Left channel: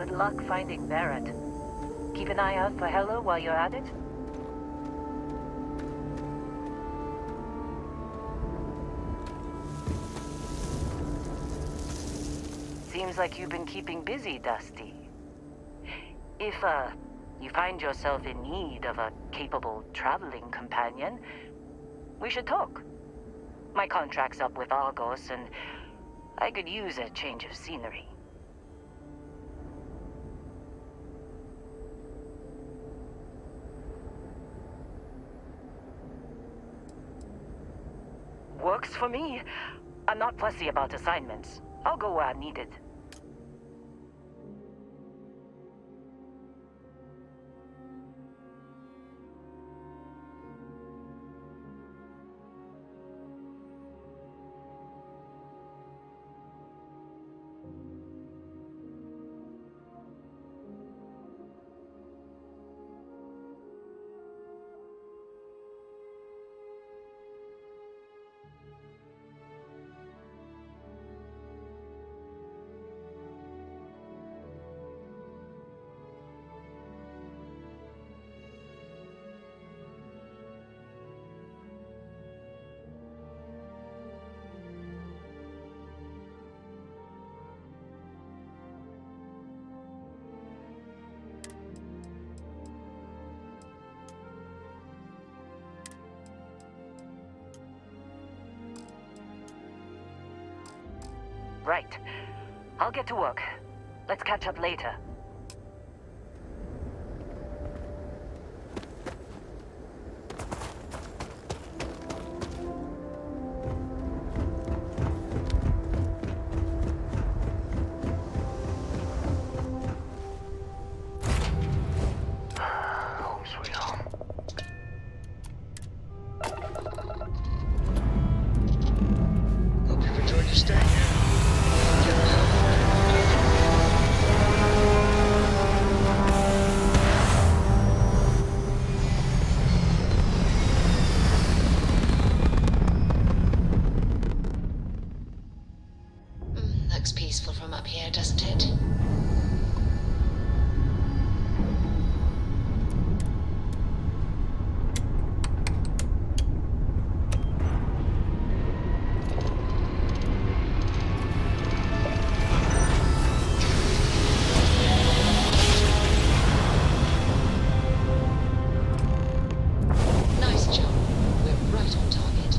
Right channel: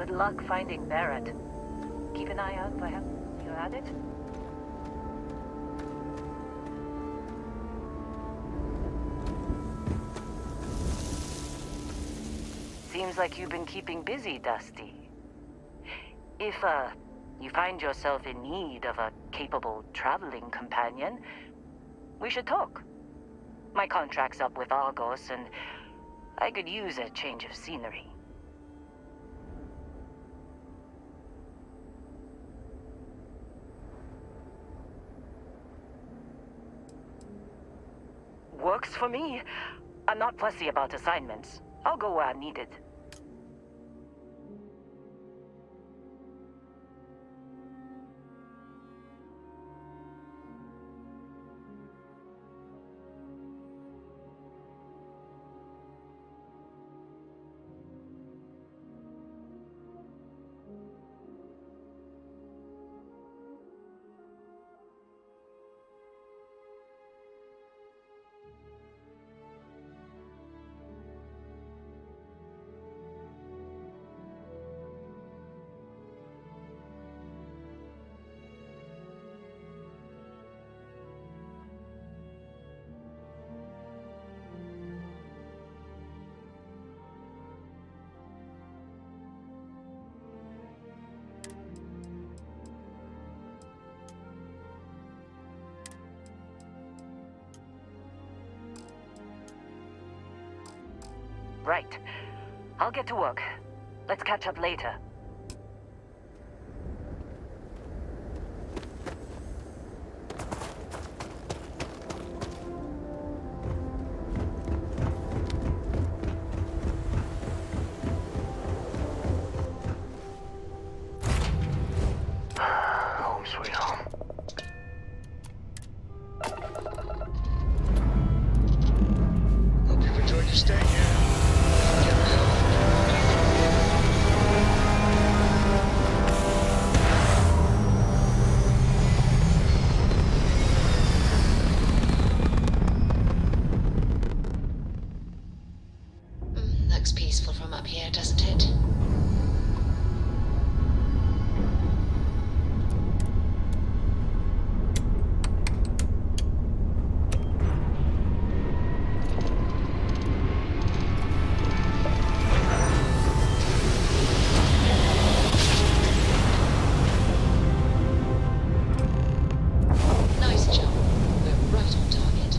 Good luck finding Barrett. Keep an eye out for Hella while you're at it. Seems like you've been keeping busy, Dusty. If, you find yourself in need of a capable traveling companion, we should talk. My contract's up with Argos, and I could use a change of scenery. Works for me. I'm not fussy about assignments. I'll go where I'm needed. Right. I'll get to work. Let's catch up later. Home sweet home. Hope you've enjoyed your stay here. Looks peaceful from up here, doesn't it? Nice job. We're right on target.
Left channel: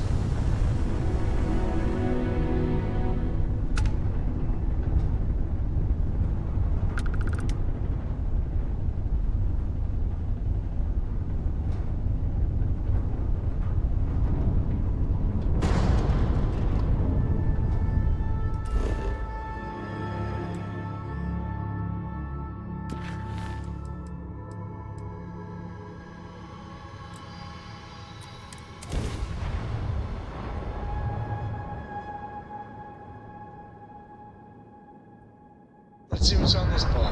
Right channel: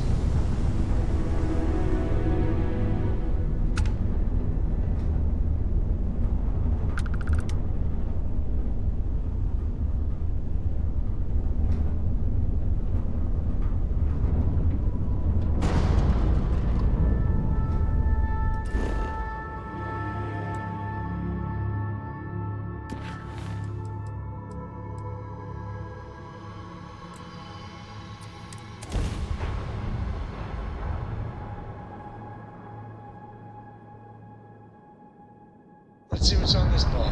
Let's see what's on this ball.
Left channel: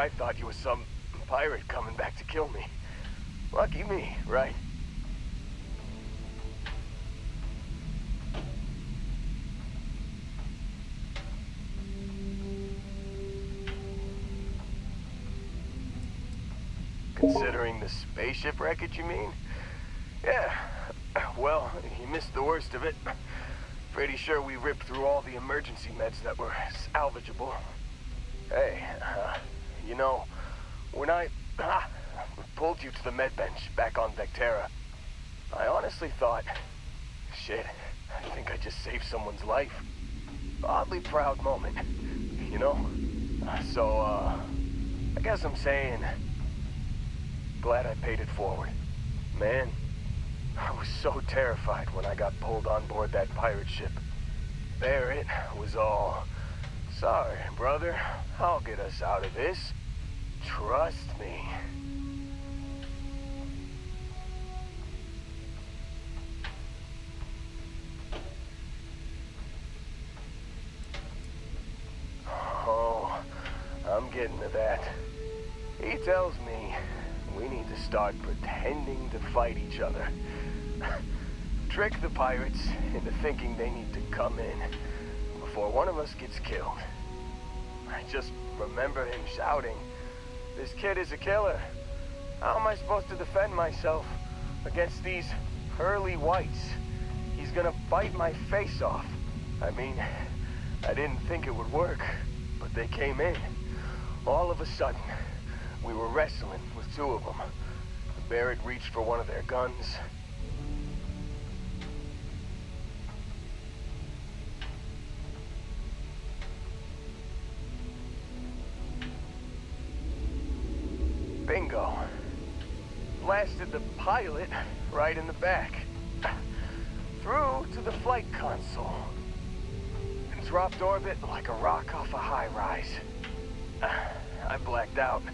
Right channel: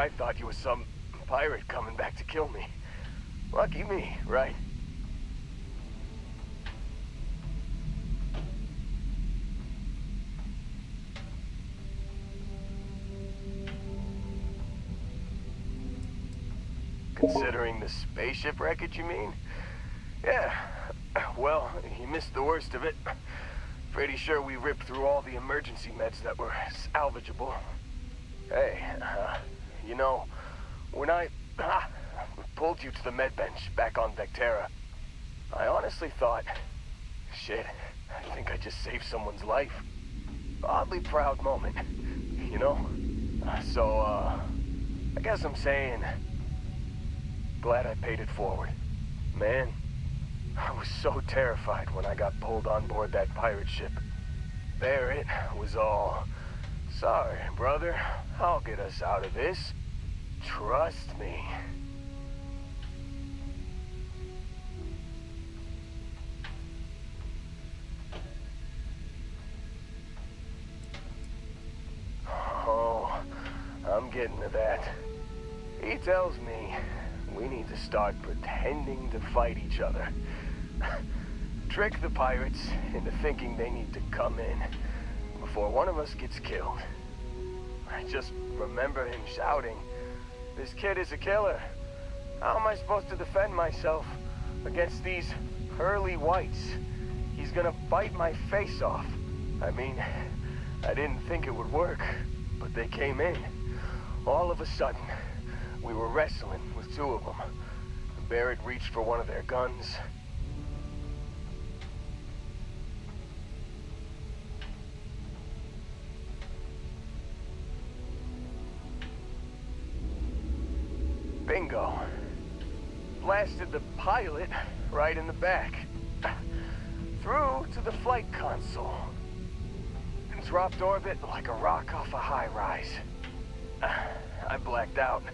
I thought you was some pirate coming back to kill me. Lucky me, right? Considering the spaceship wreckage, you mean? Yeah. Well, you missed the worst of it. Pretty sure we ripped through all the emergency meds that were salvageable. Hey, you know, when I pulled you to the med bench back on Vectera, I honestly thought, shit, I think I just saved someone's life. Oddly proud moment, you know? So, I guess I'm saying, glad I paid it forward. Man, I was so terrified when I got pulled on board that pirate ship. There it was all, sorry, brother, I'll get us out of this. Trust me. Oh, I'm getting to that. He tells me we need to start pretending to fight each other. Trick the pirates into thinking they need to come in before one of us gets killed. I just remember him shouting, "This kid is a killer. How am I supposed to defend myself against these pearly whites? He's gonna bite my face off." I mean, I didn't think it would work, but they came in. All of a sudden, we were wrestling with two of them. Barrett reached for one of their guns. Bingo. Blasted the pilot right in the back. Through to the flight console. And dropped orbit like a rock off a high rise. I blacked out.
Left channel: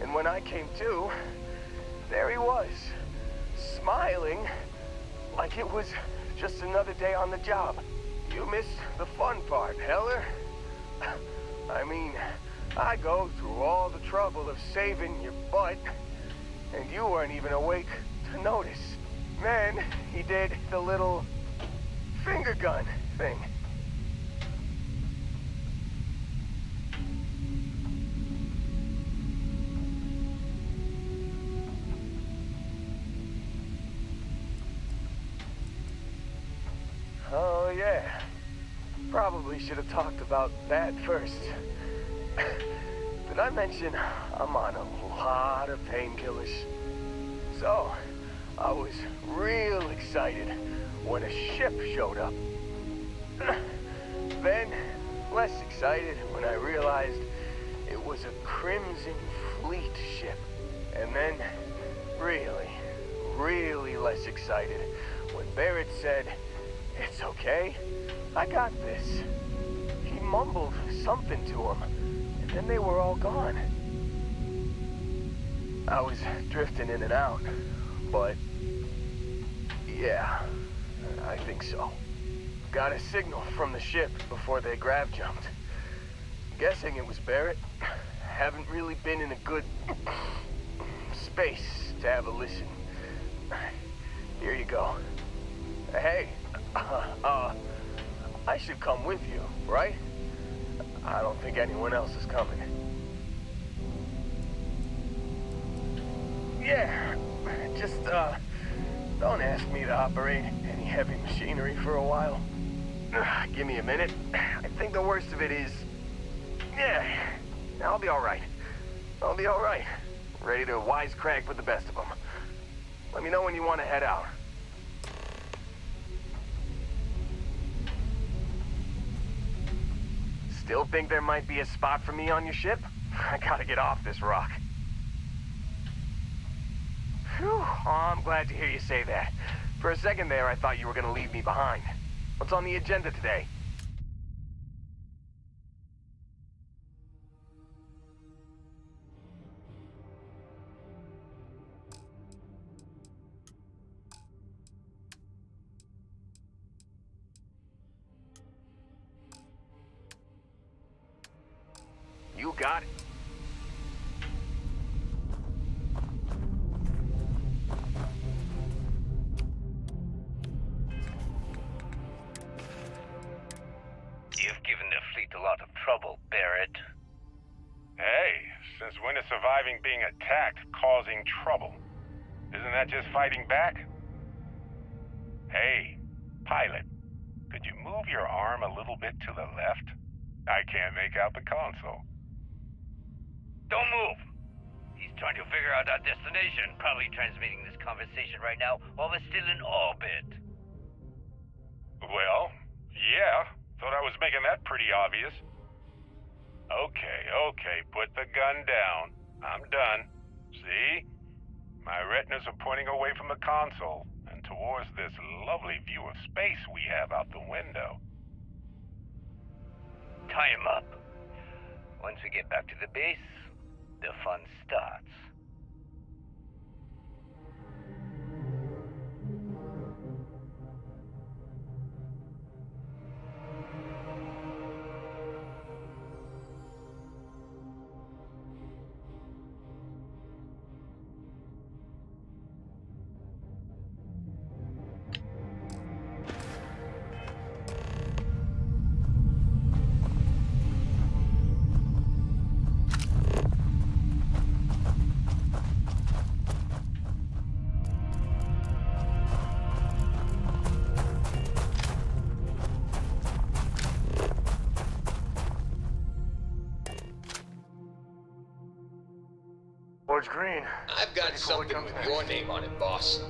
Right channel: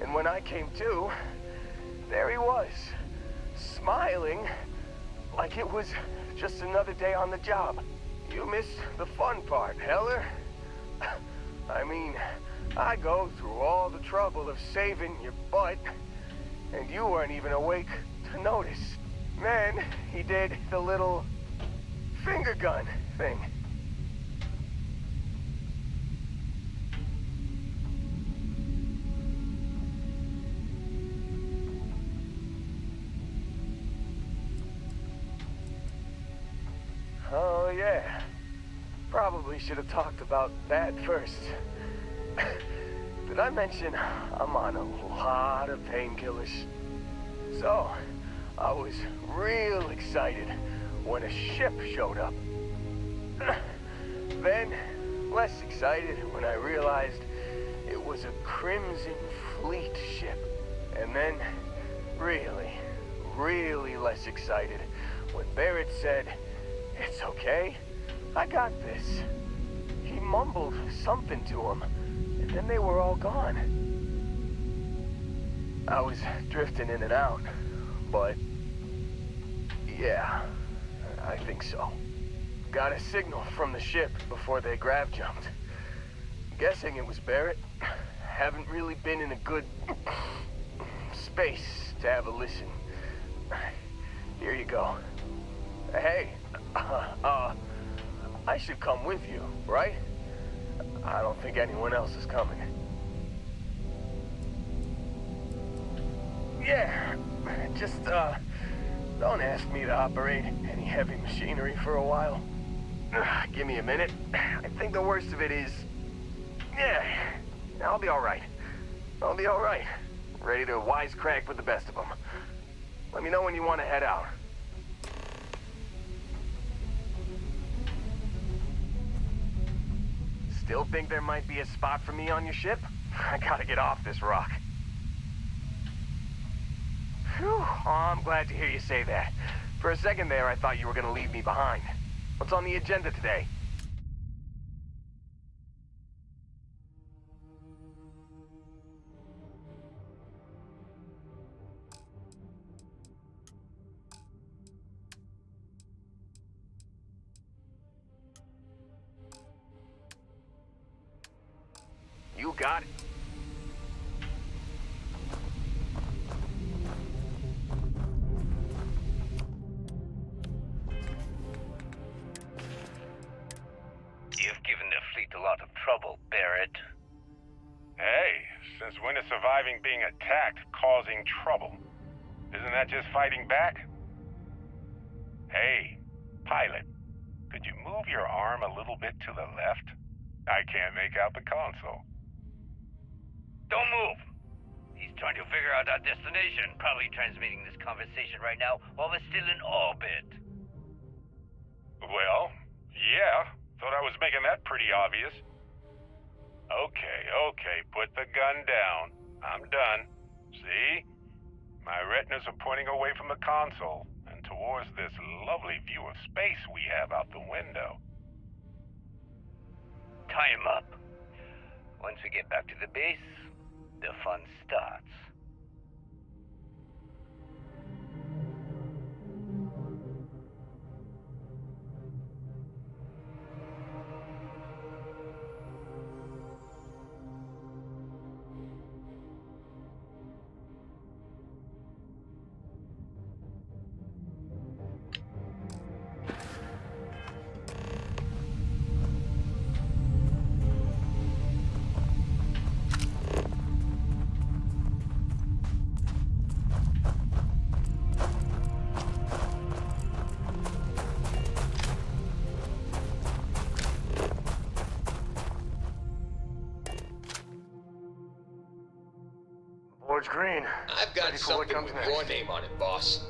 And when I came to, there he was, smiling like it was just another day on the job. You missed the fun part, Heller. I mean, I go through all the trouble of saving your butt, and you weren't even awake to notice. Then he did the little finger gun thing. Oh, yeah. Probably should have talked about that first. Did I mention I'm on a lot of painkillers? So, I was real excited when a ship showed up. Then, less excited when I realized it was a Crimson Fleet ship. And then, really less excited when Barrett said, "It's okay, I got this." He mumbled something to him, and then they were all gone. I was drifting in and out, but yeah, I think so. Got a signal from the ship before they grav jumped. Guessing it was Barrett. Haven't really been in a good space to have a listen. Here you go. Hey, I should come with you, right? I don't think anyone else is coming. Yeah, just, don't ask me to operate any heavy machinery for a while. Give me a minute. I think the worst of it is... Yeah, I'll be alright. I'll be alright. Ready to wisecrack with the best of them. Let me know when you want to head out. Still think there might be a spot for me on your ship? I gotta get off this rock. Phew, oh, I'm glad to hear you say that. For a second there, I thought you were gonna leave me behind. What's on the agenda today? You got it. There's when is surviving being attacked causing trouble. Isn't that just fighting back? Hey, pilot, could you move your arm a little bit to the left? I can't make out the console. Don't move. He's trying to figure out our destination. Probably transmitting this conversation right now while we're still in orbit. Well, yeah. Thought I was making that pretty obvious. Okay, put the gun down. I'm done. See? My retinas are pointing away from the console and towards this lovely view of space we have out the window. Tie him up. Once we get back to the base, the fun starts. Board's green. I've got Ready for what something comes with next. your name on it, boss.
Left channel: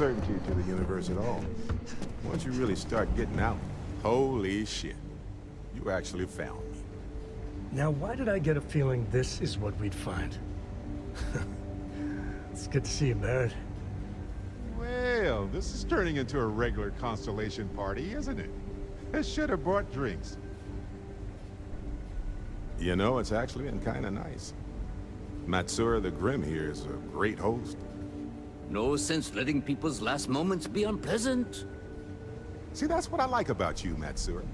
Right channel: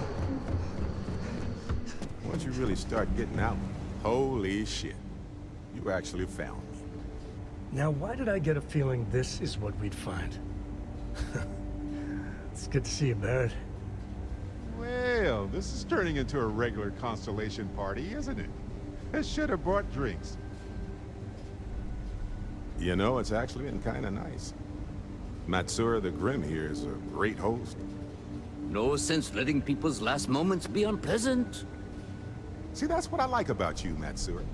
uncertainty to the universe at all. Once you really start getting out, holy shit. You actually found me. Now, why did I get a feeling this is what we'd find? It's good to see you, Barrett. Well, this is turning into a regular Constellation party, isn't it? I should have brought drinks. You know, it's actually been kind of nice. Matsura the Grim here is a great host. No sense letting people's last moments be unpleasant. See, that's what I like about you, Matsura.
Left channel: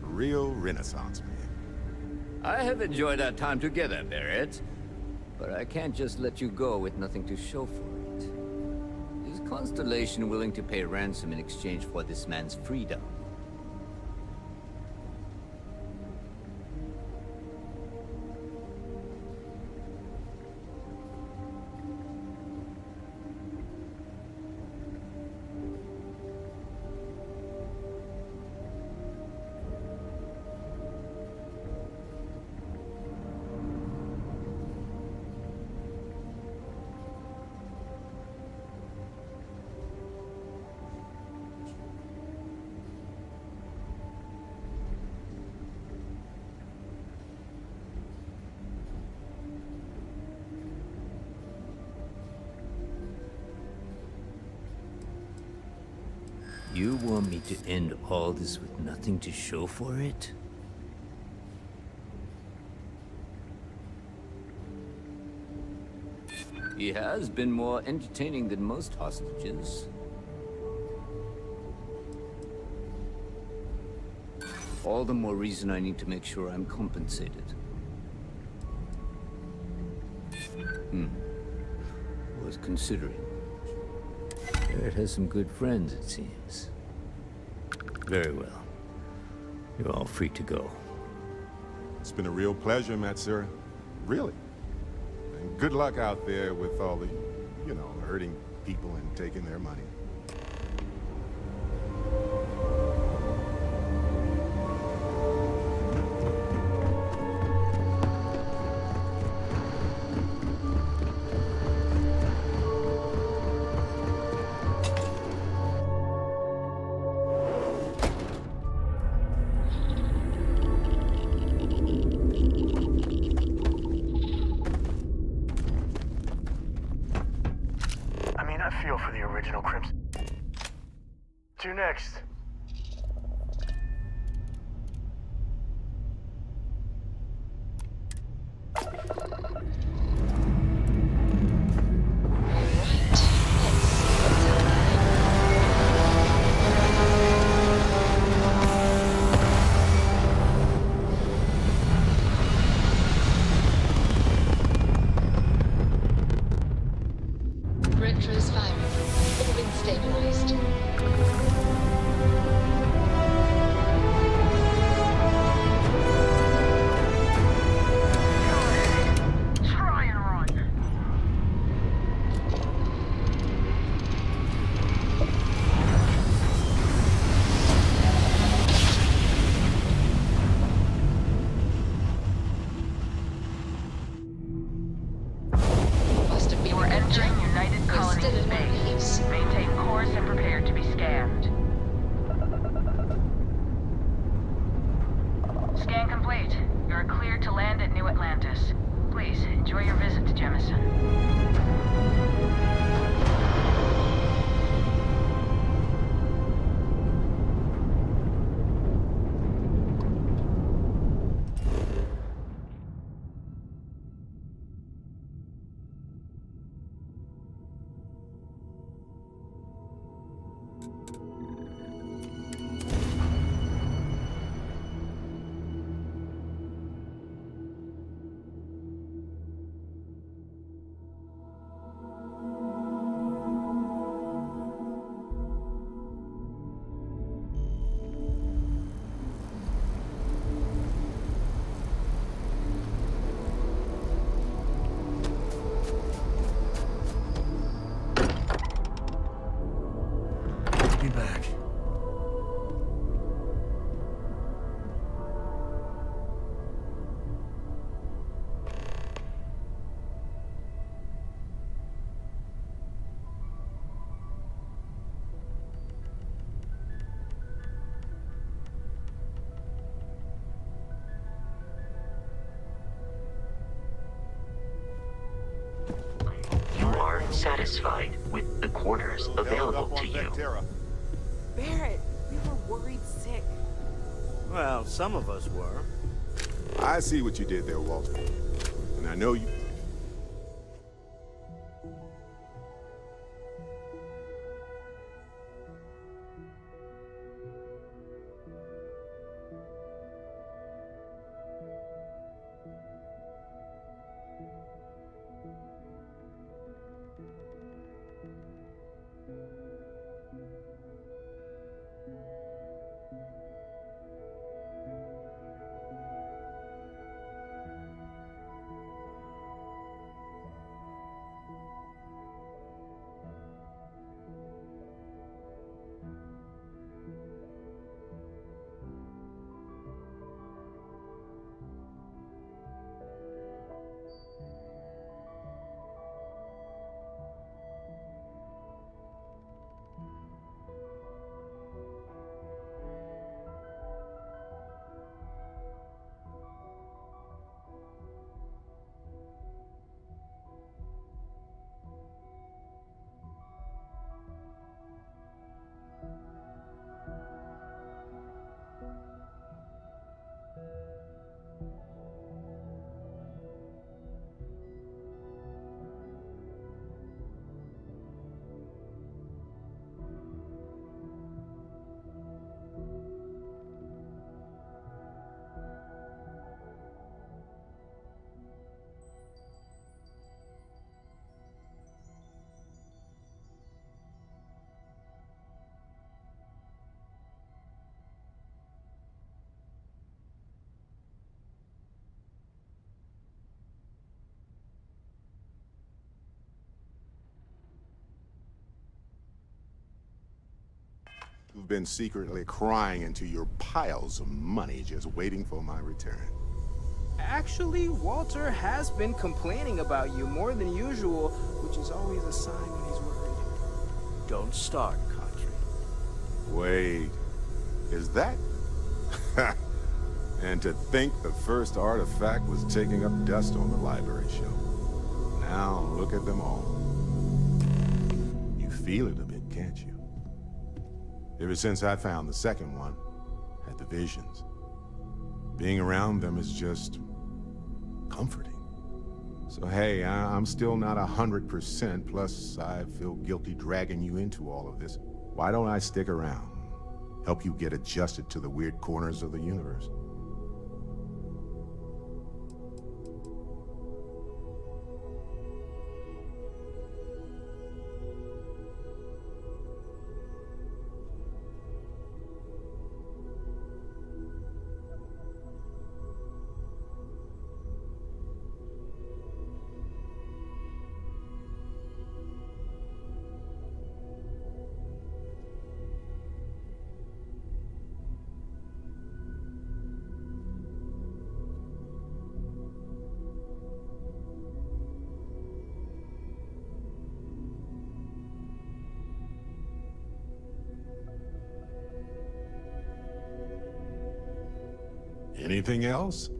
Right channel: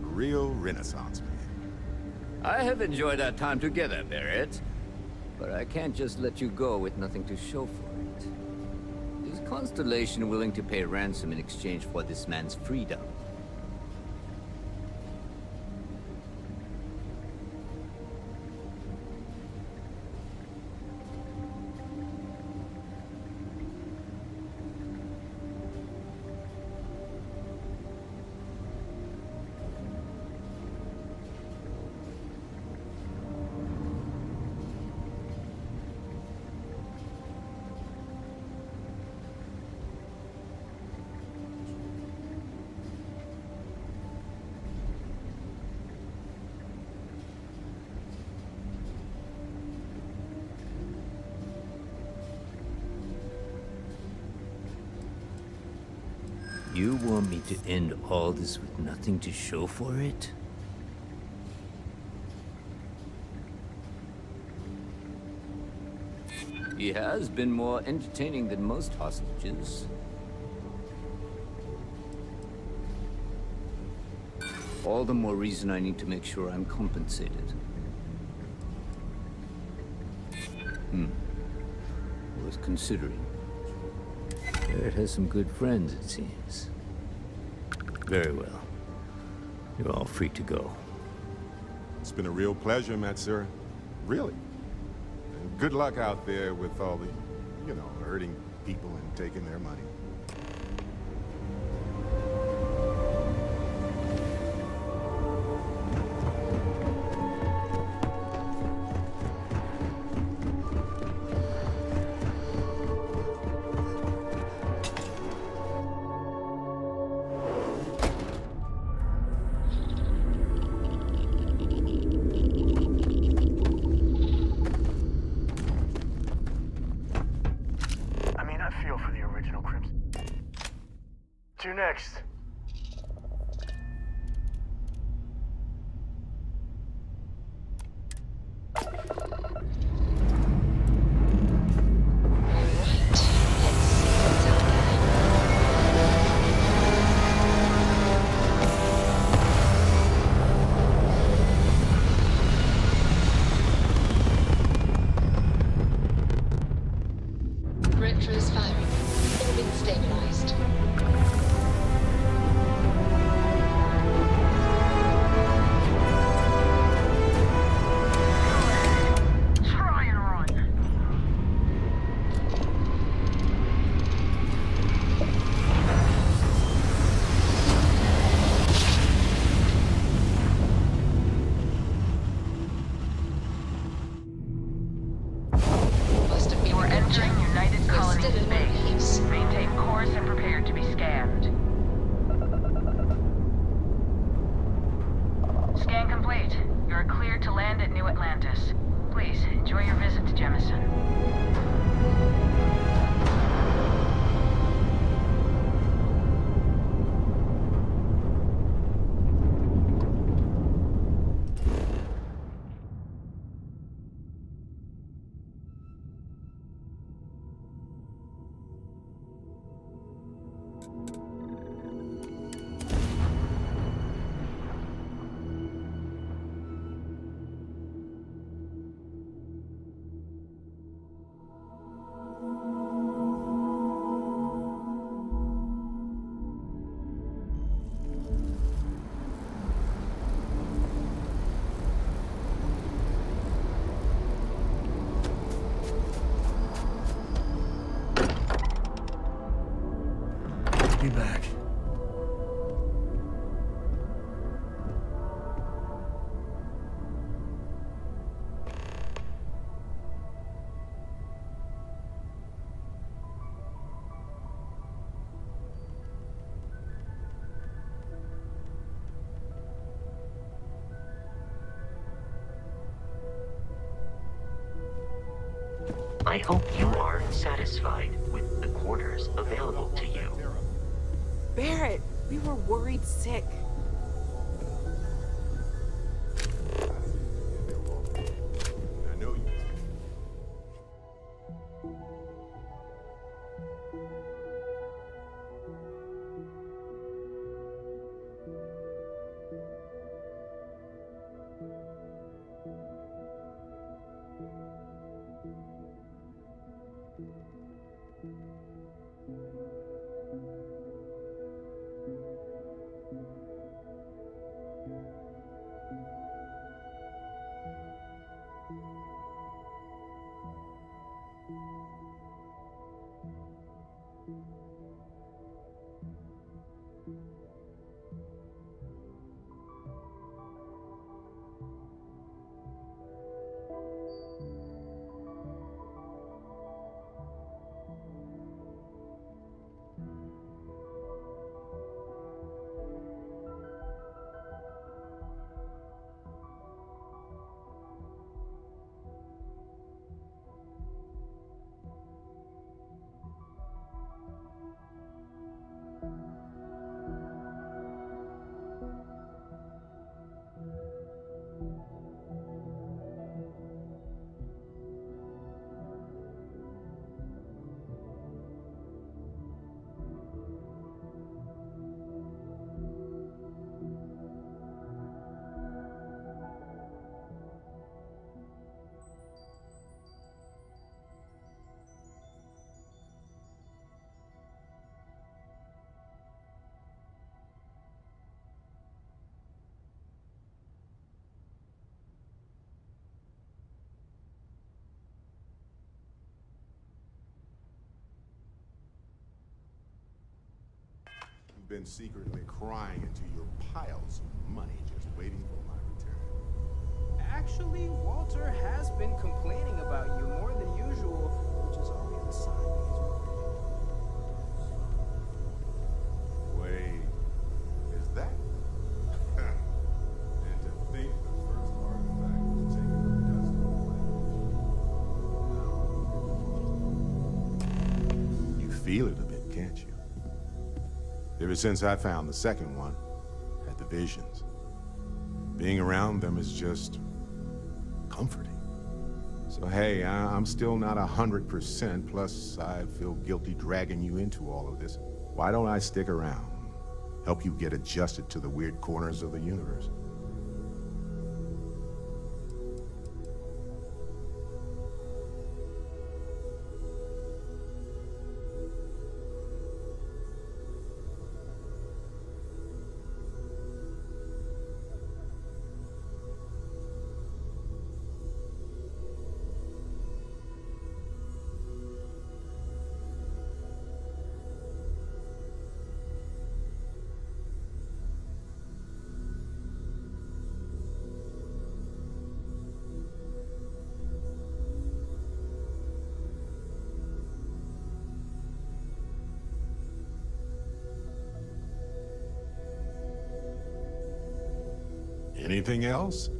Real Renaissance man. I have enjoyed our time together, Barrett. But I can't just let you go with nothing to show for it. Is Constellation willing to pay ransom in exchange for this man's freedom? You want me to end all this with nothing to show for it? He has been more entertaining than most hostages. All the more reason I need to make sure I'm compensated. Worth considering. Barrett has some good friends, it seems. Very well. You're all free to go. It's been a real pleasure, Matsura. Really. And good luck out there with all the, you know, hurting people and taking their money. I feel for the original Crimson. To next. Retros firing. Orbit stabilized. Try and run. Must have been You are entering United We're Colonies still in base. waves. Maintain course and prepare to be scanned. Scan complete. You are cleared to land at New Atlantis. Please, enjoy your visit to Jemison. satisfied with the quarters available to you. Barrett, we were worried sick. Well, some of us were. I see what you did there, Walter. And I know you... You've been secretly crying into your piles of money just waiting for my return. Actually, Walter has been complaining about you more than usual, which is always a sign when he's worried. Don't start, Country. Wait, is that? And to think the first artifact was taking up dust on the library shelf. Now look at them all. You feel it a bit, can't you? Ever since I found the second one, had the visions. Being around them is just comforting. So hey, I'm still not 100%, plus I feel guilty dragging you into all of this. Why don't I stick around? Help you get adjusted to the weird corners of the universe. Anything else?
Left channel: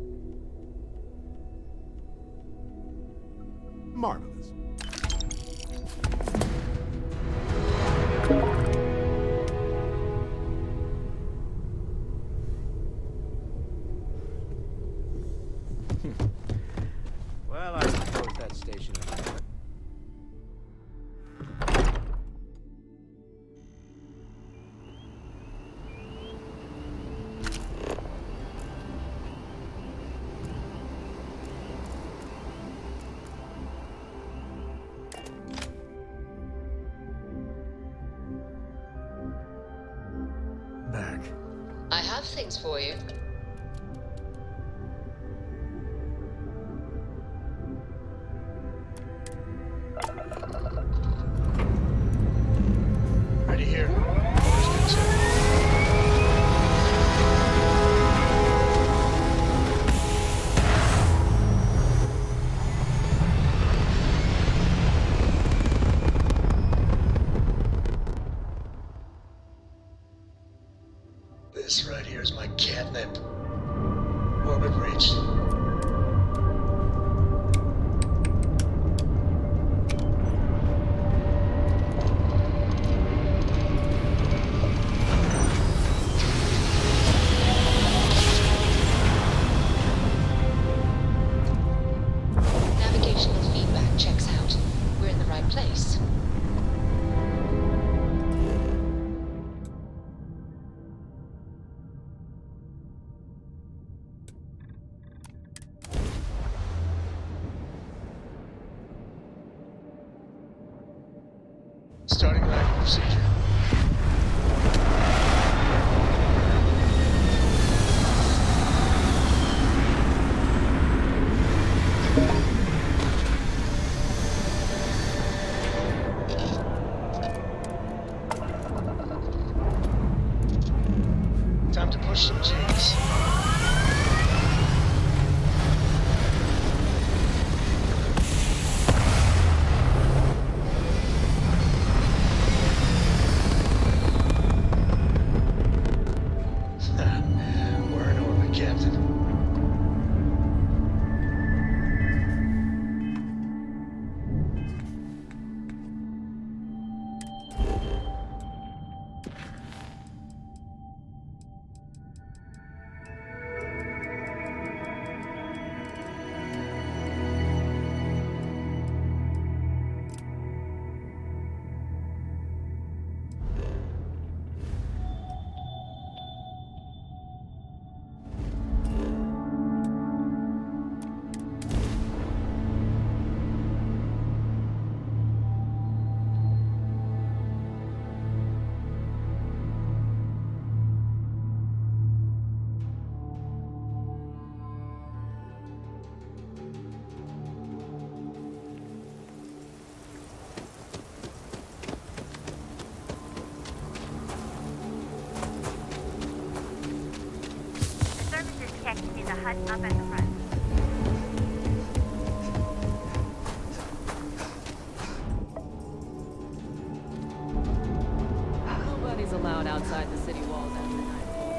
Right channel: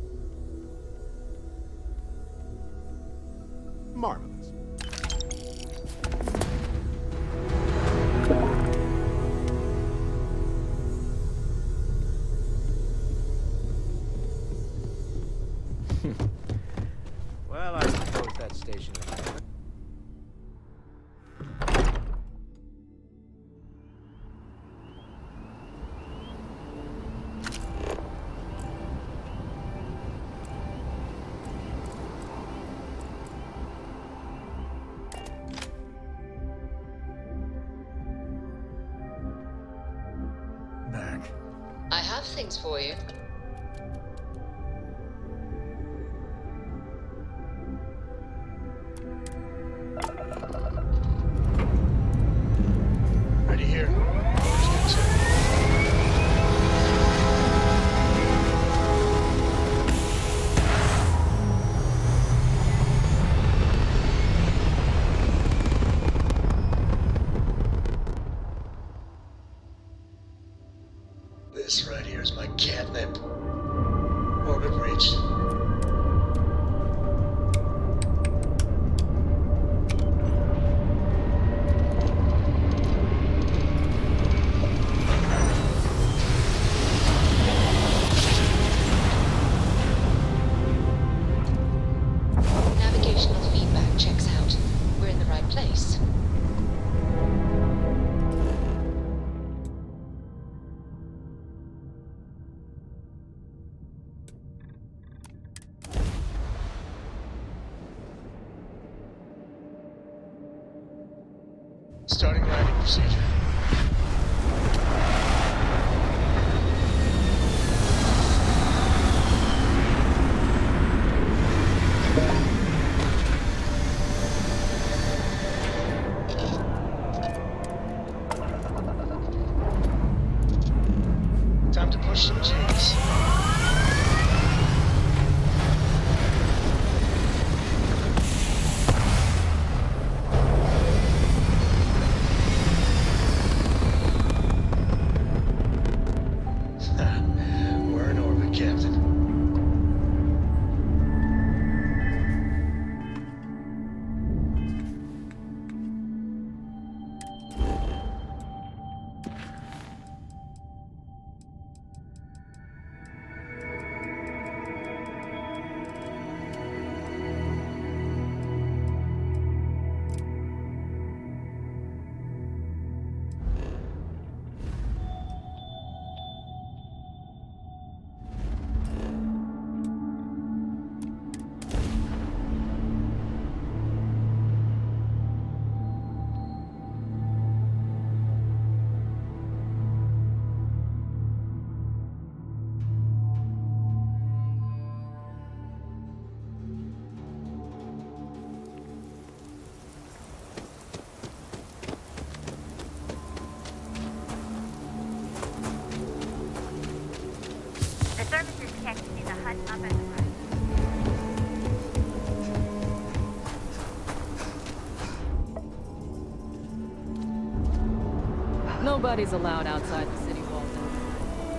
Marvelous. Well, I suppose that station is... Back. I have things for you. Ready here. Always good, sir. This right here is my catnip. Orbit reached. Starting landing procedure. Time to push some G's. We're in orbit, Captain. The services tech is a hut up at the front. Nobody's allowed outside the city walls after nightfall.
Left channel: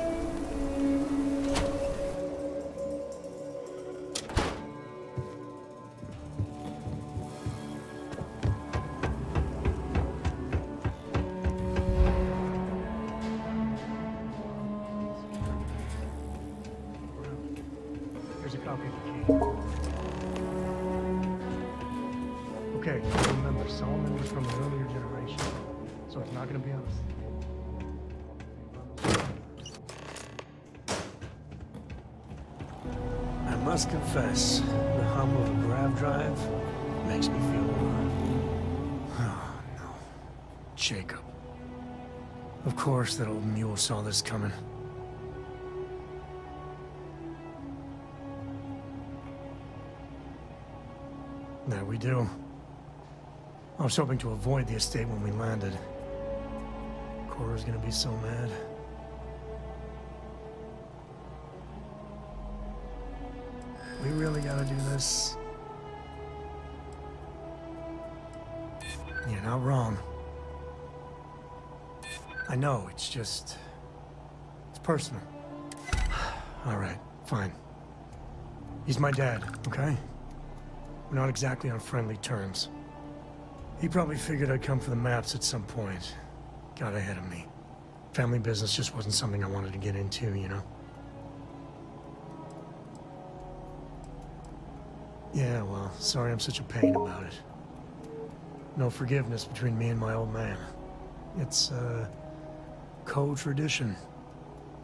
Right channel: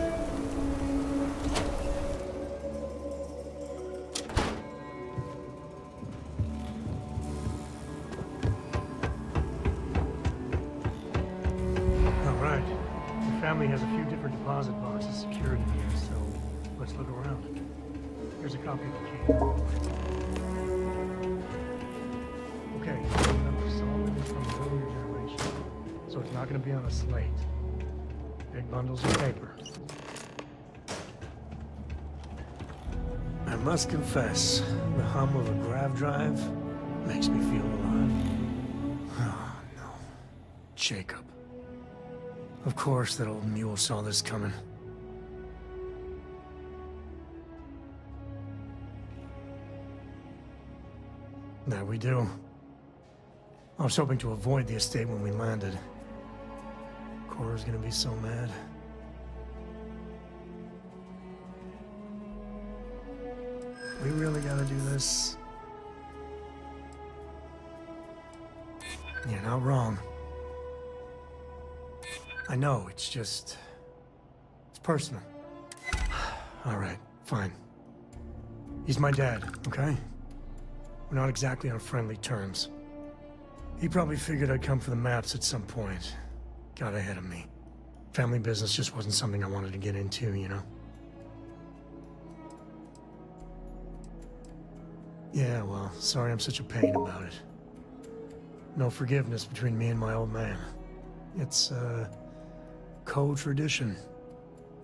All right. The family has a few different deposit boxes secured here, so let's look around. Here's a copy of the key. Okay, remember, Solomon is from an earlier generation, so it's not going to be on a slate. Big bundles of paper. I must confess, the hum of a grav drive makes me feel alive. Oh, no. Jacob. Of course that old mule saw this coming. There we do. I was hoping to avoid the estate when we landed. Cora's gonna be so mad. We really gotta do this? You're not wrong. I know, it's just... it's personal. All right, fine. He's my dad, okay? We're not exactly on friendly terms. He probably figured I'd come for the maps at some point. Got ahead of me. Family business just wasn't something I wanted to get into, you know? Yeah, well, sorry I'm such a pain about it. No forgiveness between me and my old man. It's, co-tradition.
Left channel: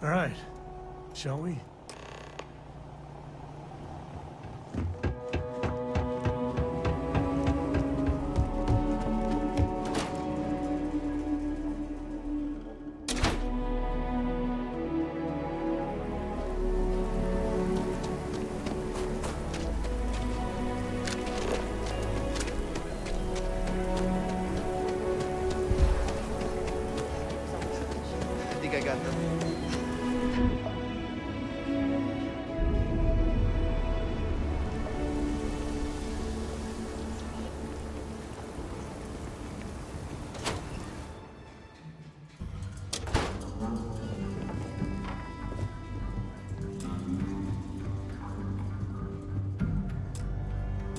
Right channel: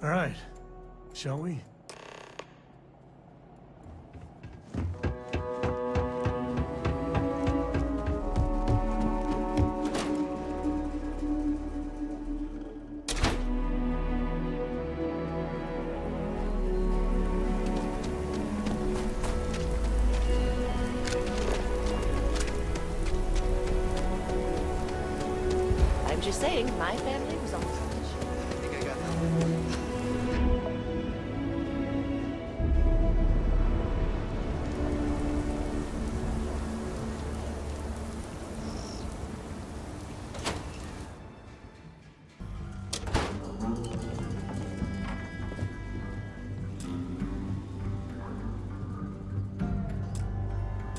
All right, shall we? I'm just saying, my family was always I think I got them.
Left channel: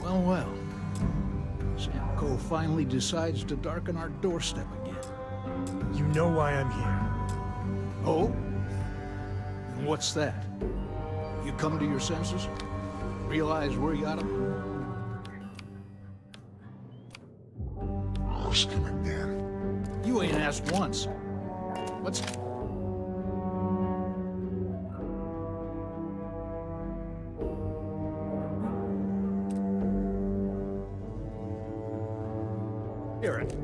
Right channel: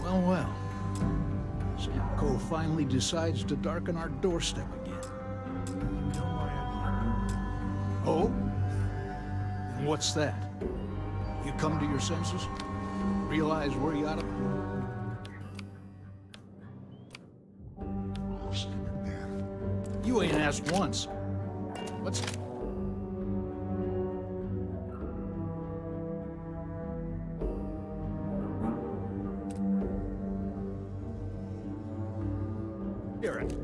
Well, well. Sam Coe finally decides to darken our doorstep again. You know why I'm here. Oh? And what's that? You come to your senses? Realize where you oughta... Ask him again. You ain't asked once. What's... Hear it.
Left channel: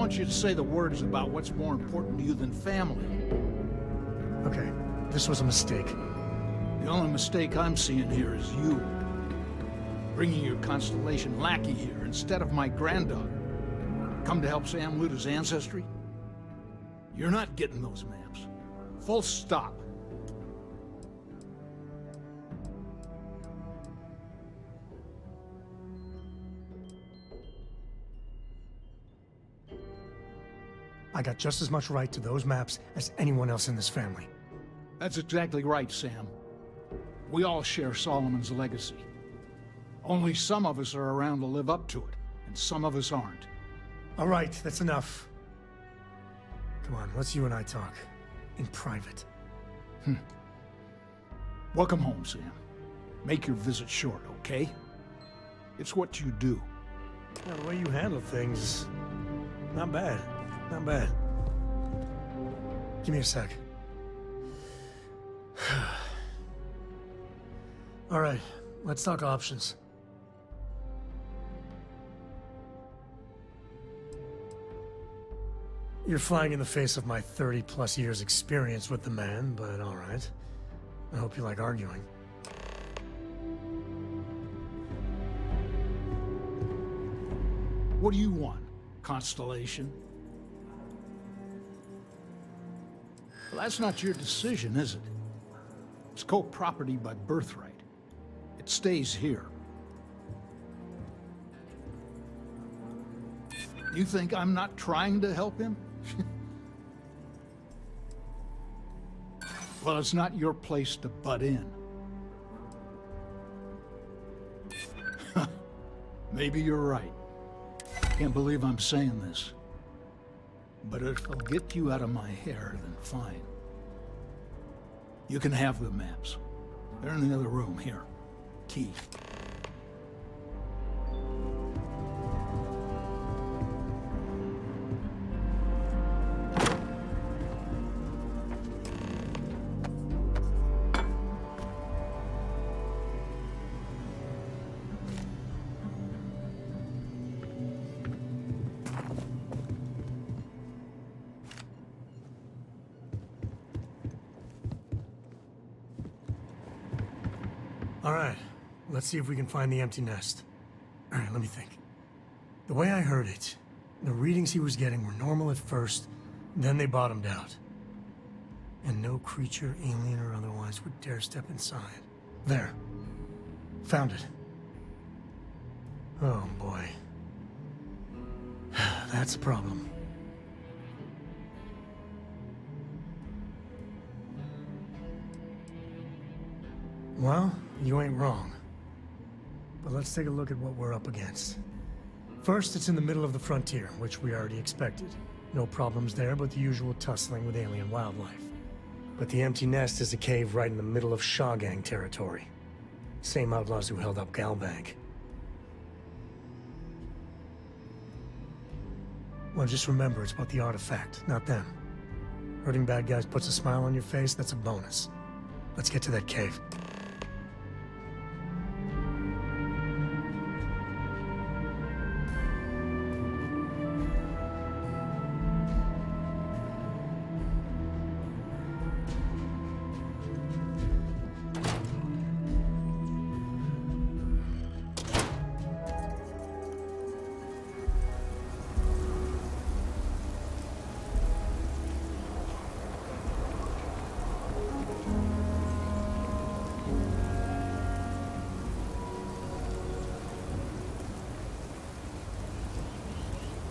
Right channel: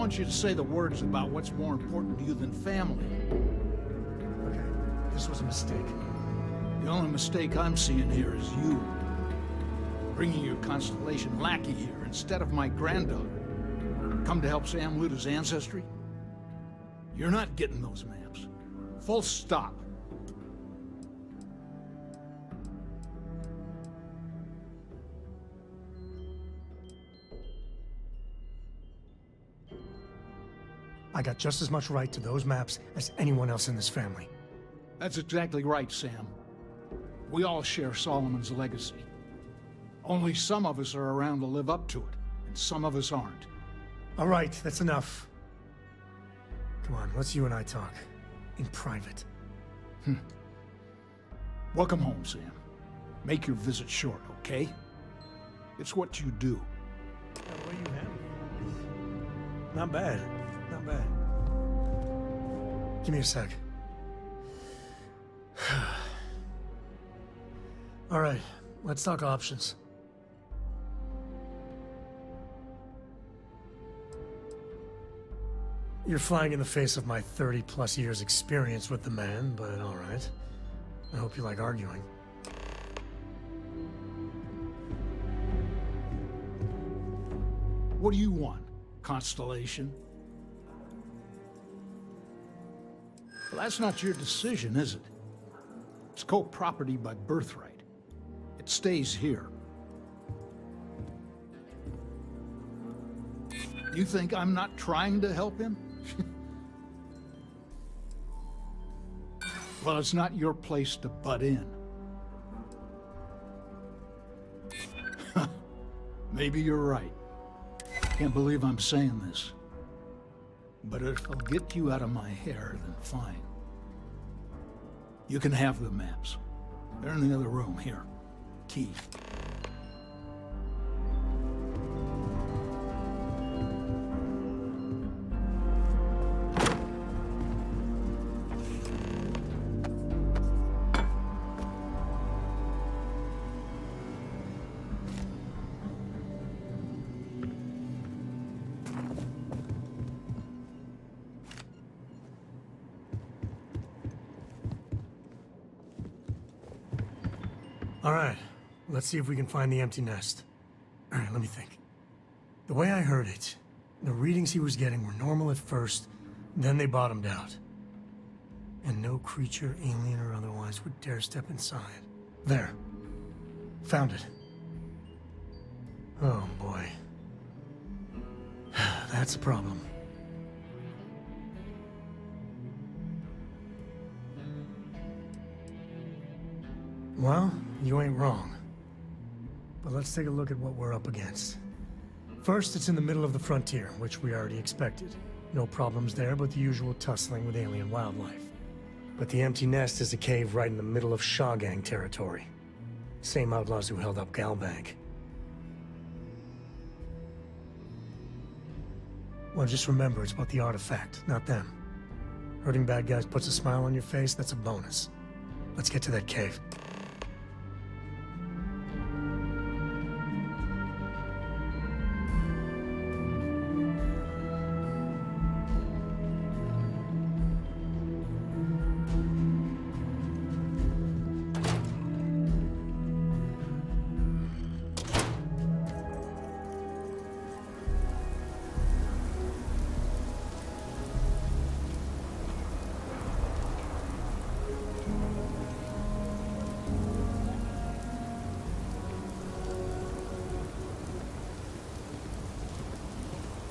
want you to say the words about what's more important to you than family. Okay, this was a mistake. The only mistake I'm seeing here is you. Bringing your Constellation lackey here instead of my granddaughter. Come to help Sam loot his ancestry? You're not getting those maps. Full stop. I got just as much right to those maps as anyone else in this family. That's exactly right, Sam. We all share Solomon's legacy. Only some of us are around to live up to it, and some of us aren't. All right, that's enough. Come on, let's you and I talk. In private. Welcome home, Sam. Make your visit short, okay? It's what you do. Yeah, the way you handle things, not bad. Not bad. Give me a sec. All right, let's talk options. You're flying in the face of my 30-plus years experience with the man, but all right. I hope you like arguing. What do you want, Constellation? Well, that's not your decision, is it? It's co-property by birthright. It stays here. You think I'm not trying to help him? Well, it's not your place to butt in. Maybe you're right. Can't believe I'm saying this. But if I'll get you out of my hair, then fine. You can have the maps. They're in the other room, here. Key. All right, let's see if we can find the empty nest. All right, let me think. The way I heard it, the readings he was getting were normal at first, then they bottomed out. And no creature, alien or otherwise, would dare step inside. There. Found it. Oh, boy. That's a problem. Well, you ain't wrong. But let's take a look at what we're up against. First, it's in the middle of the frontier, which we already expected. No problems there, but the usual tussling with alien wildlife. But the empty nest is a cave right in the middle of Shaw Gang territory. Same outlaws who held up Galbank. Well, just remember, it's about the artifact, not them. Hurting bad guys puts a smile on your face, that's a bonus. Let's get to that cave.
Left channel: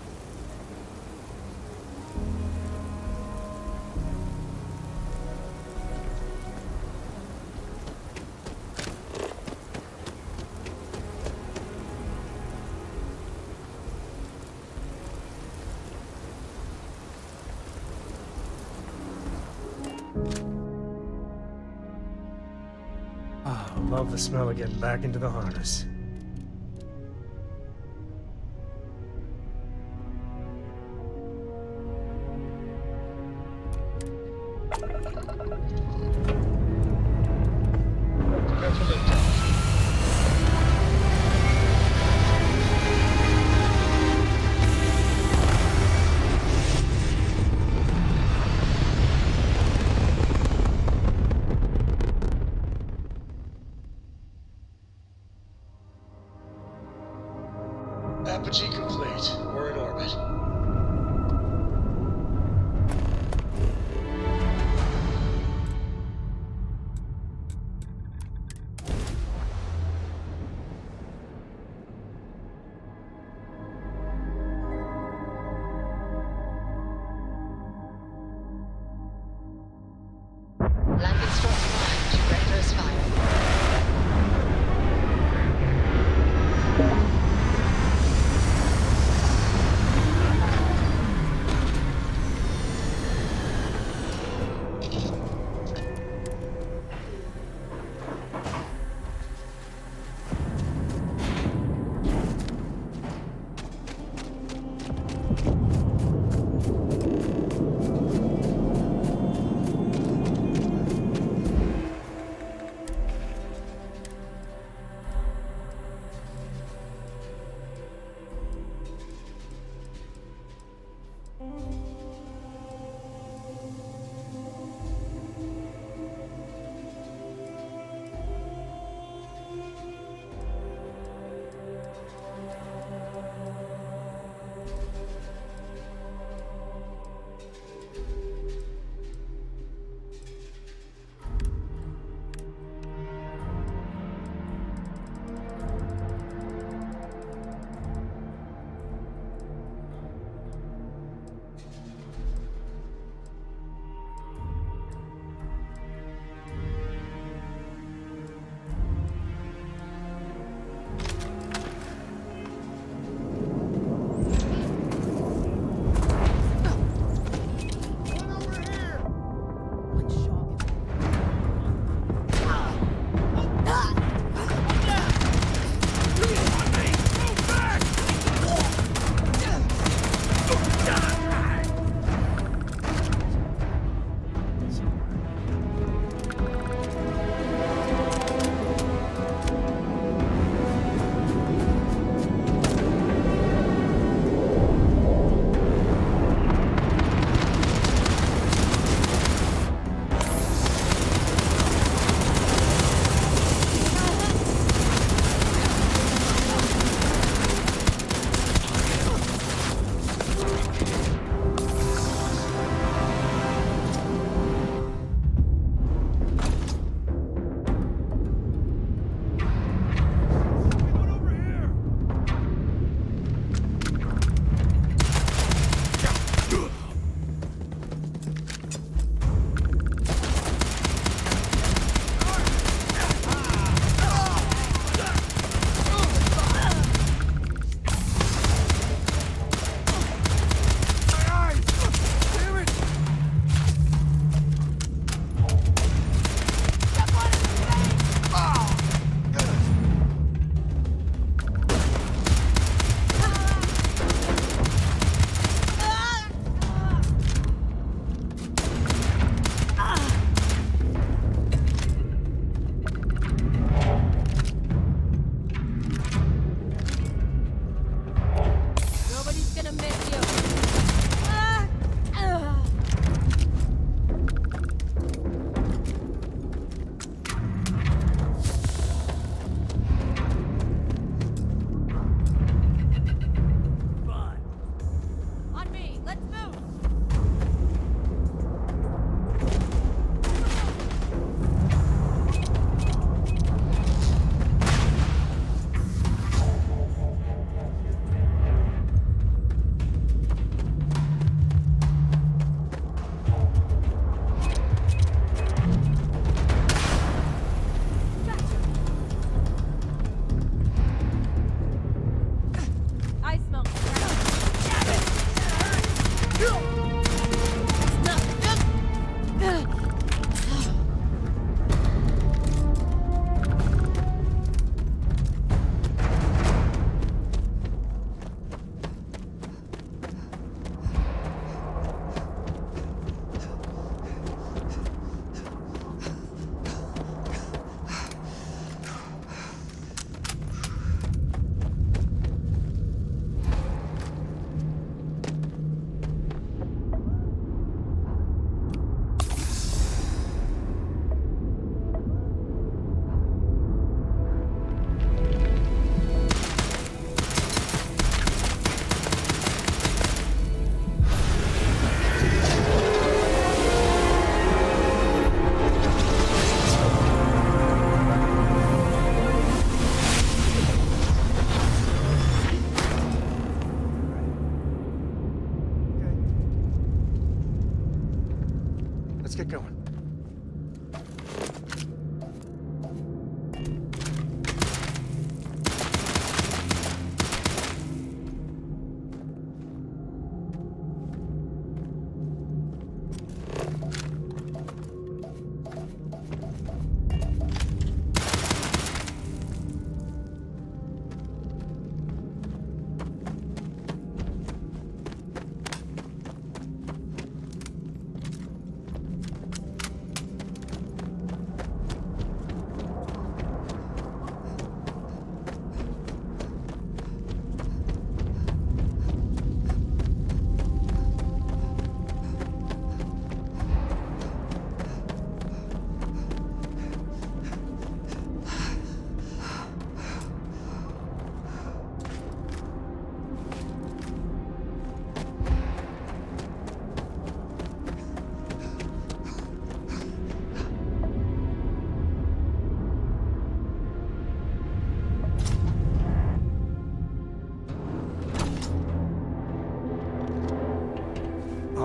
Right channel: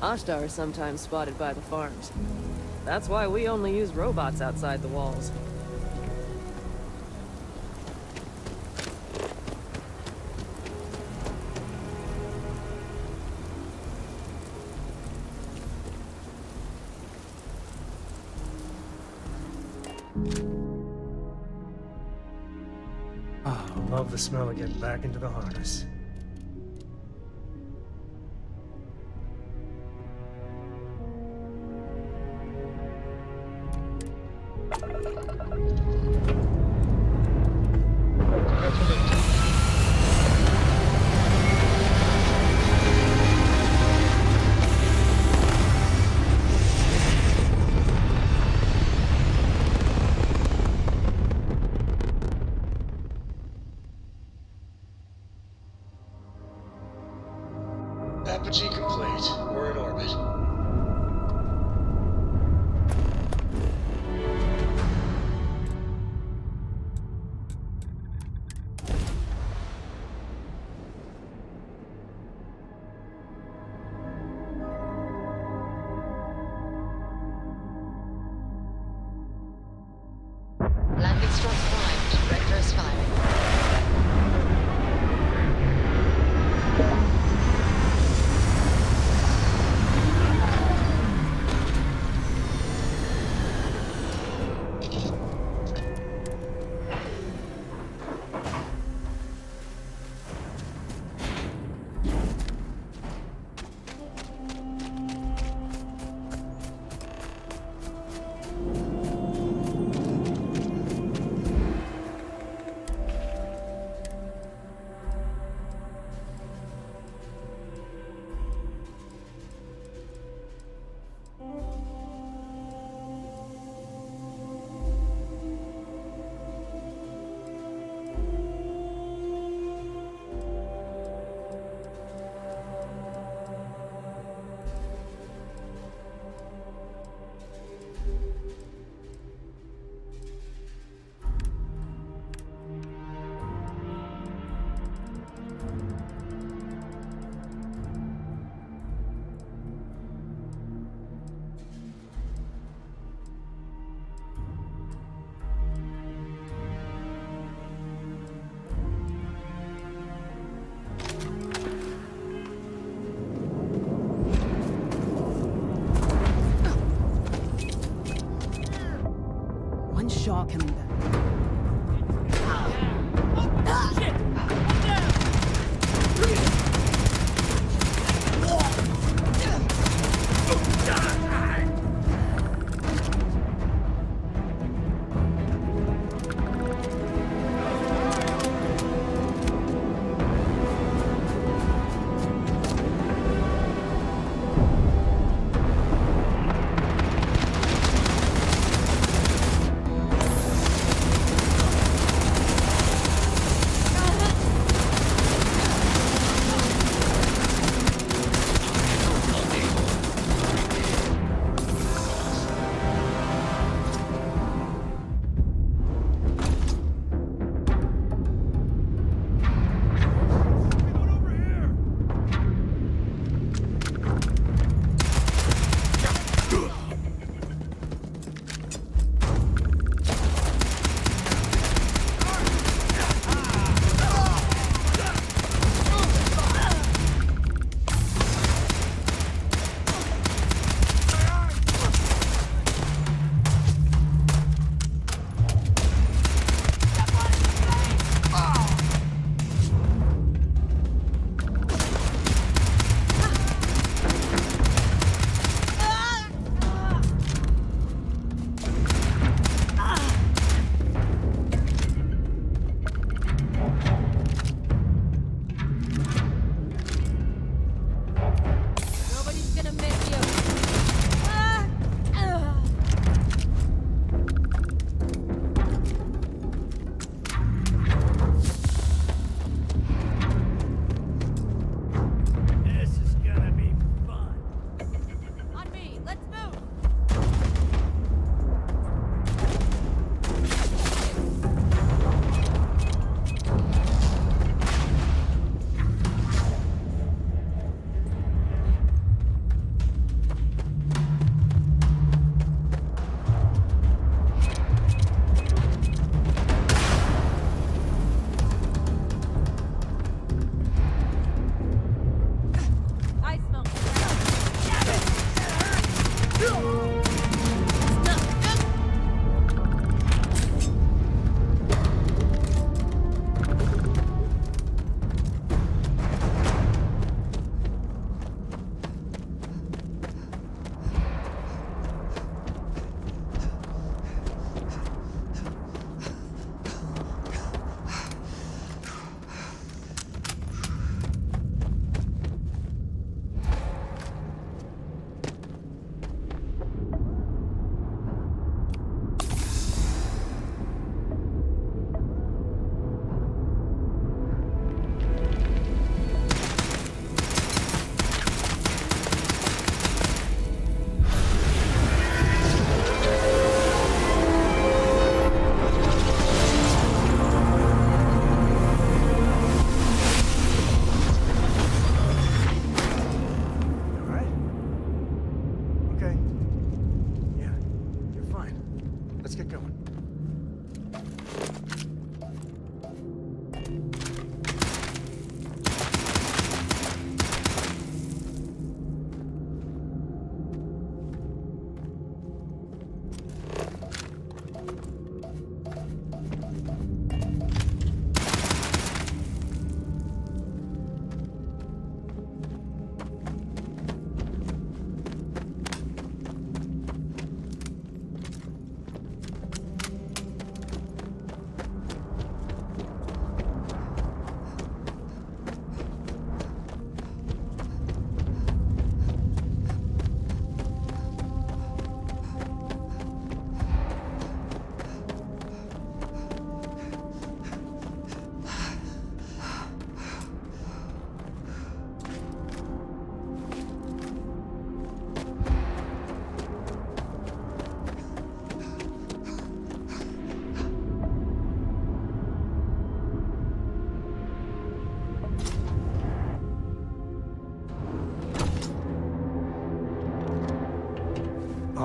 Ashtar are sometimes spotted by the farms. That's why we only use robots outside the walls. Ah, I love the smell of getting back into the harness. Apogee complete. We're in orbit. Landing strut primed. Rector's firing.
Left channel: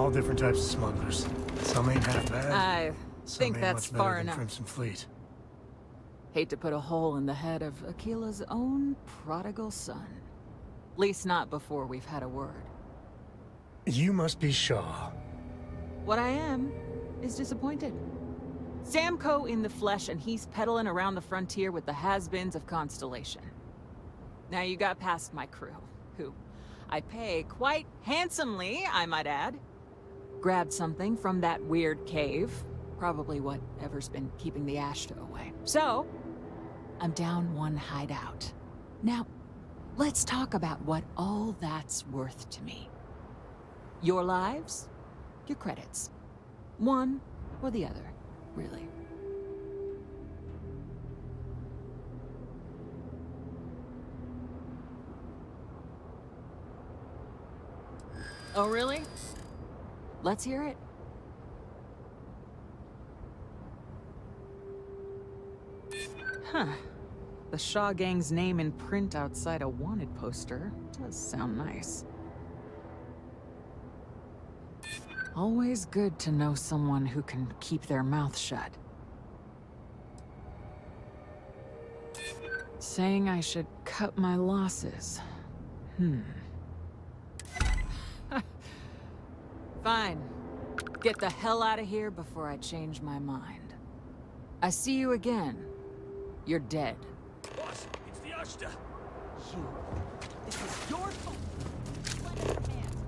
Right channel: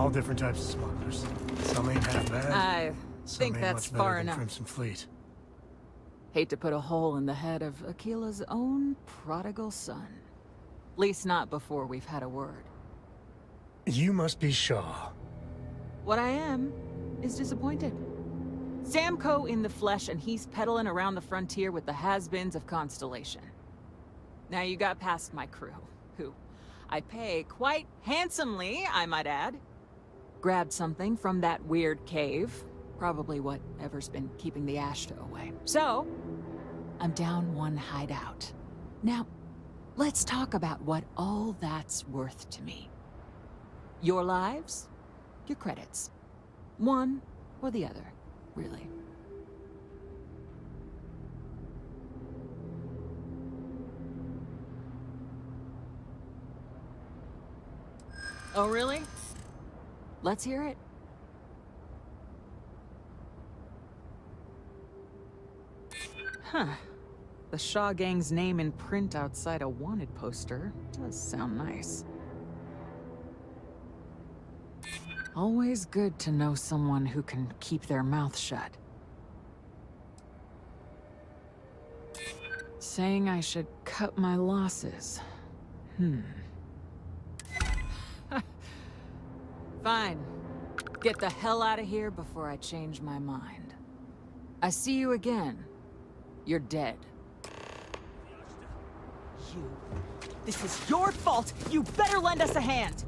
All different types of smugglers. Some ain't half bad. I some think ain't that's much better far than enough. Crimson Fleet. Hate to put a hole in the head of Aquila's own prodigal son. Least not before we've had a word. You must be Shaw. What I am is disappointed. Samco in the flesh, and he's peddling around the frontier with the has-beens of Constellation. Now you got past my crew, who I pay quite handsomely, I might add. Grabbed something from that weird cave. Probably whatever's been keeping the Ashta away. So, I'm down one hideout. Now, let's talk about what all that's worth to me. Your lives, your credits. One or the other, really. Oh, really? Let's hear it. Huh. The Shaw Gang's name in print outside a wanted poster does sound nice. Always good to know someone who can keep their mouth shut. Saying I should cut my losses. Fine. Get the hell out of here before I change my mind. I see you again. You're dead. It's the Ashta. You. This is your fault. You better lend us a hand.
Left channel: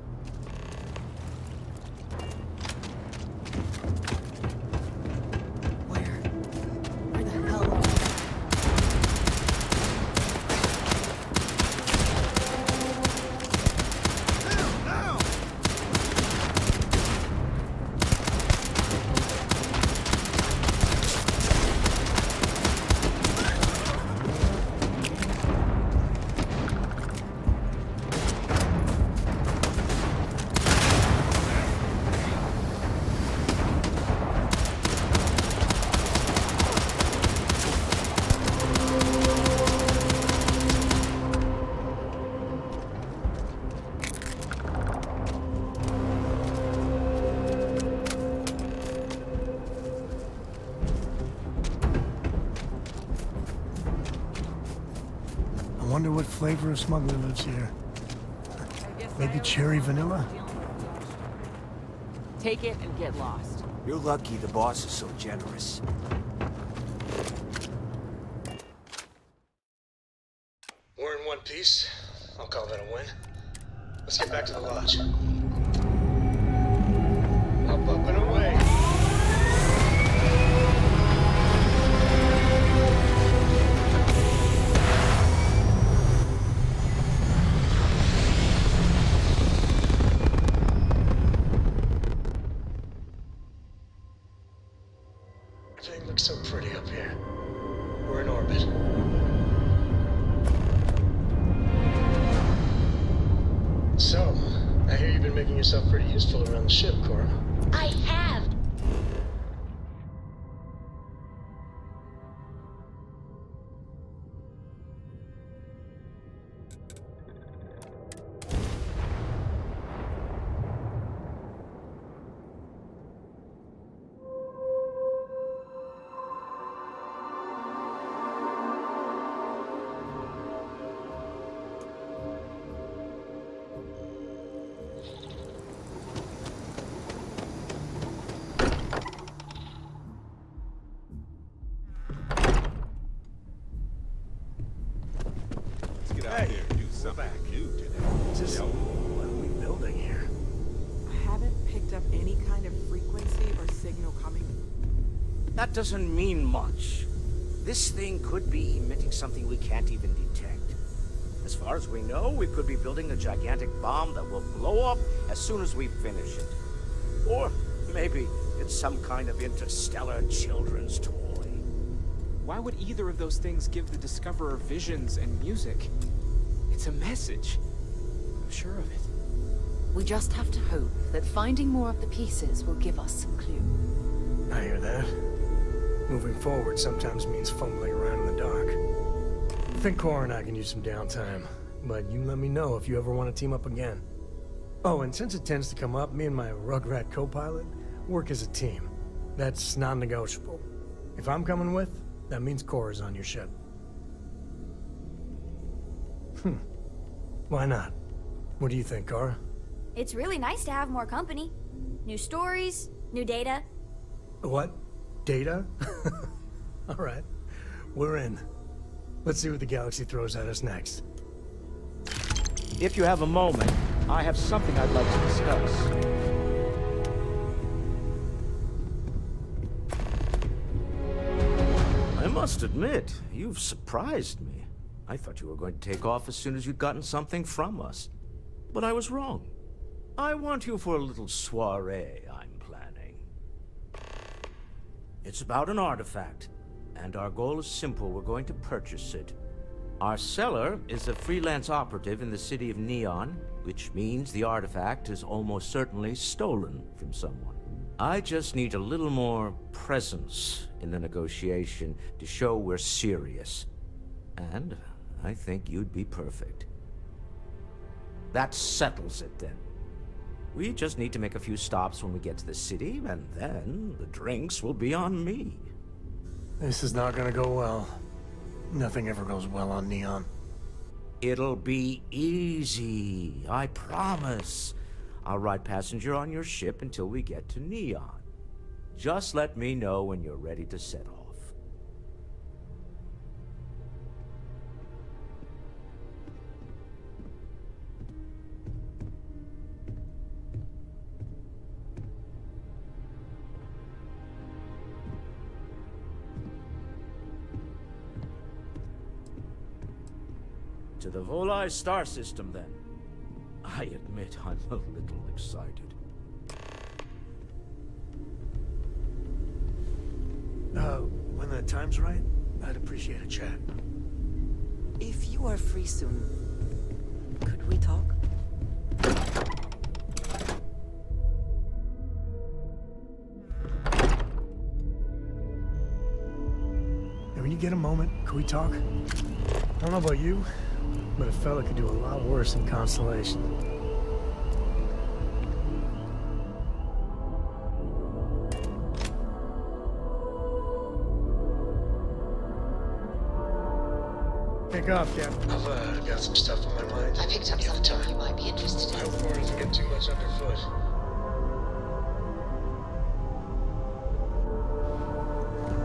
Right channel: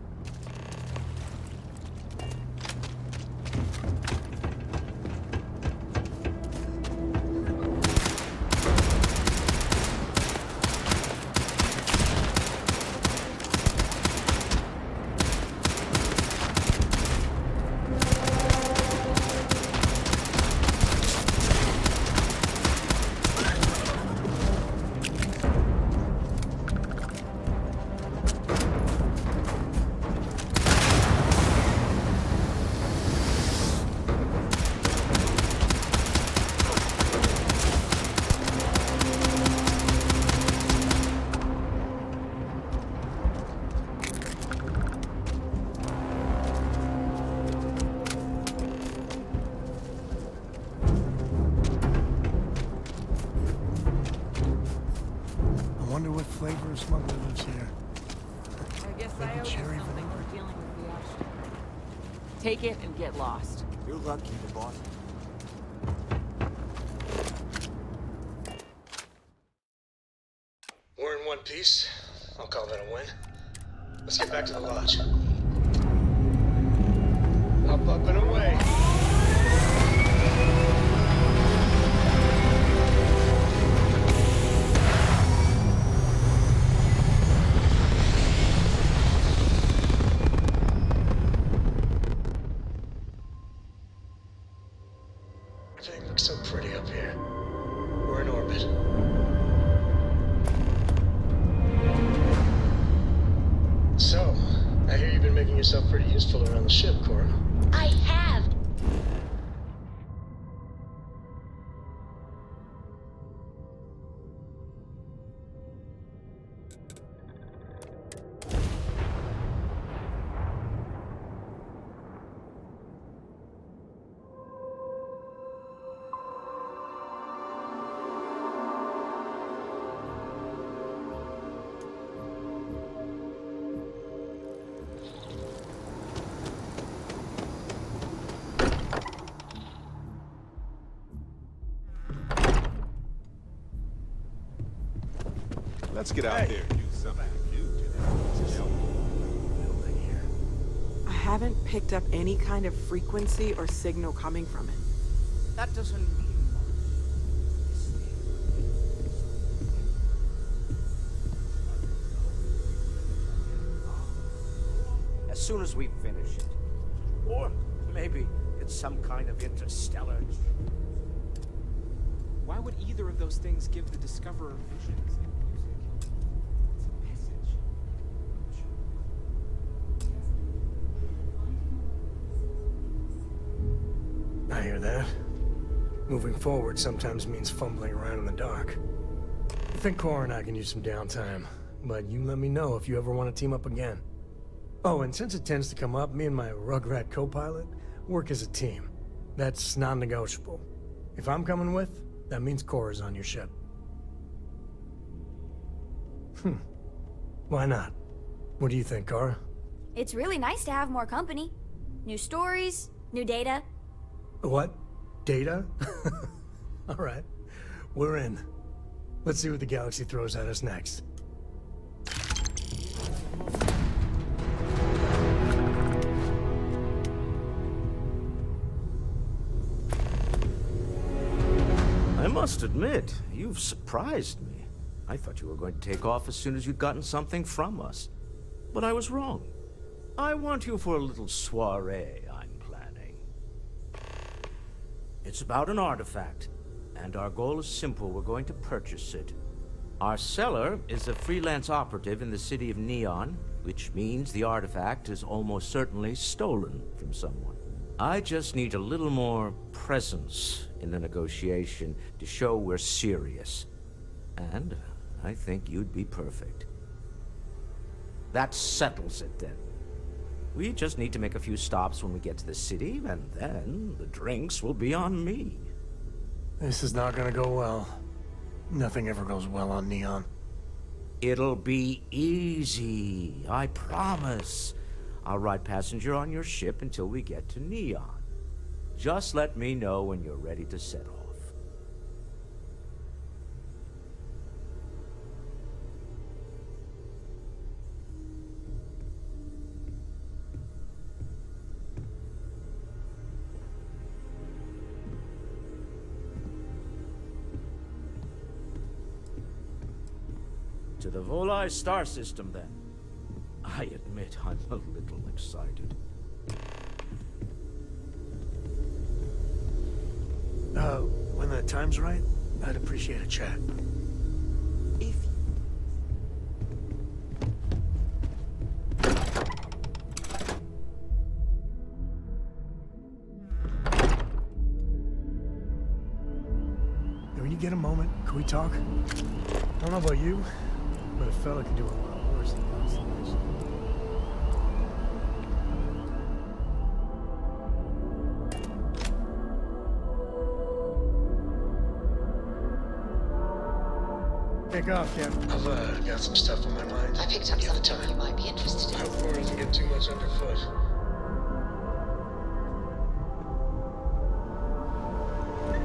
I wonder what flavor of smuggler lives here. Maybe cherry vanilla? Take it and get lost. You're lucky the boss is so generous. We're in one piece. I'll call that a win. Let's get back to the lodge. Up and away. Everything looks so pretty up here. We're in orbit. So, I hear you've been making yourself pretty useful around the ship, Cora. I have. Let's get out there and do something new today. What are we building here? I haven't picked up any kind of frequency or signal coming from it. That doesn't mean much. This thing could be emitting something we can't even detect. As far as we know, we could be building a gigantic bomb that will blow up as soon as we finish it. Or maybe it's some kind of interstellar children's toy. Why would either of those things give the Discoverer visions and music? It's a message. I'm sure of it. We just have to hope that finding more of the pieces will give us some clue. I hear that. Moving forward sometimes means fumbling around in the dark. I think Cora and I can use some downtime, but you let me know if you ever want to team up again. Oh, and since it tends to come up, me and my Rugrat co-pilot work as a team. That's non-negotiable. If I'm coming with, that means Cora's on your ship. Why not? What do you think, Cora? It's really nice to have more company. New stories, new data. What? Data? All right. We're in. Let's see what the galaxy throws at us next. If you have a moment, I have something I'd like to discuss. I must admit, you've surprised me. I thought you were going to take off as soon as you'd gotten something from us. But I was wrong. I want you for a little soiree I'm planning. It's about an artifact, and our goal is simple. We're going to purchase it. Our seller is a freelance operative in the city of Neon, which means the artifact is almost certainly stolen from someone. I just need a little more presence in the negotiation to show we're serious. And I think you'd be perfect. That settles it then. We just need to make a few stops when we get to the city, and then the drinks will be on me. This is not gonna go well. Nothing ever goes well on Neon. It'll be easy, I promise. I'll ride passenger on your ship until we get to Neon. Just let me know when you're ready to set off. To the Volai star system, then. I admit I'm a little excited. When the time's right, I'd appreciate a chat. If you are free soon, could we talk? And when you get a moment, can we talk? I don't know about you, but a fella could do a lot worse in Constellation. Take off, Captain. I've got some stuff on my mind. I picked up something you might be interested in. I hope Cora doesn't get too much underfoot.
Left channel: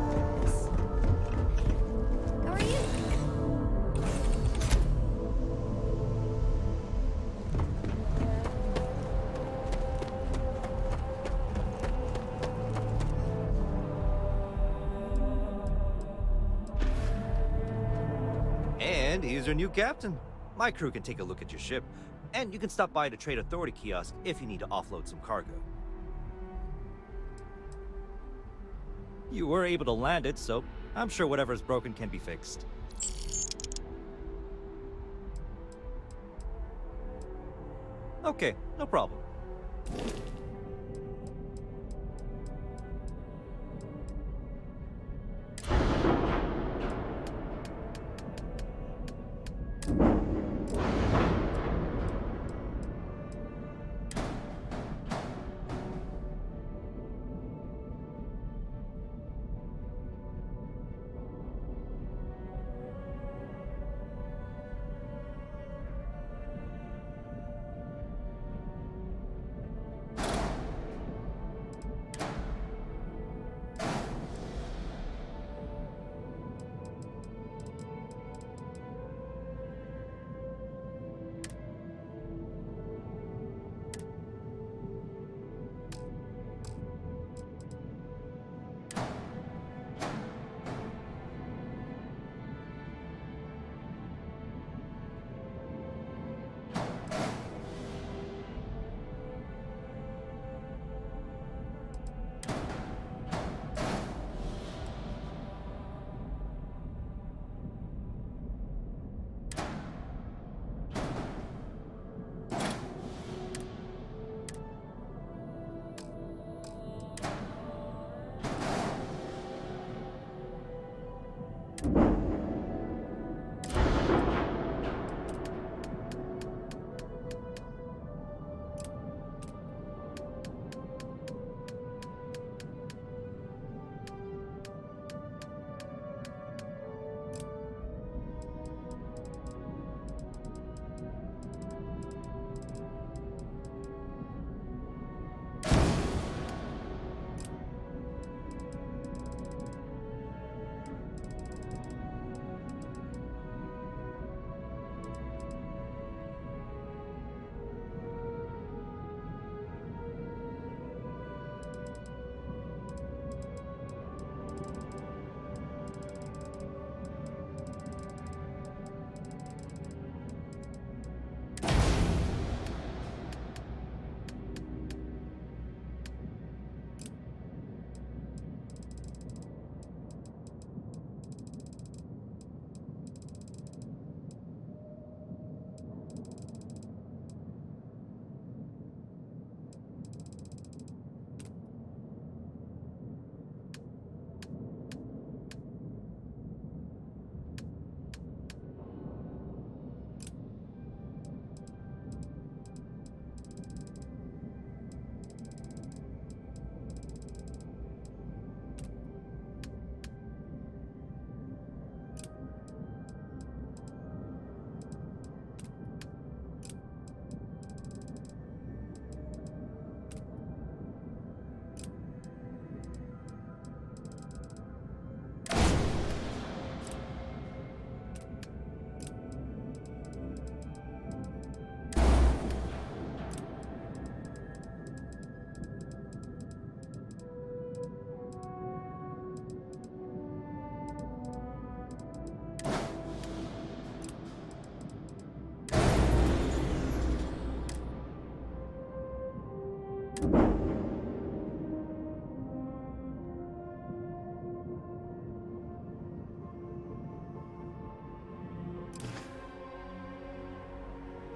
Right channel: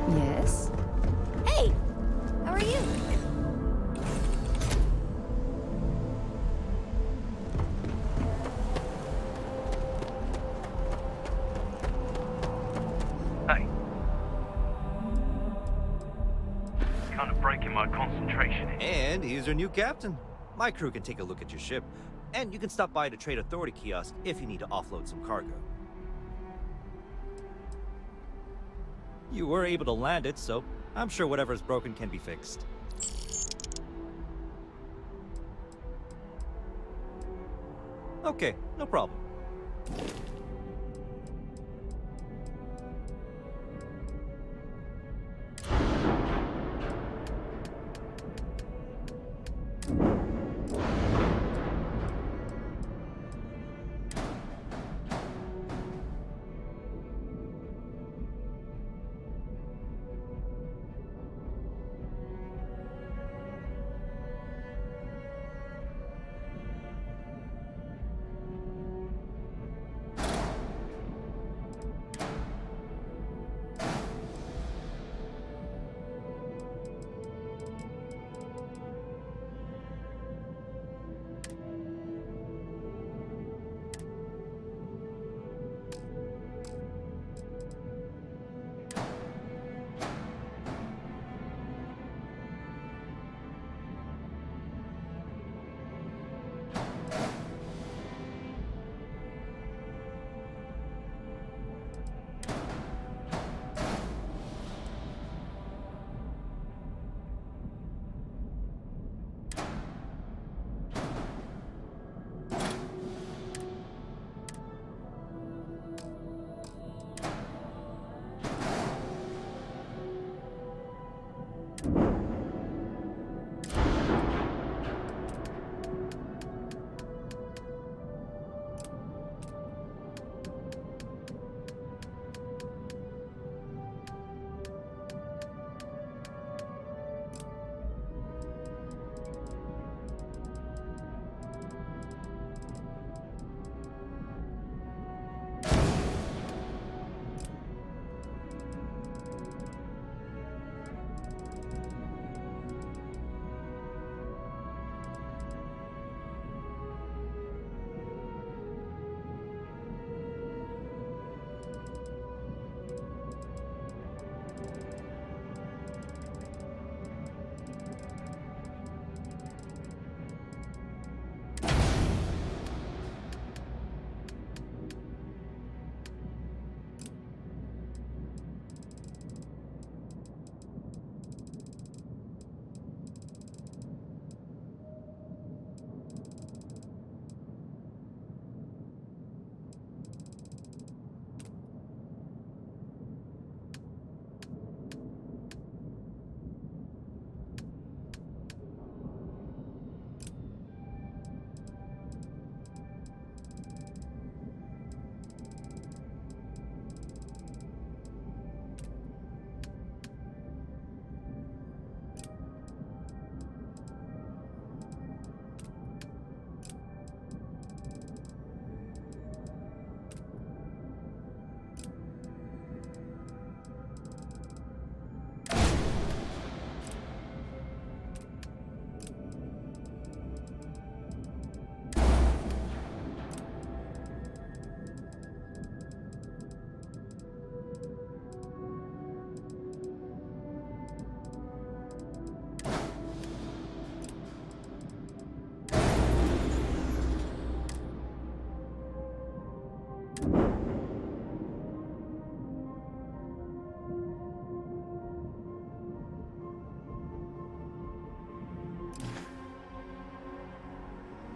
Yes? Hey, how are you? Hey. It's kind of breaking my concentration. And he's your new captain. My crew can take a look at your ship, and you can stop by the Trade Authority kiosk if you need to offload some cargo. You were able to land it, so I'm sure whatever's broken can be fixed. Okay, no problem.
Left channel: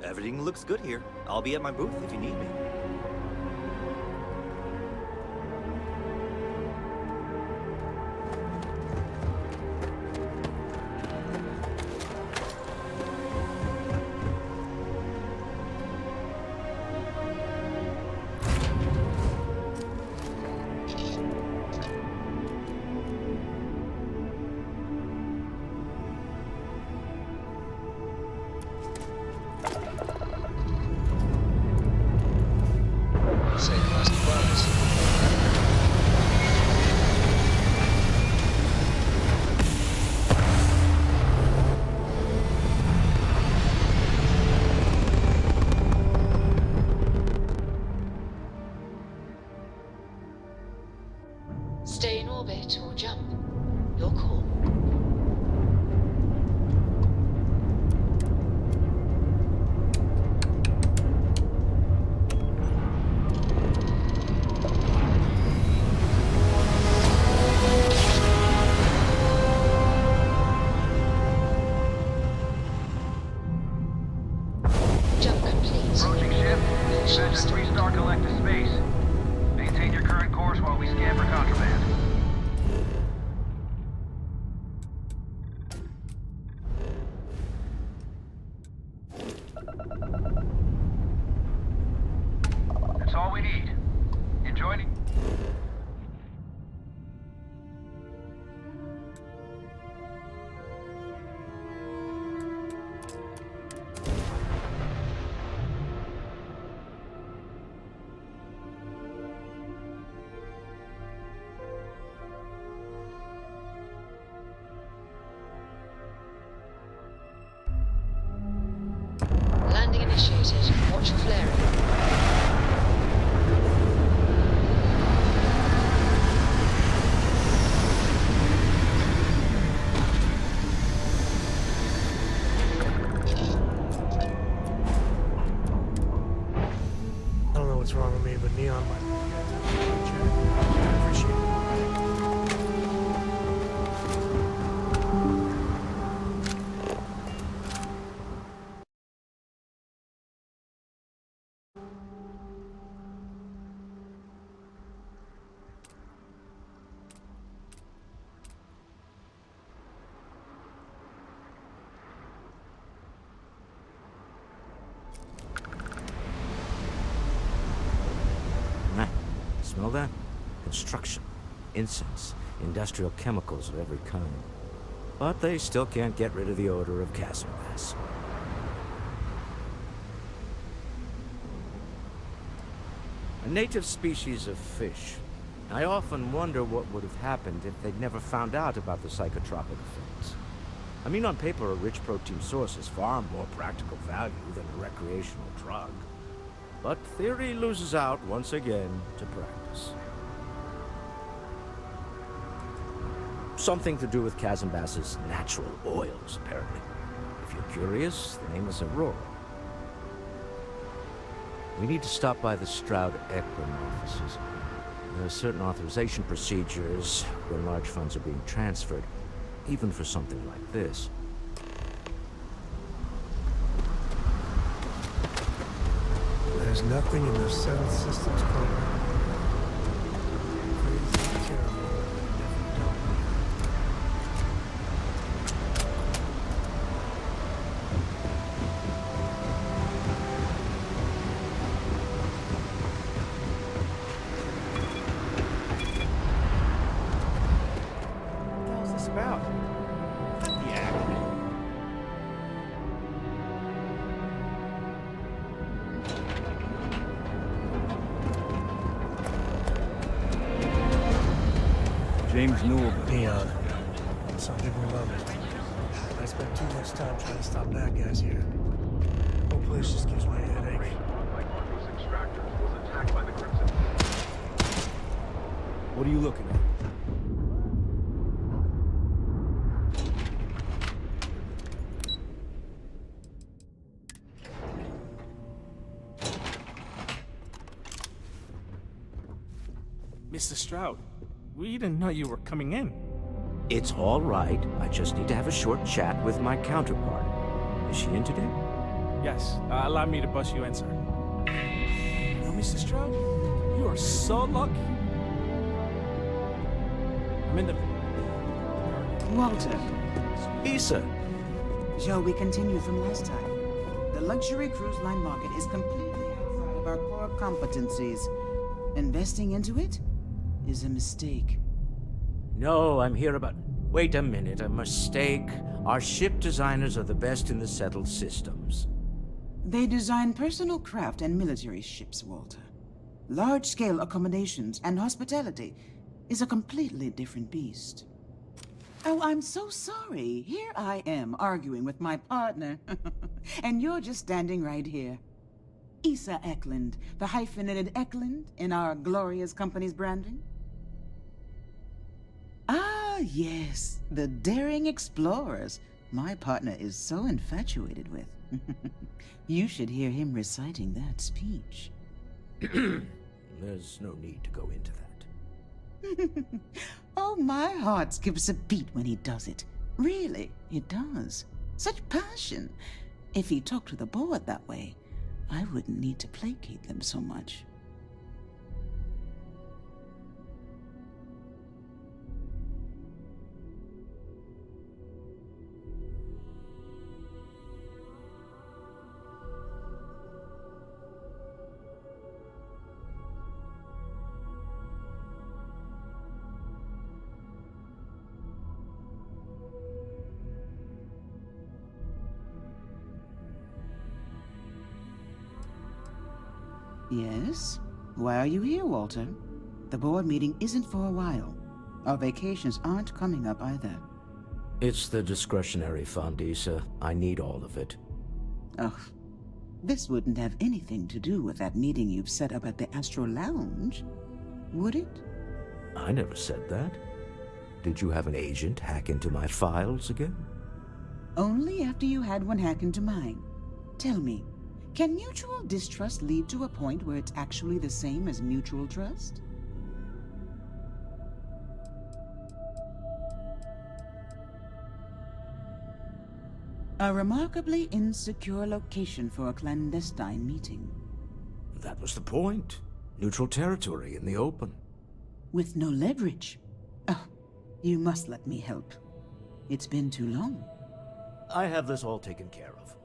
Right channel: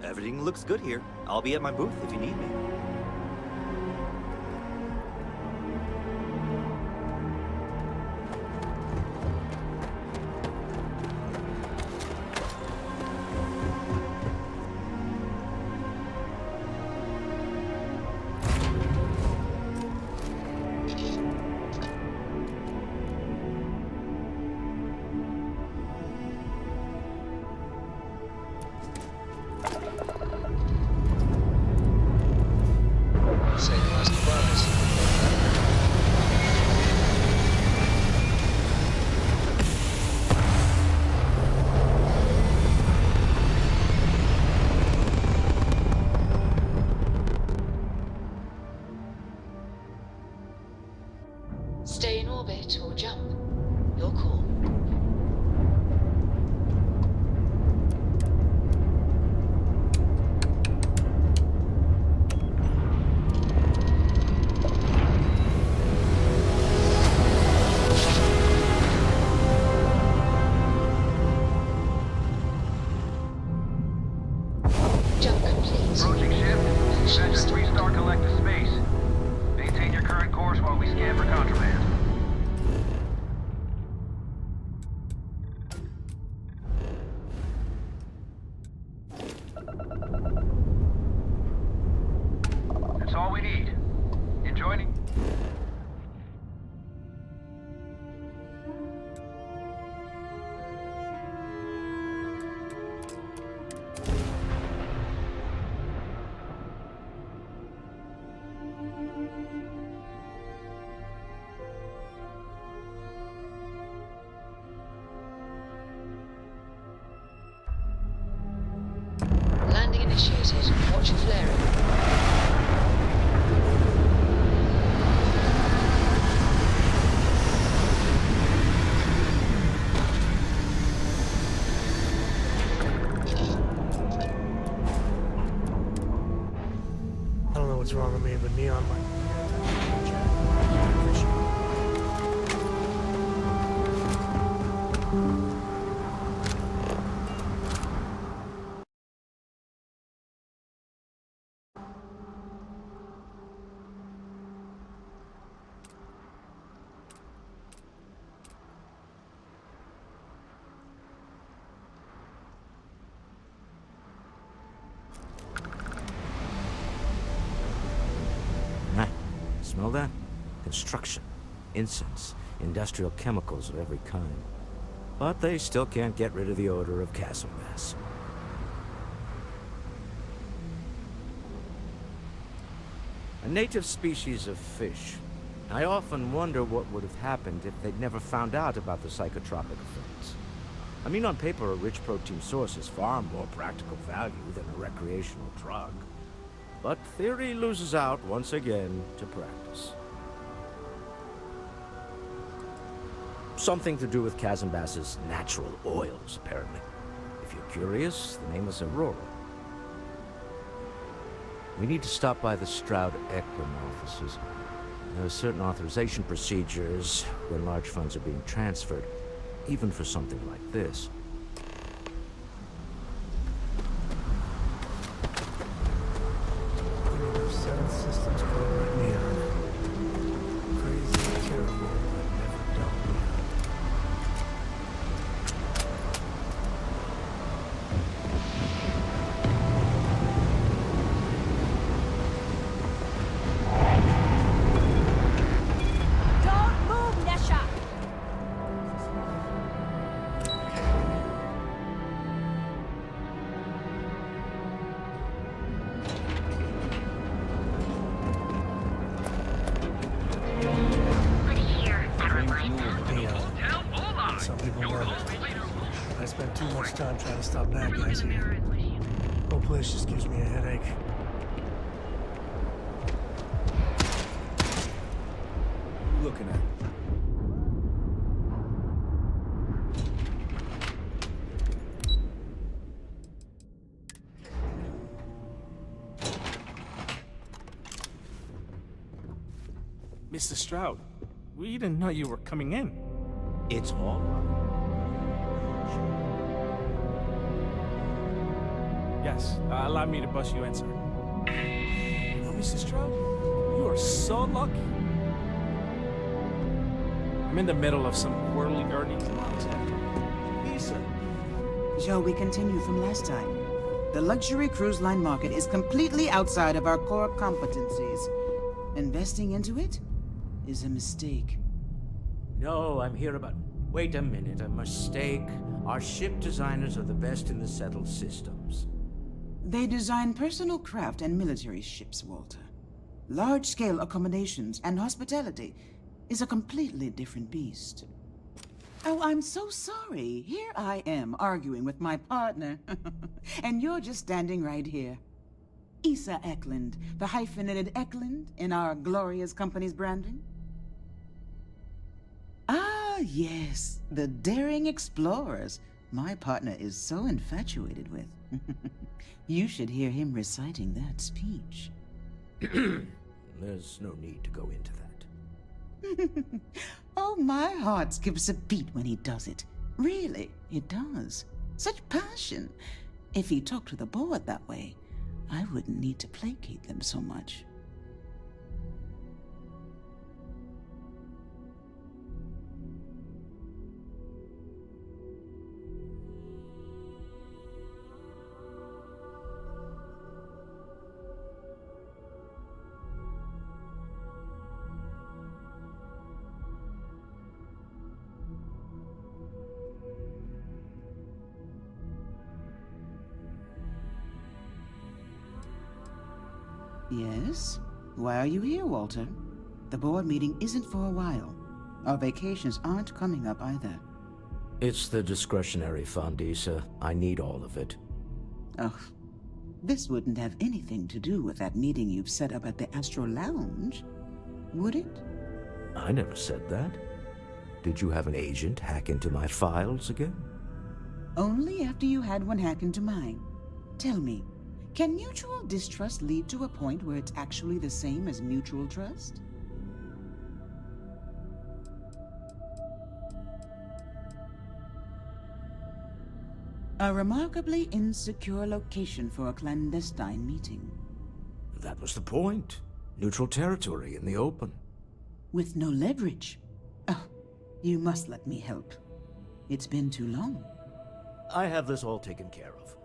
Everything looks good here. I'll be at my booth if you need me. Stay in orbit or jump. Your call. Jump complete. Approaching ship. Send 3-star collective space. Maintain your current course while we scan for contraband. That's all we need. Enjoy the... Landing initiated. Watch for flaring. I don't know what's wrong with me, but Neon might be I appreciate it. Smell that? Construction, incense, industrial chemicals of every kind. But they still can't get rid of the odor of chasm gas. A native species of fish. I often wonder what would have happened if they'd never found out about the psychotropic effects. I mean, on paper, a rich protein source is far more practical value than a recreational drug. But theory loses out once again to practice. Something to do with Kazambas's natural oils, apparently. If you're curious, the name is Aurora. We need to stop by the Stroud-Eklund offices. There are certain authorization procedures when large funds are being transferred, even for something like this. There's nothing in the 7 systems program here. Crazy, terrible, but never done here. What's this about? Dreams knew of Neon. Some people love it. I spent too much time trying to stop bad guys here. Whole place just gives me a headache. What are you looking at? Mr. Stroud, we didn't know you were coming in. It's all right. I just need to have a short chat with my counterpart. Is she in today? Yes, allow me to bust you in, sir. You know, Mr. Stroud, you are so lucky. I'm in the middle of some whirly-gurly... Walter. Issa. Shall we continue from last time? The luxury cruise line market is completely outside of our core competencies. Investing into it is a mistake. No, I'm here about... Wait a minute, a mistake. Our ship designers are the best in the settled systems. They design personal craft and military ships, Walter. Large-scale accommodations and hospitality is a completely different beast. Oh, I'm so sorry. Here I am arguing with my partner. And you're just standing right here. Issa Eklund, the hyphenated Eklund in our glorious company's branding. Ah, yes, the daring explorers my partner is so infatuated with. You should hear him reciting that speech. There's no need to go into that. Oh, my heart skips a beat when he does it. Really, it does. Such passion. If he talked to the board that way, I wouldn't need to placate them so much. Yes? Why are you here, Walter? The board meeting isn't for a while. Our vacations aren't coming up either. It's the discretionary fund, Issa. I need all of it. Ugh. This wouldn't have anything to do with that meeting you've set up at the Astro Lounge, would it? I never said that. Did you have an agent hack into my files again? Only after you had one hack into mine. Tell me, can mutual distrust lead to a point where it's actually the same as mutual trust? A remarkably insecure location for a clandestine meeting. That was the point. Neutral territory in the open. With no leverage. Oh, you must let me help. It's been too long. I have this all taken care of.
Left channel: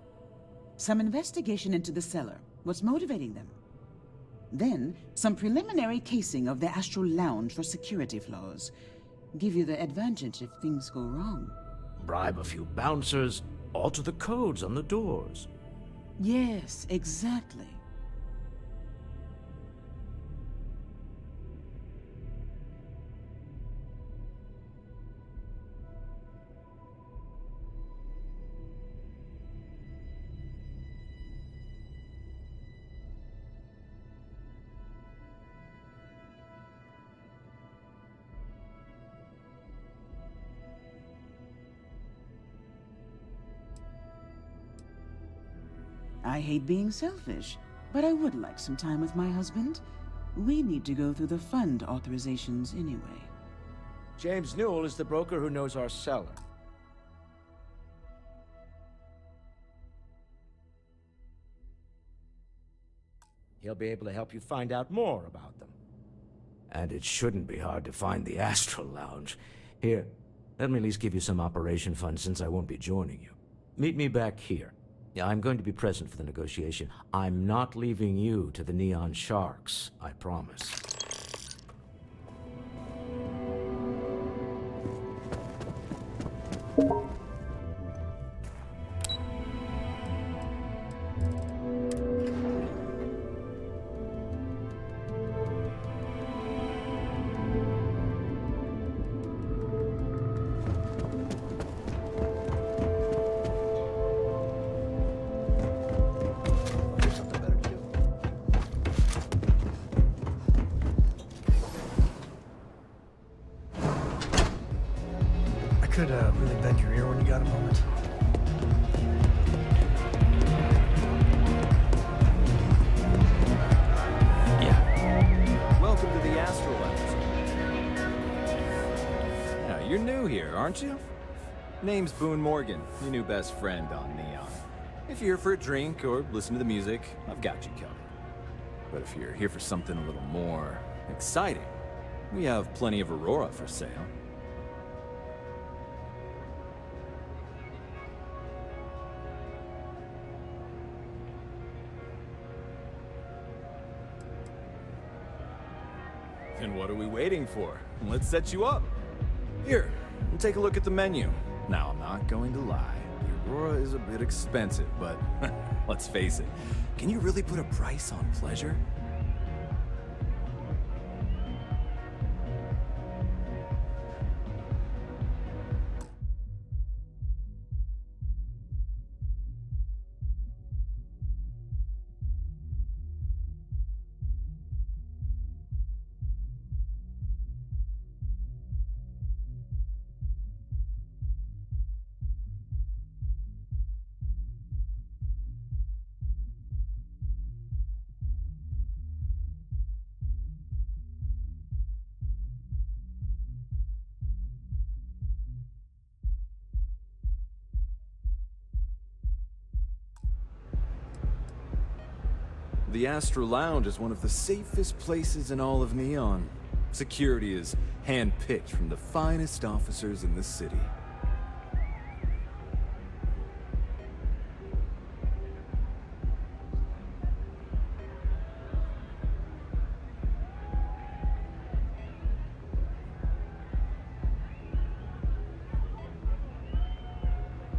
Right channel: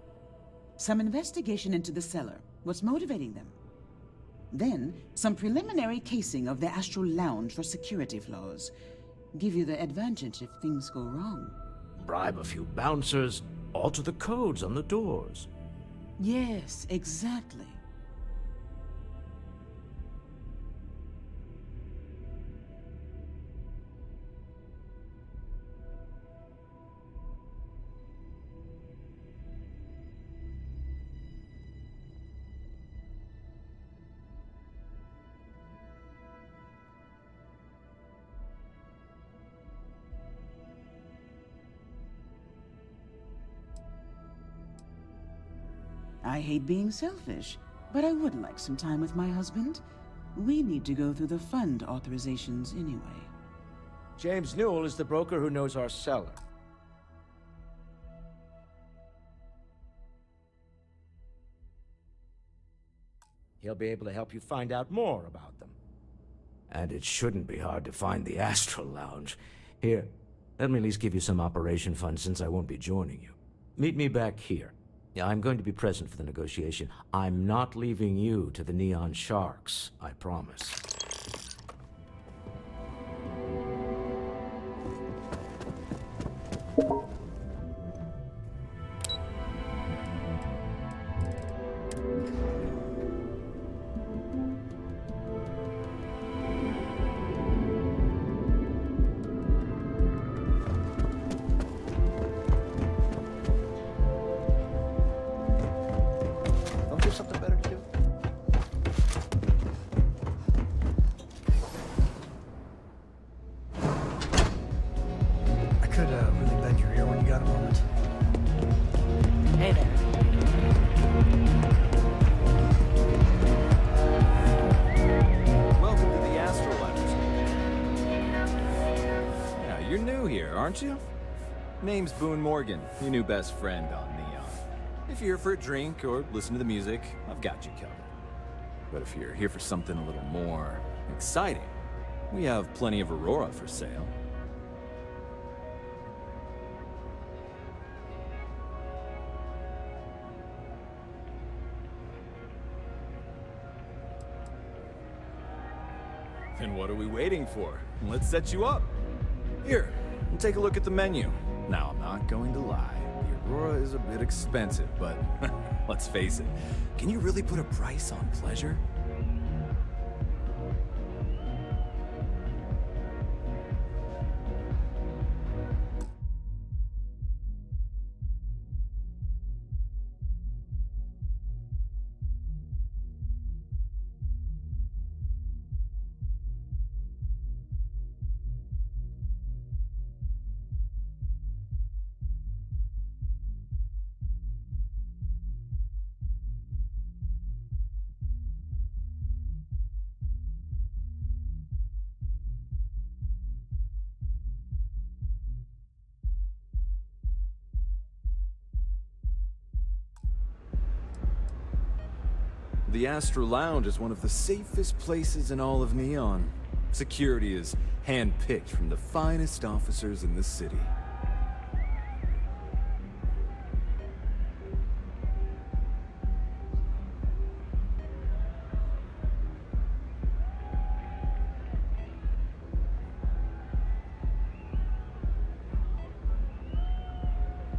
Some investigation into the cellar. What's motivating them? Then, some preliminary casing of the Astral Lounge for security flaws. Give you the advantage if things go wrong. Bribe a few bouncers, alter the codes on the doors. Yes, exactly. I hate being selfish, but I would like some time with my husband. We need to go through the fund authorizations anyway. James Newell is the broker who knows our cellar. He'll be able to help you find out more about them. And it shouldn't be hard to find the Astral Lounge. Here, let me at least give you some operation funds since I won't be joining you. Meet me back here. Yeah, I'm going to be present for the negotiation. I'm not leaving you to the Neon Sharks, I promise. Could really bend your ear when you got a moment. Hey there. Welcome to the Astral Lounge. Yeah, you're new here, aren't you? Name's Boone Morgan, your new best friend on Neon. If you're here for a drink or listen to the music, I've got you covered. But if you're here for something a little more exciting, we have plenty of Aurora for sale. Then what are we waiting for? Let's set you up. Here, take a look at the menu. Now, I'm not going to lie. The Aurora is a bit expensive, but let's face it. Can you really put a price on pleasure? The Astro Lounge is one of the safest places in all of Neon. Security is hand-picked from the finest officers in the city.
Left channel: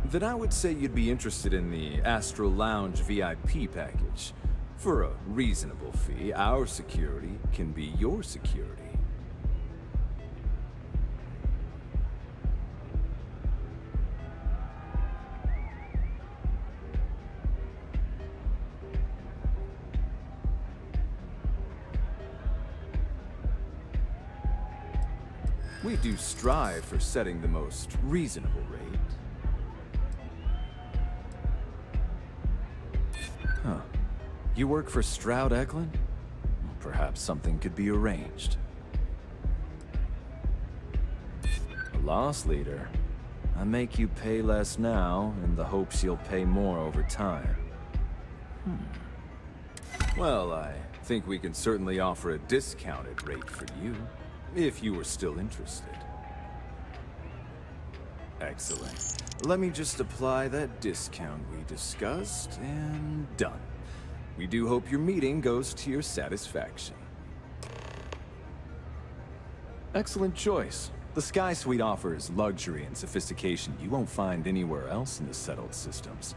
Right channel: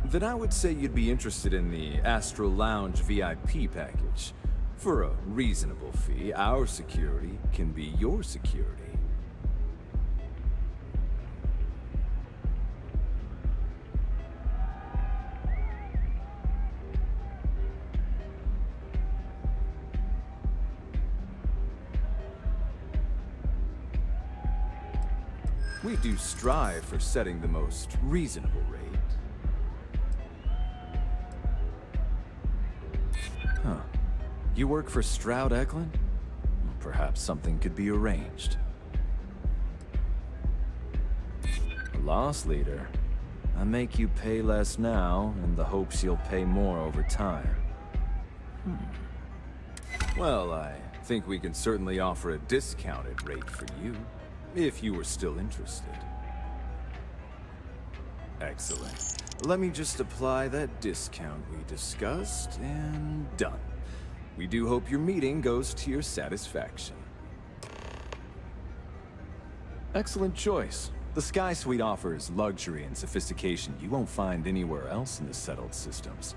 Then I would say you'd be interested in the Astro Lounge VIP package. For a reasonable fee, our security can be your security. We do strive for setting the most reasonable rate. Huh. You work for Stroud Eklund? Perhaps something could be arranged. A loss leader. I make you pay less now in the hopes you'll pay more over time. Well, I think we can certainly offer a discounted rate for you, if you were still interested. Excellent. Let me just apply that discount we discussed, and done. We do hope your meeting goes to your satisfaction. Excellent choice. The Sky Suite offers luxury and sophistication you won't find anywhere else in the settled systems.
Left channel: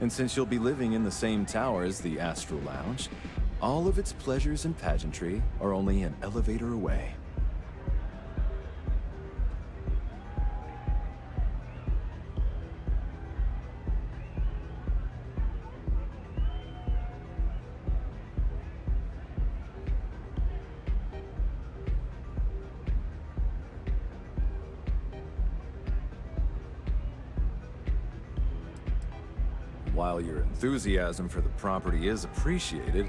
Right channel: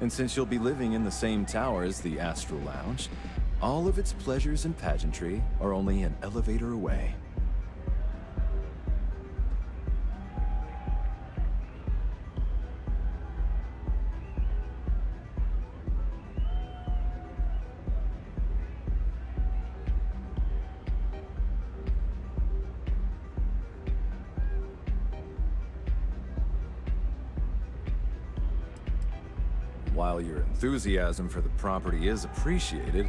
And since you'll be living in the same tower as the Astral Lounge, all of its pleasures and pageantry are only an elevator away. While your enthusiasm for the property is appreciated,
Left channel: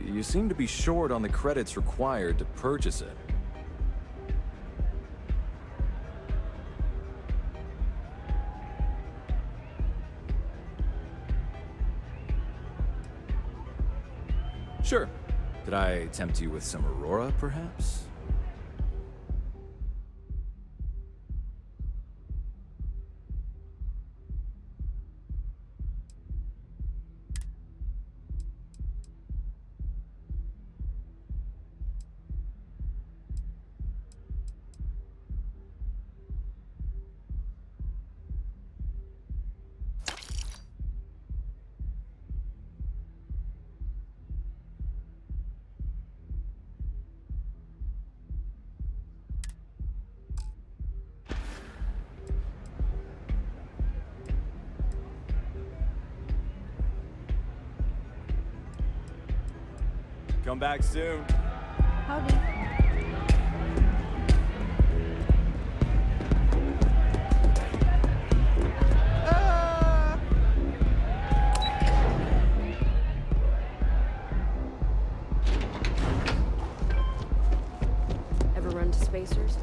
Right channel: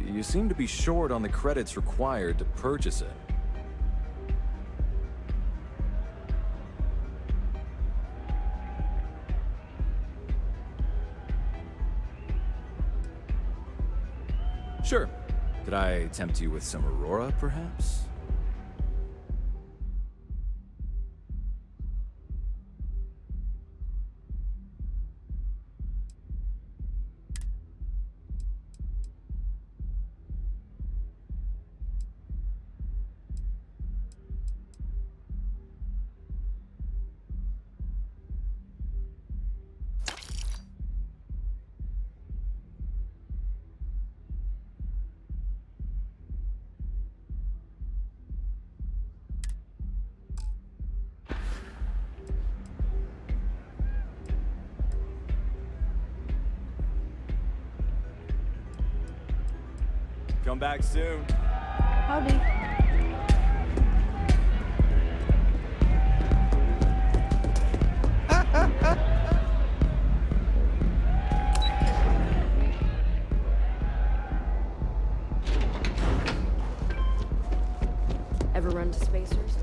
you seem to be short on the credits required to purchase it. Sure. Could I tempt you with some Aurora, perhaps? Come back soon. Howdy. Ever run to spacers?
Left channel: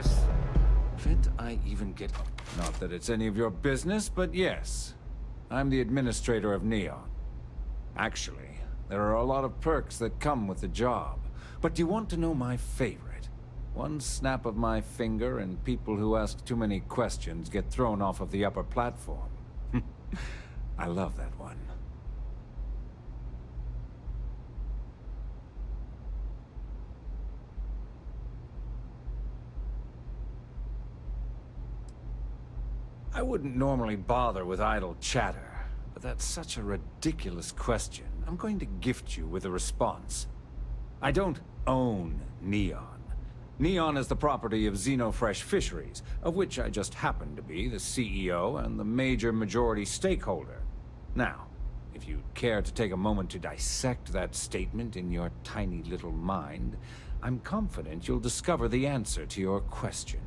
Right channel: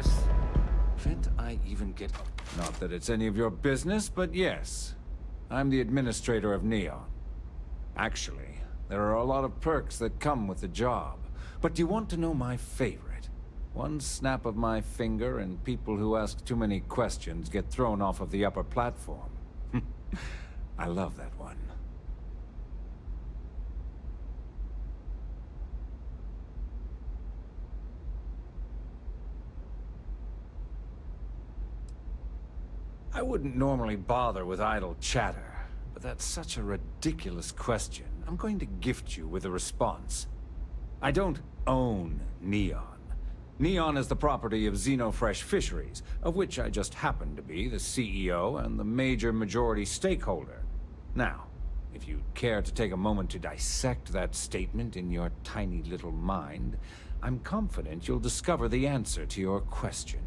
Yes. Can't I even get... Not that it's any of your business, but yes. I'm the administrator of Neon. Actually, there are a lot of perks that come with the job. But do you want to know my favorite? One snap of my finger and people who ask too many questions get thrown off of the upper platform. I love that one. I wouldn't normally bother with idle chatter, but that's such a ridiculous question. I'm going to gift you with a response. I don't own Neon. Neon is the property of Xenofresh Fisheries, of which I just happen to be the CEO and the major majority stakeholder. Now, if you'd care to take a moment to dissect that statement in your tiny little mind, I'm confident you'll discover the answer to your question.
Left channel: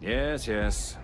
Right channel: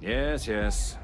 Yes, yes.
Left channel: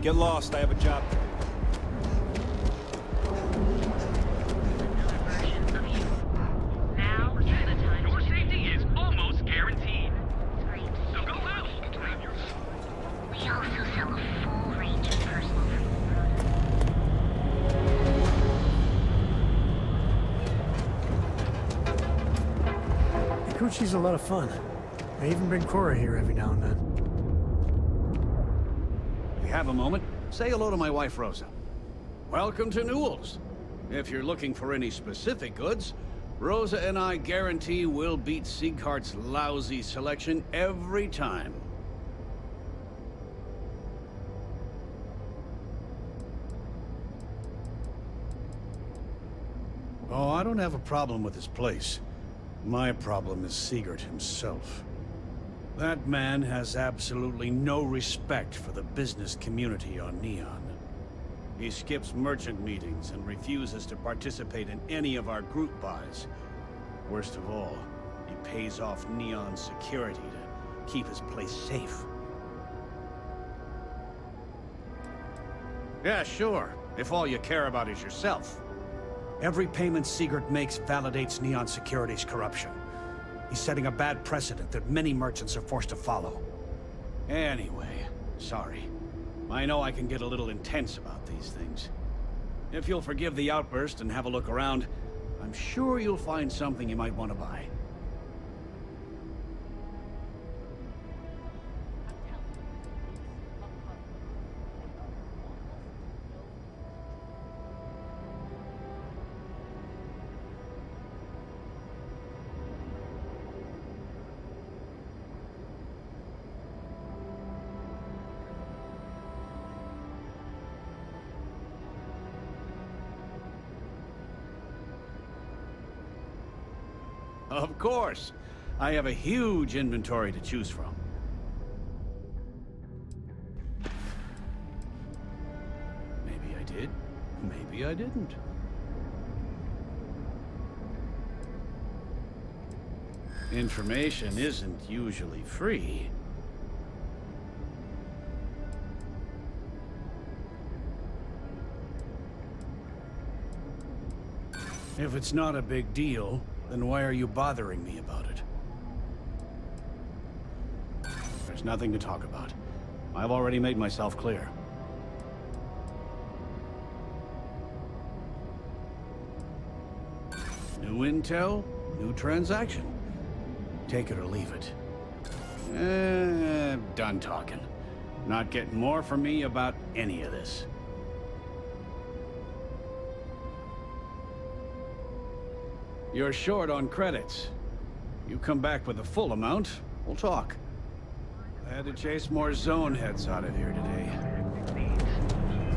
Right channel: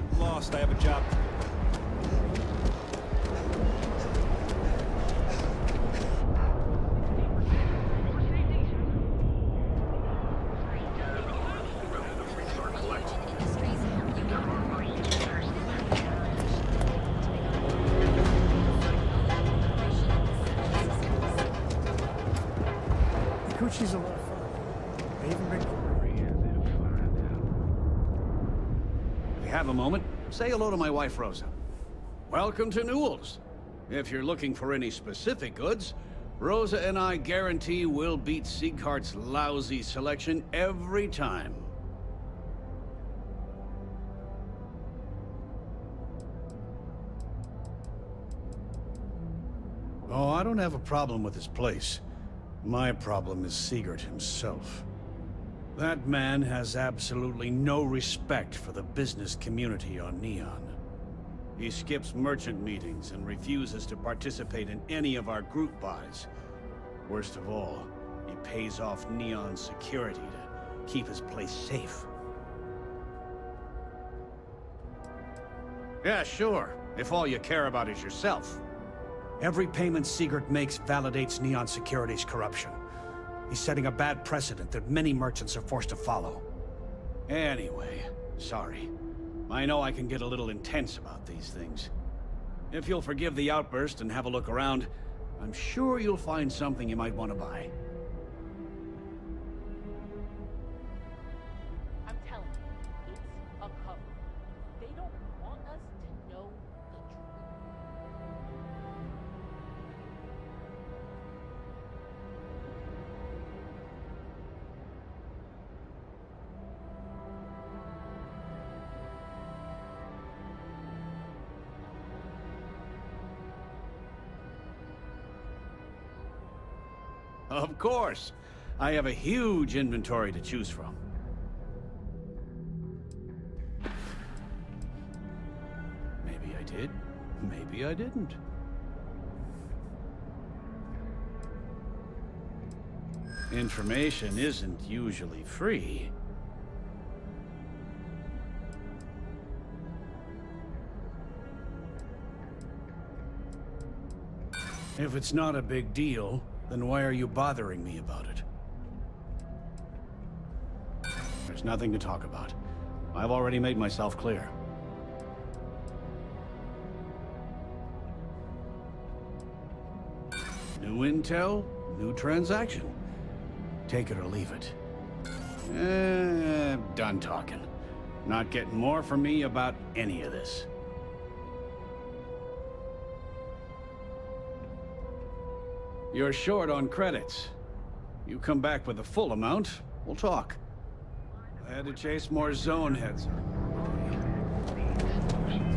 Get lost, I have a job to do. Your safety is almost guaranteed. So go out. Ikuchi's a lot of fun. I even bring Cora here every now and then. If you have a moment, say hello to my wife, Rosa. Welcome to Newell's. If you're looking for any specific goods, Rosa and I guarantee we'll beat Sieghart's lousy selection every time. Oh, I don't have a problem with this place. My problem is Siegert himself. That man has absolutely no respect for the business community on Neon. He skips merchant meetings and refuses to participate in any of our group buys. Worst of all, he pays off Neon's security to keep his place safe. Yeah, sure, if all you care about is yourself. Every payment Siegert makes validates Neon Security's corruption. He's setting a bad precedent that many merchants are forced to follow. Anyway, sorry. I know I can get a little intense about these things. If you'll forgive the outburst and have a look around, I'm sure you'll find something you might want to buy. I'm telling you, it's a cover. They don't want us to know Of course! I have a huge inventory to choose from. Maybe I did, maybe I didn't. Information isn't usually free. If it's not a big deal, then why are you bothering me about it? There's nothing to talk about. I've already made myself clear. New intel, new transaction. Take it or leave it. Done talking. Not getting more from me about any of this. You're short on credits. You come back with the full amount, we'll talk. I had to chase more zone heads out of here today.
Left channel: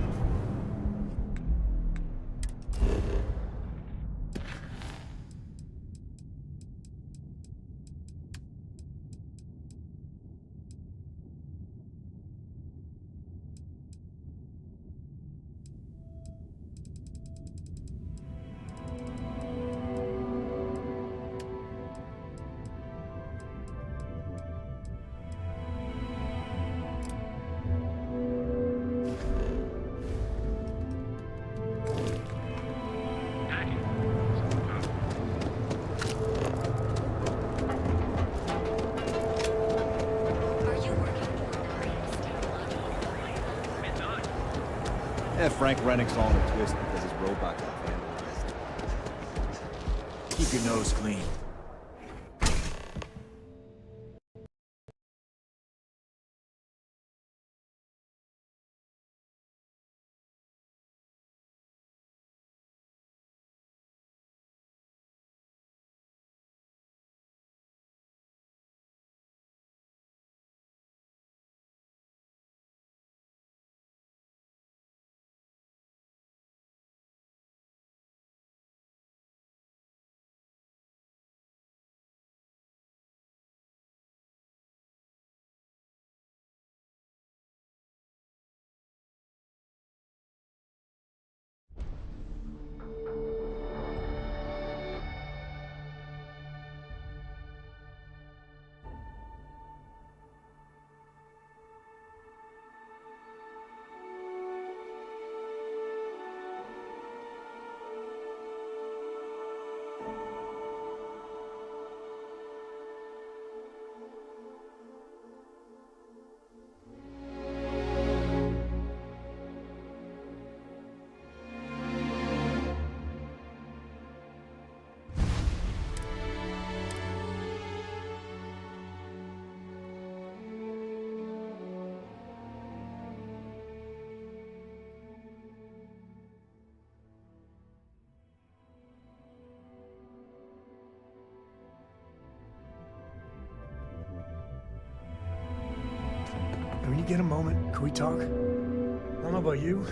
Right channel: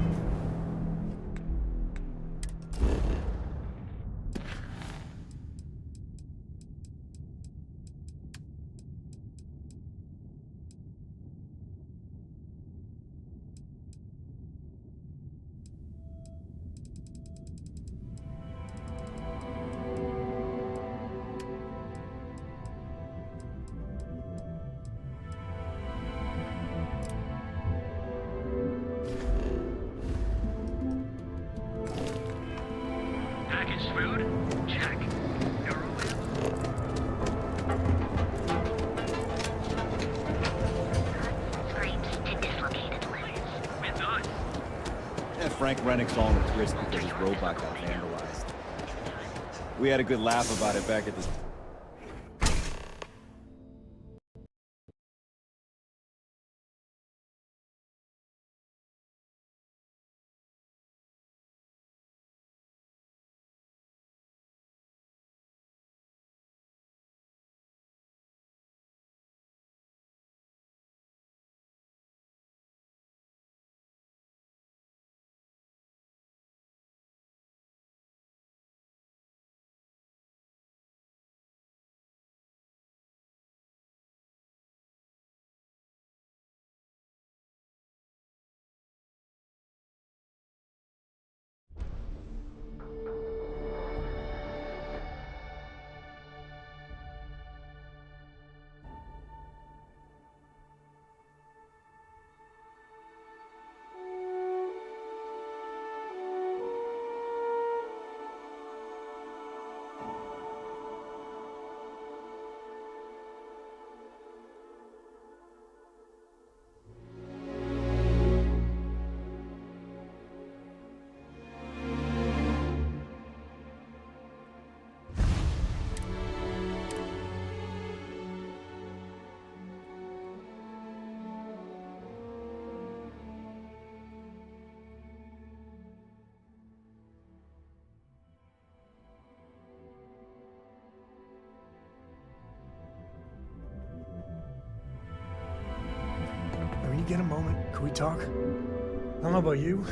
Frank Rennick's all in a twist because his robot got vandalized. We had a good laugh about it back in... When you get a moment, can we talk? I don't know about you,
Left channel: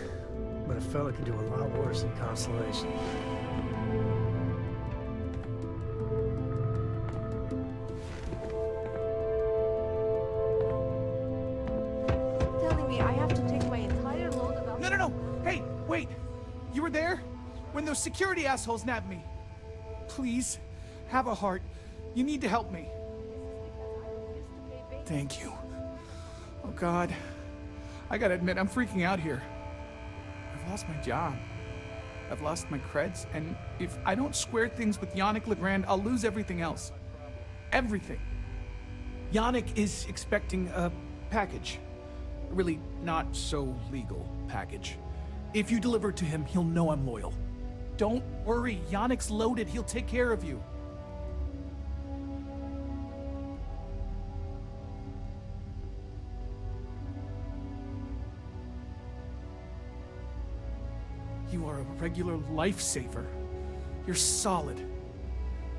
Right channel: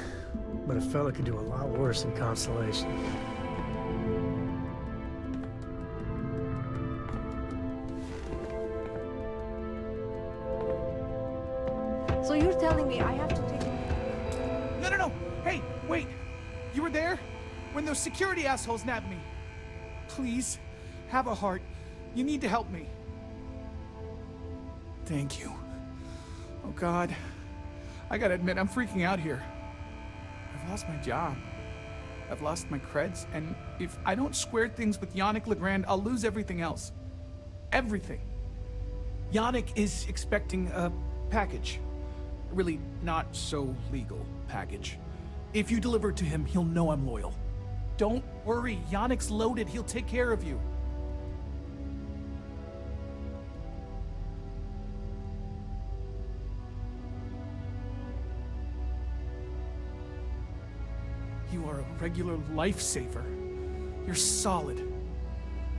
but a fella could do a lot worse than Constellation. So you're telling me I have to take my entire... No. Hey, wait. You were there when those security assholes nabbed me. Please, have a heart. You need to help me. Thank you. Oh, God. I gotta admit, I'm freaking out here. I've lost my job. I've lost my creds, and if I don't square things with Yannick Legrand, I'll lose everything else. Everything. Yannick is expecting a package. A really not so legal package. If you deliver it to him, he'll know I'm loyal. Don't worry, Yannick's loaded. He'll take care of you. You are a regular lifesaver. You're solid.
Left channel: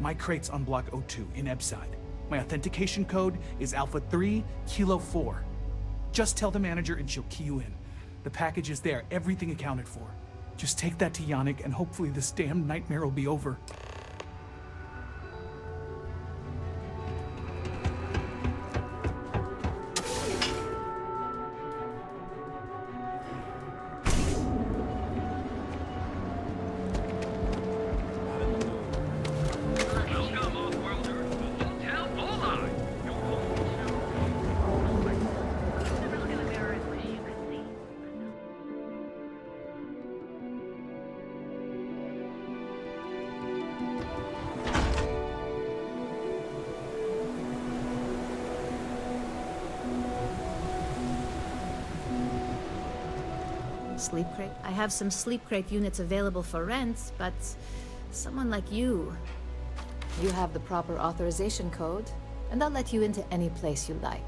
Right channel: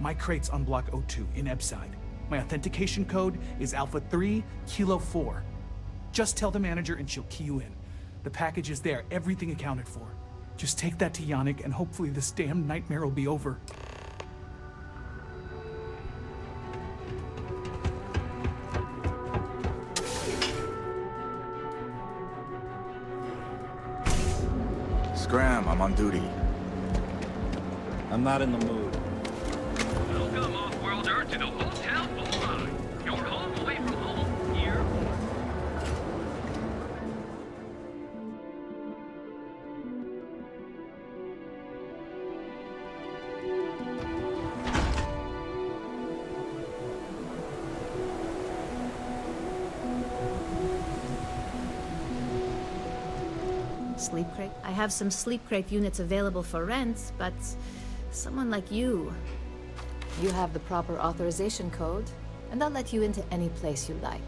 My crate's on Block 02 in Ebside. My authentication code is Alpha 3 Kilo 4. Just tell the manager and she'll key you in. The package is there, everything accounted for. Just take that to Yannick and hopefully this damn nightmare will be over. Scram, I'm on duty. I'm not in the mood. Welcome, Off-Worlder, to the Hotel Bullseye. Your home away from home here. Sleep crate? I have some sleep crate units available for rent, but someone like you... You have the proper authorization code, and I'll let you into any place you like.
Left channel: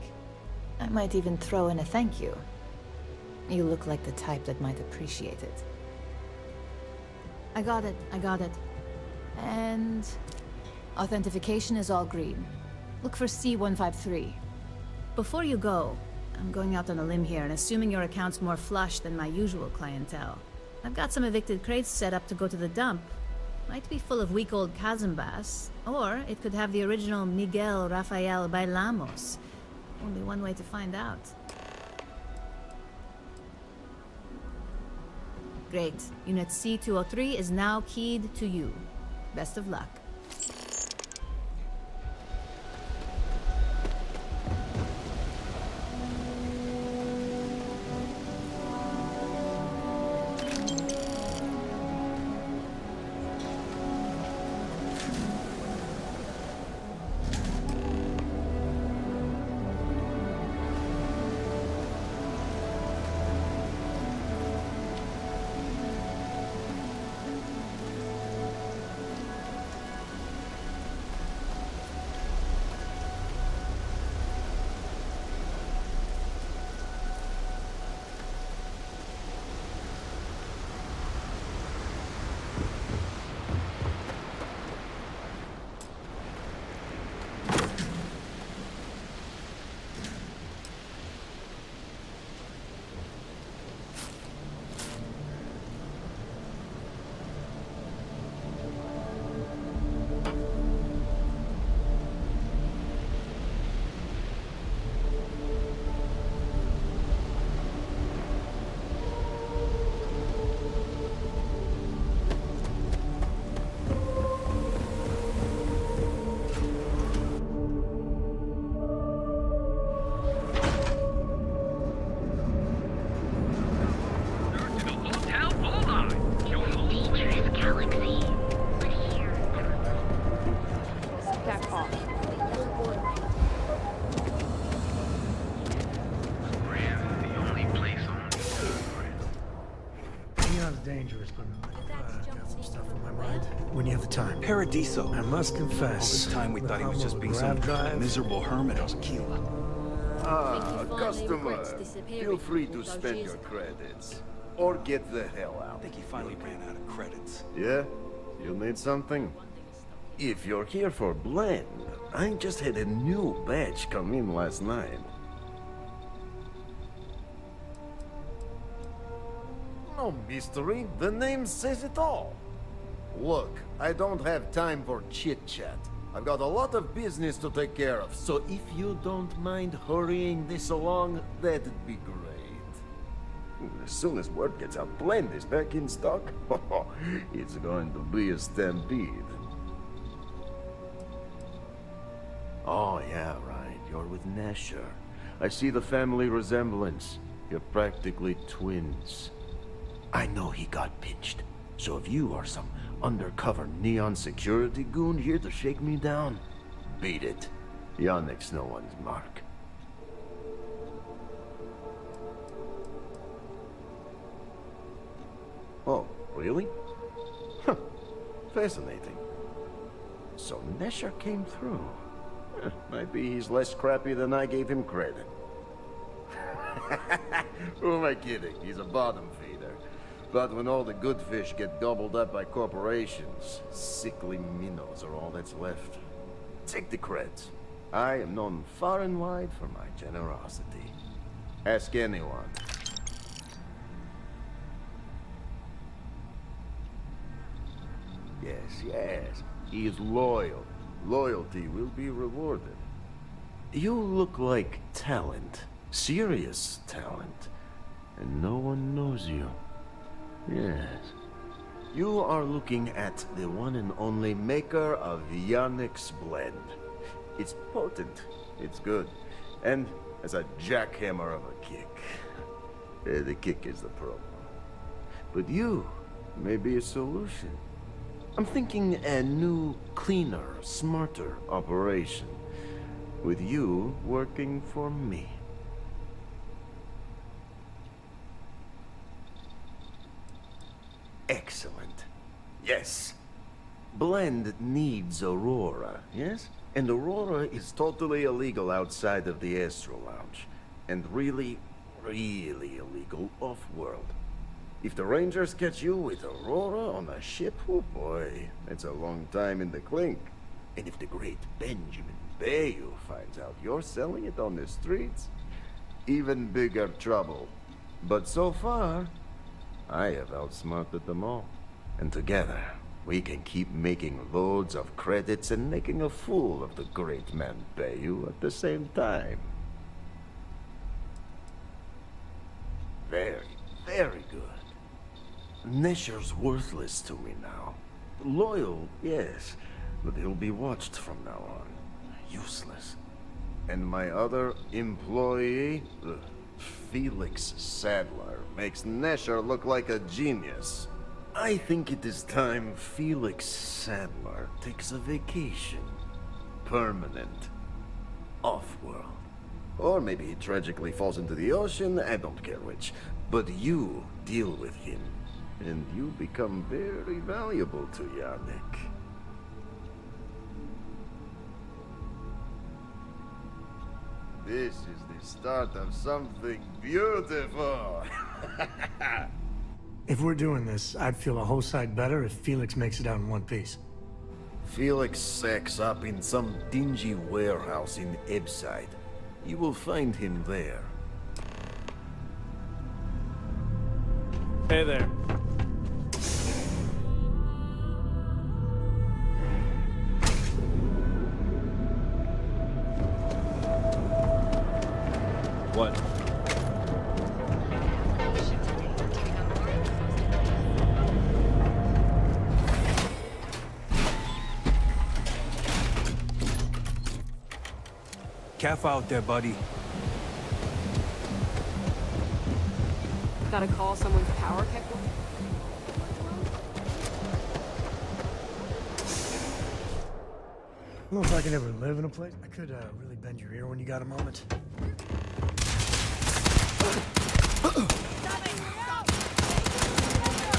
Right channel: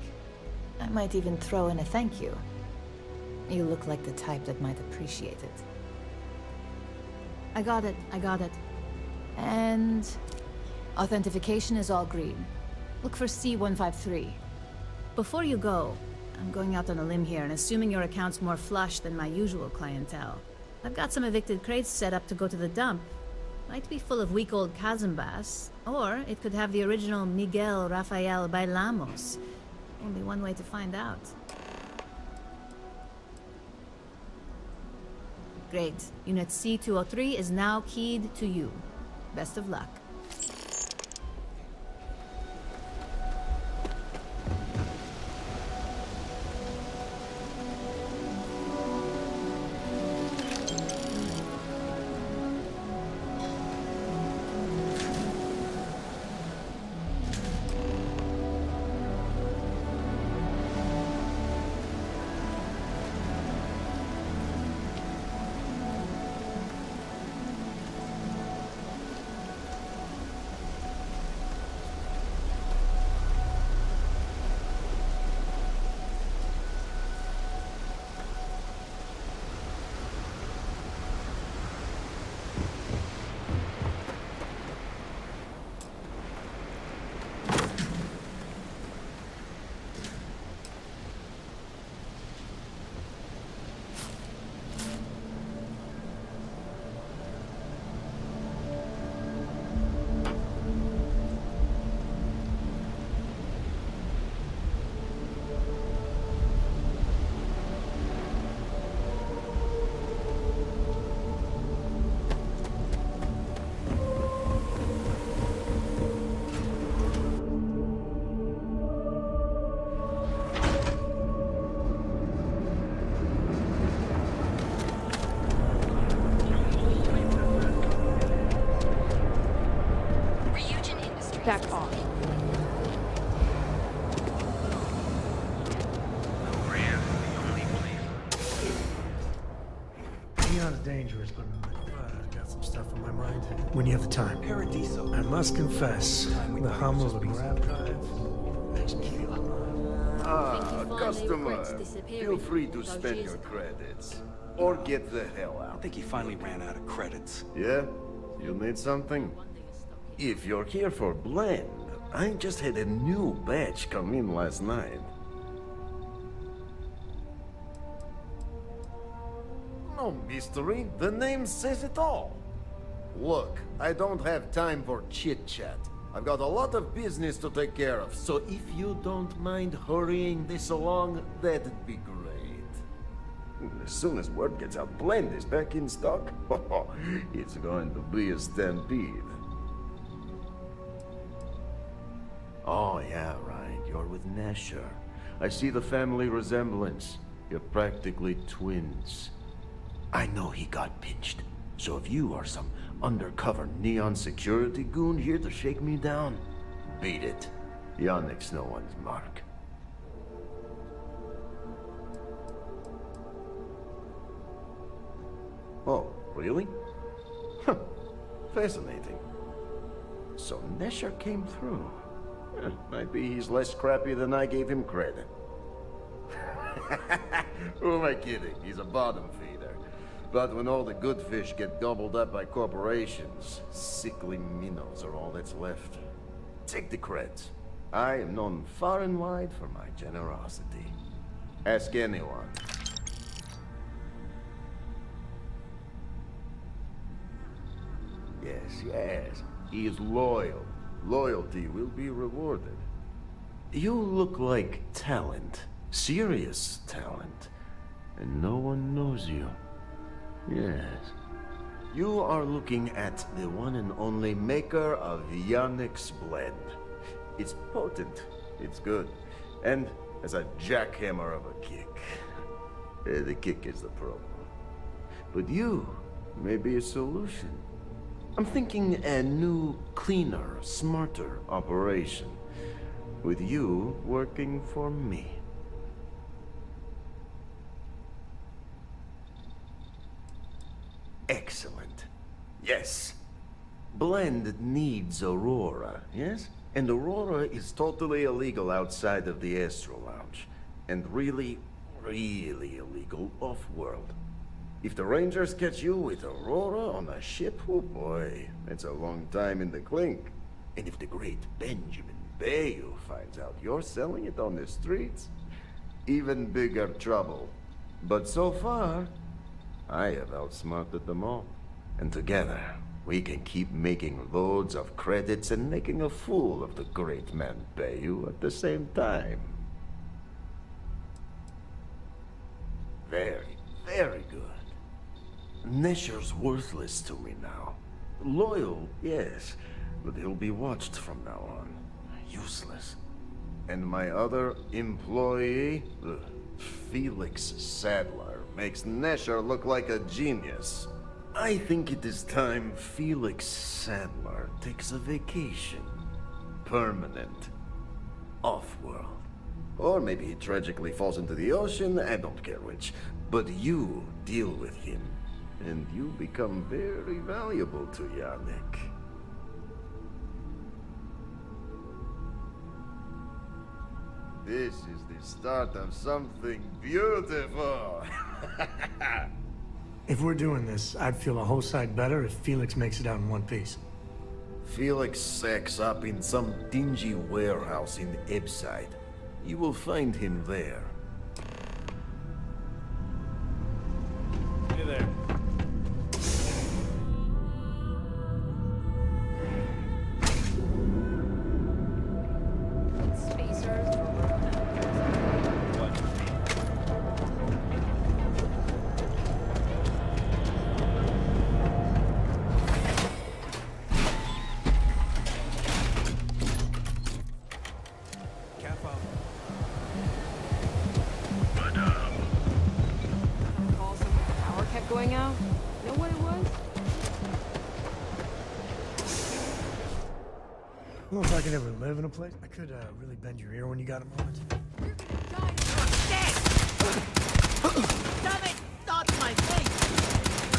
I might even throw in a thank you. You look like the type that might appreciate it. I got it. And... authentication is all green. Look for C153. Before you go, I'm going out on a limb here and assuming your account's more flush than my usual clientele. I've got some evicted crates set up to go to the dump. Might be full of week old Kazambas, or it could have the original Miguel Rafael Bailamos. Only one way to find out. Great. Unit C203 is now keyed to you. Best of luck. Maybe not as dangerous, but got some stuff on my mind. When you have the time. Paradiso. I must confess, All this time we the thought he was hum just of a being grab some drive. miserable hermit of Keela. Ah, customer. Feel free to spend your credits. Or get the hell out. I think he finally ran out of credits. Yeah? You need something? If you're here for blend, I just had a new batch come in last night. No mystery, the name says it all. Look, I don't have time for chit-chat. I've got a lot of business to take care of, so if you don't mind hurrying this along, that'd be great. As soon as word gets out, Blend is back in stock. It's going to be a stampede. Oh yeah, right, you're with Nesher. I see the family resemblance. You're practically twins. I know he got pinched, so if you are some undercover neon security goon here to shake me down, beat it. Yannick's no one's mark. Oh, really? Huh. Fascinating. So Nesher came through. Might be he's less crappy than I gave him credit. Who am I kidding? He's a bottom feeder. But when all the good fish get gobbled up by corporations, sickly minnows are all that's left. Take the creds. I am known far and wide for my generosity. Ask anyone. Yes, yes. He is loyal. Loyalty will be rewarded. You look like talent. Serious talent. And no one knows you. Yes. You are looking at the one and only maker of Yannick's blend. It's potent. It's good. And as a jackhammer of a kick. The kick is the problem. But you may be a solution. I'm thinking a new, cleaner, smarter operation. With you working for me. Excellent. Yes. Blend needs Aurora, yes? And Aurora is totally illegal outside of the Astro Lounge. And really, really illegal off-world. If the Rangers catch you with Aurora on a ship, oh boy, that's a long time in the clink. And if the great Benjamin Bayou finds out you're selling it on the streets, even bigger trouble. But so far, I have outsmarted them all. And together, we can keep making loads of credits and making a fool of the great man Bayou at the same time. Very, very good. Nesher's worthless to me now. Loyal, yes, but he'll be watched from now on. Useless. And my other employee, Felix Sadler, makes Nesher look like a genius. I think it is time Felix Sadler takes a vacation. Permanent. Off-world. Or maybe he tragically falls into the ocean, I don't care which. But you deal with him. And you become very valuable to Yannick. This is the start of something beautiful. If we're doing this, I'd feel a whole side better if Felix makes it out in one piece. Felix sacks up in some dingy warehouse in Ebside. You will find him there. Hey there. What? Calf out there, buddy. Got a call someone's power kept going out? Know what it was? I don't know if I can ever live in a place. I could really bend your ear when you got a moment. Stop it! Stop my face!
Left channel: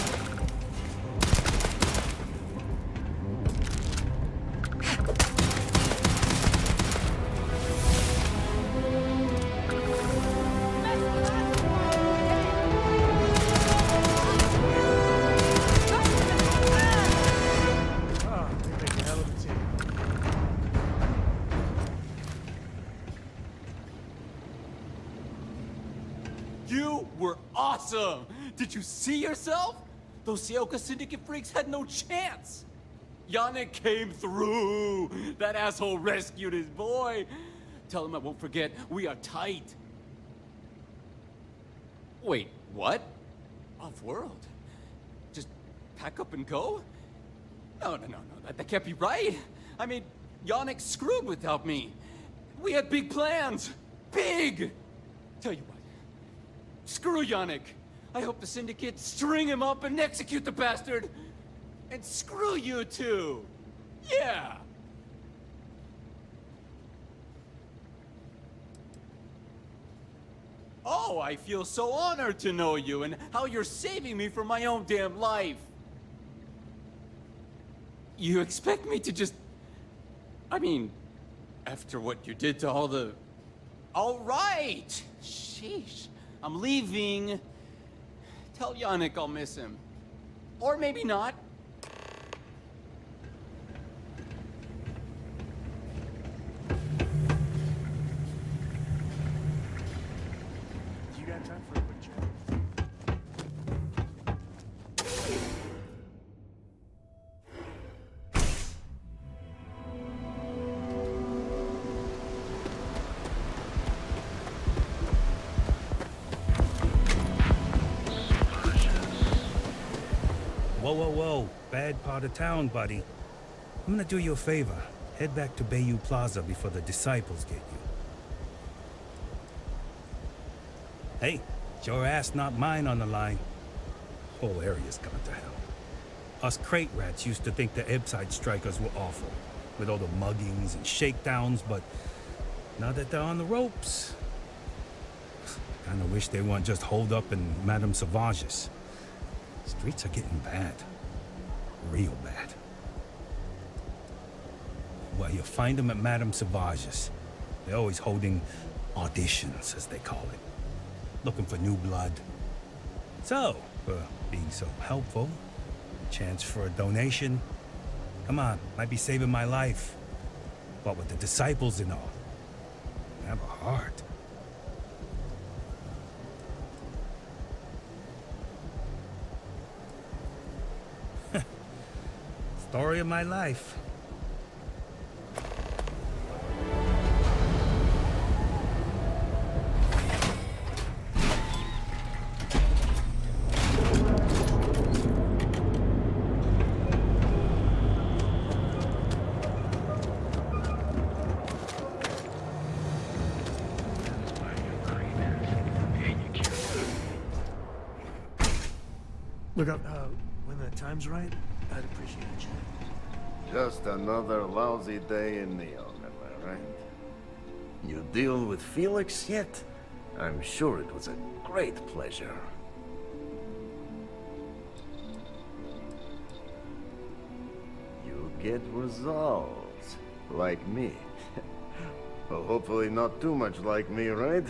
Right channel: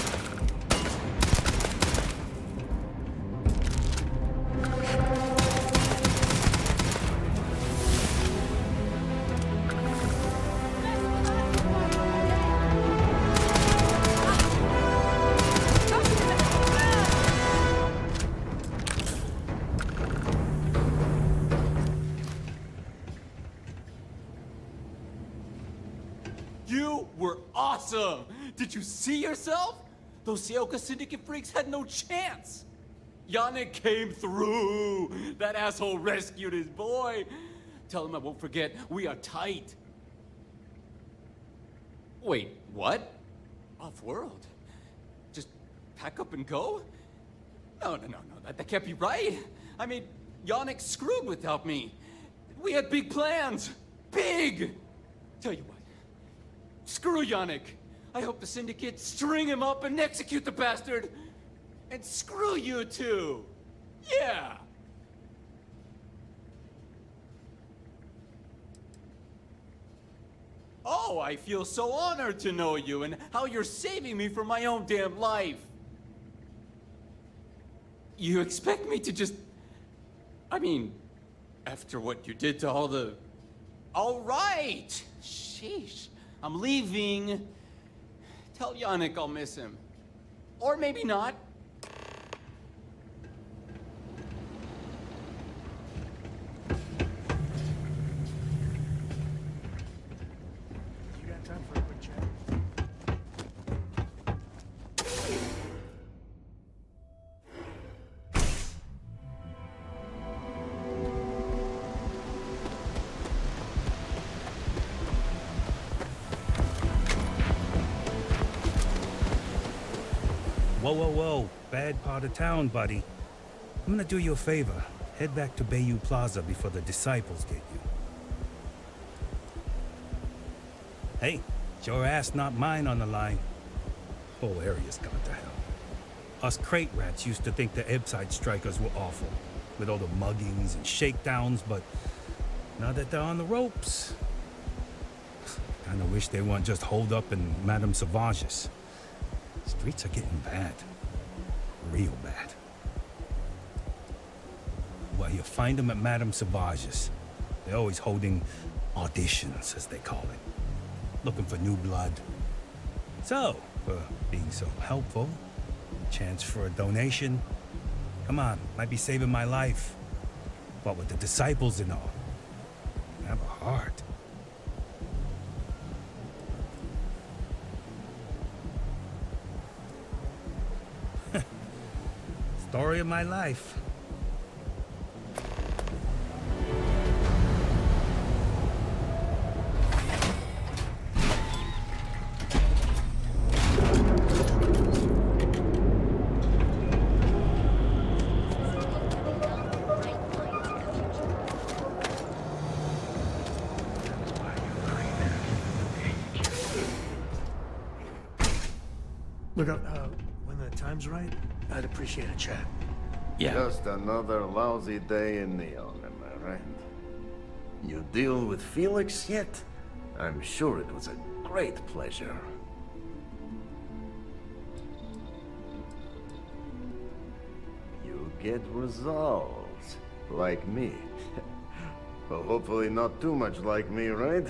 awesome! Did you see yourself? Those Seoka Syndicate freaks had no chance! Yannick came through! That asshole rescued his boy! Tell him I won't forget, we are tight. Wait, what? Off-world? Just pack up and go? No, that can't be right. I mean, Yannick screwed without me. We had big plans. Big! Tell you what. Screw Yannick. I hope the Syndicate string him up and execute the bastard. And screw you too. Yeah! Oh, I feel so honored to know you and how you're saving me from my own damn life. You expect me to just... I mean, after what you did to all the... All right! Sheesh. I'm leaving. Tell Yannick I'll miss him. Or maybe not. You got time for a quick chat? Whoa. Bad part of town, buddy. I'm gonna do you a favor. Head back to Bayou Plaza before the disciples get you. Hey, it's your ass, not mine on the line. Whole area's gone to hell. Us crate rats used to think the Ebbside strikers were awful, with all the muggings and shakedowns, but now that they're on the ropes, kinda wish they weren't just holed up in Madame Sauvage's. Streets are getting bad. Real bad. Well, you'll find them at Madame Sauvage's. They're always holding auditions, as they call it. Looking for new blood. So, for being so helpful, chance for a donation. Come on, might be saving my life. What with the disciples and all. Have a heart. Story of my life. Look up, when the time's right, I'd appreciate a chat. Just another lousy day in Neon, am I right? You deal with Felix yet? I'm sure it was a great pleasure. You get results, like me. Well, hopefully not too much like me, right?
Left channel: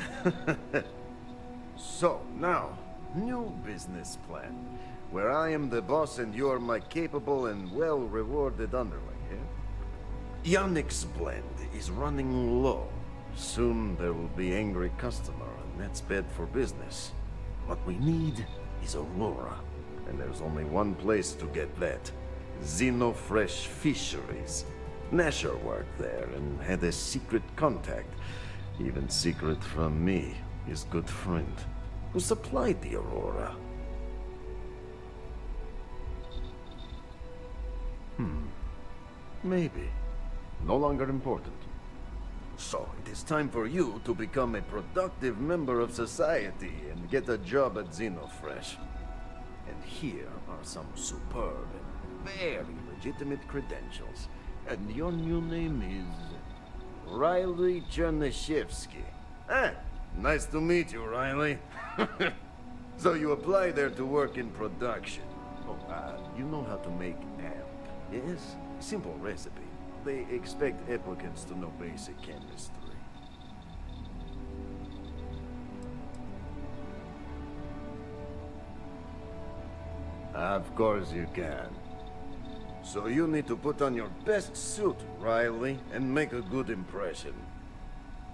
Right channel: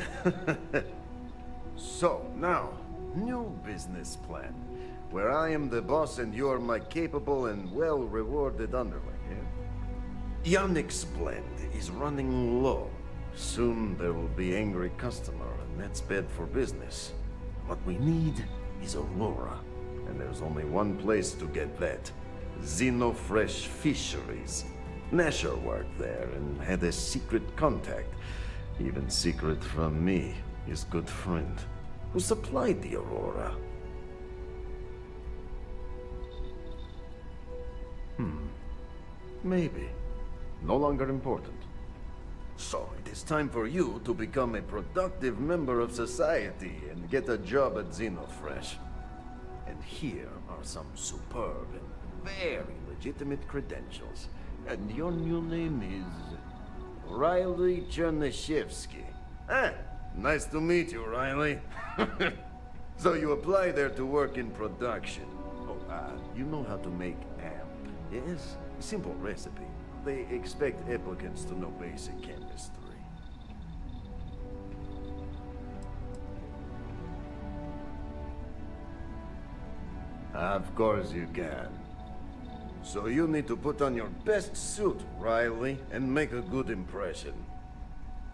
So, now, new business plan. Where I am the boss and you're my capable and well-rewarded underling, yeah? Yannick's blend is running low. Soon there will be angry customer, and that's bad for business. What we need is Aurora, and there's only one place to get that. Xenofresh Fisheries. Nasher worked there and had a secret contact. Even secret from me, his good friend, who supplied the Aurora. Maybe. No longer important. So, it is time for you to become a productive member of society and get a job at Xenofresh. And here are some superb and very legitimate credentials. And your new name is... Riley Chernyshevsky. Ah, nice to meet you, Riley. So you apply there to work in production. Oh, you know how to make amp, yes? Simple recipe. They expect applicants to know basic chemistry. Of course you can. So you need to put on your best suit, Riley, and make a good impression.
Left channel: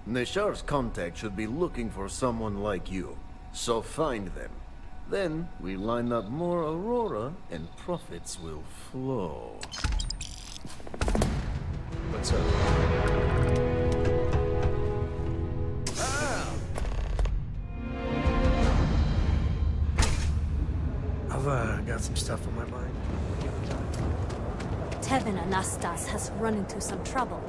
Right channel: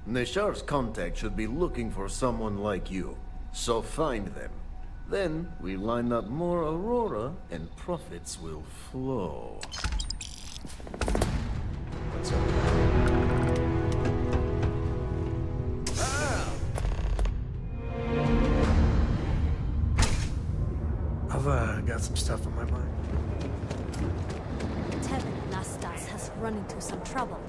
Neshar's contact should be looking for someone like you. So find them. Then we line up more Aurora and profits will flow. What's up? I've got some stuff on my mind. Tevin Anastas has run into some trouble.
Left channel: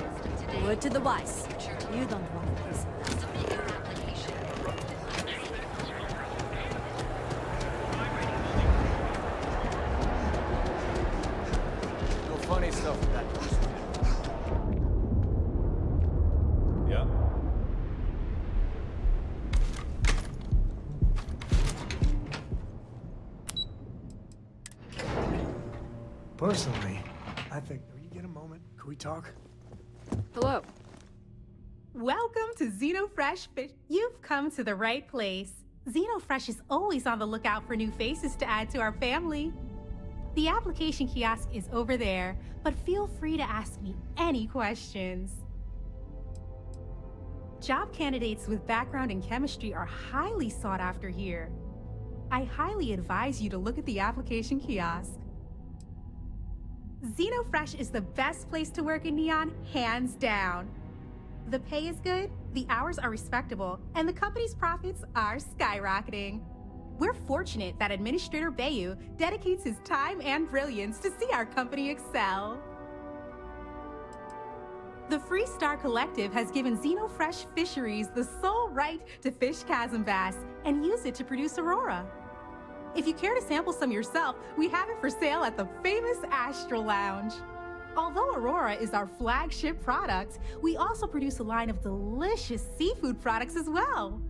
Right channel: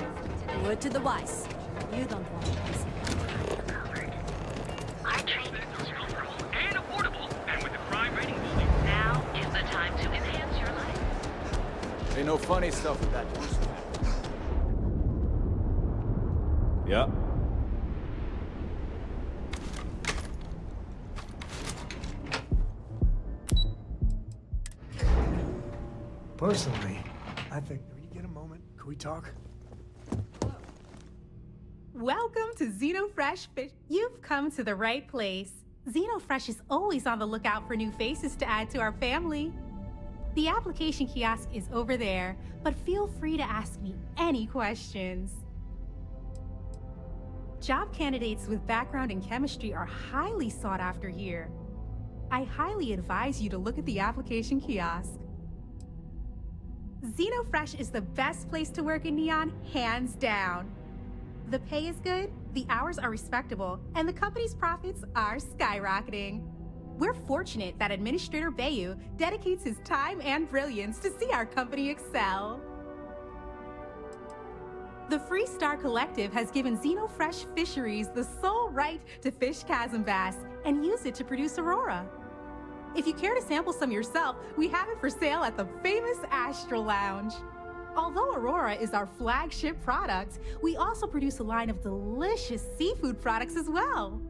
Word to the wise. You don't want to piss him off. Ain't no funny stuff with that boost. Yeah. Personally, I think, when you get a moment, could we talk? Hello. Welcome to Xenofresh Fish. You've come to the right place. Xenofresh is always on the lookout for new faces to add to our family. The application kiosk is over there, but feel free to ask me any questions. Job candidates with background in chemistry are highly sought after here. I highly advise you to look at the application kiosk. Xenofresh is the best place to work in Neon, hands down. The pay is good, the hours are respectable, and the company's profits are skyrocketing. We're fortunate that Administrator Bayu dedicates his time and brilliance to see our company excel. The Free Star Collective has given Xenofresh Fisheries the sole right to fish chasm bass and use it to produce Aurora. If you care to sample some yourself, we have it for sale at the famous Astral Lounge. Although Aurora is our flagship product, we also produce a line of delicious seafood products as well.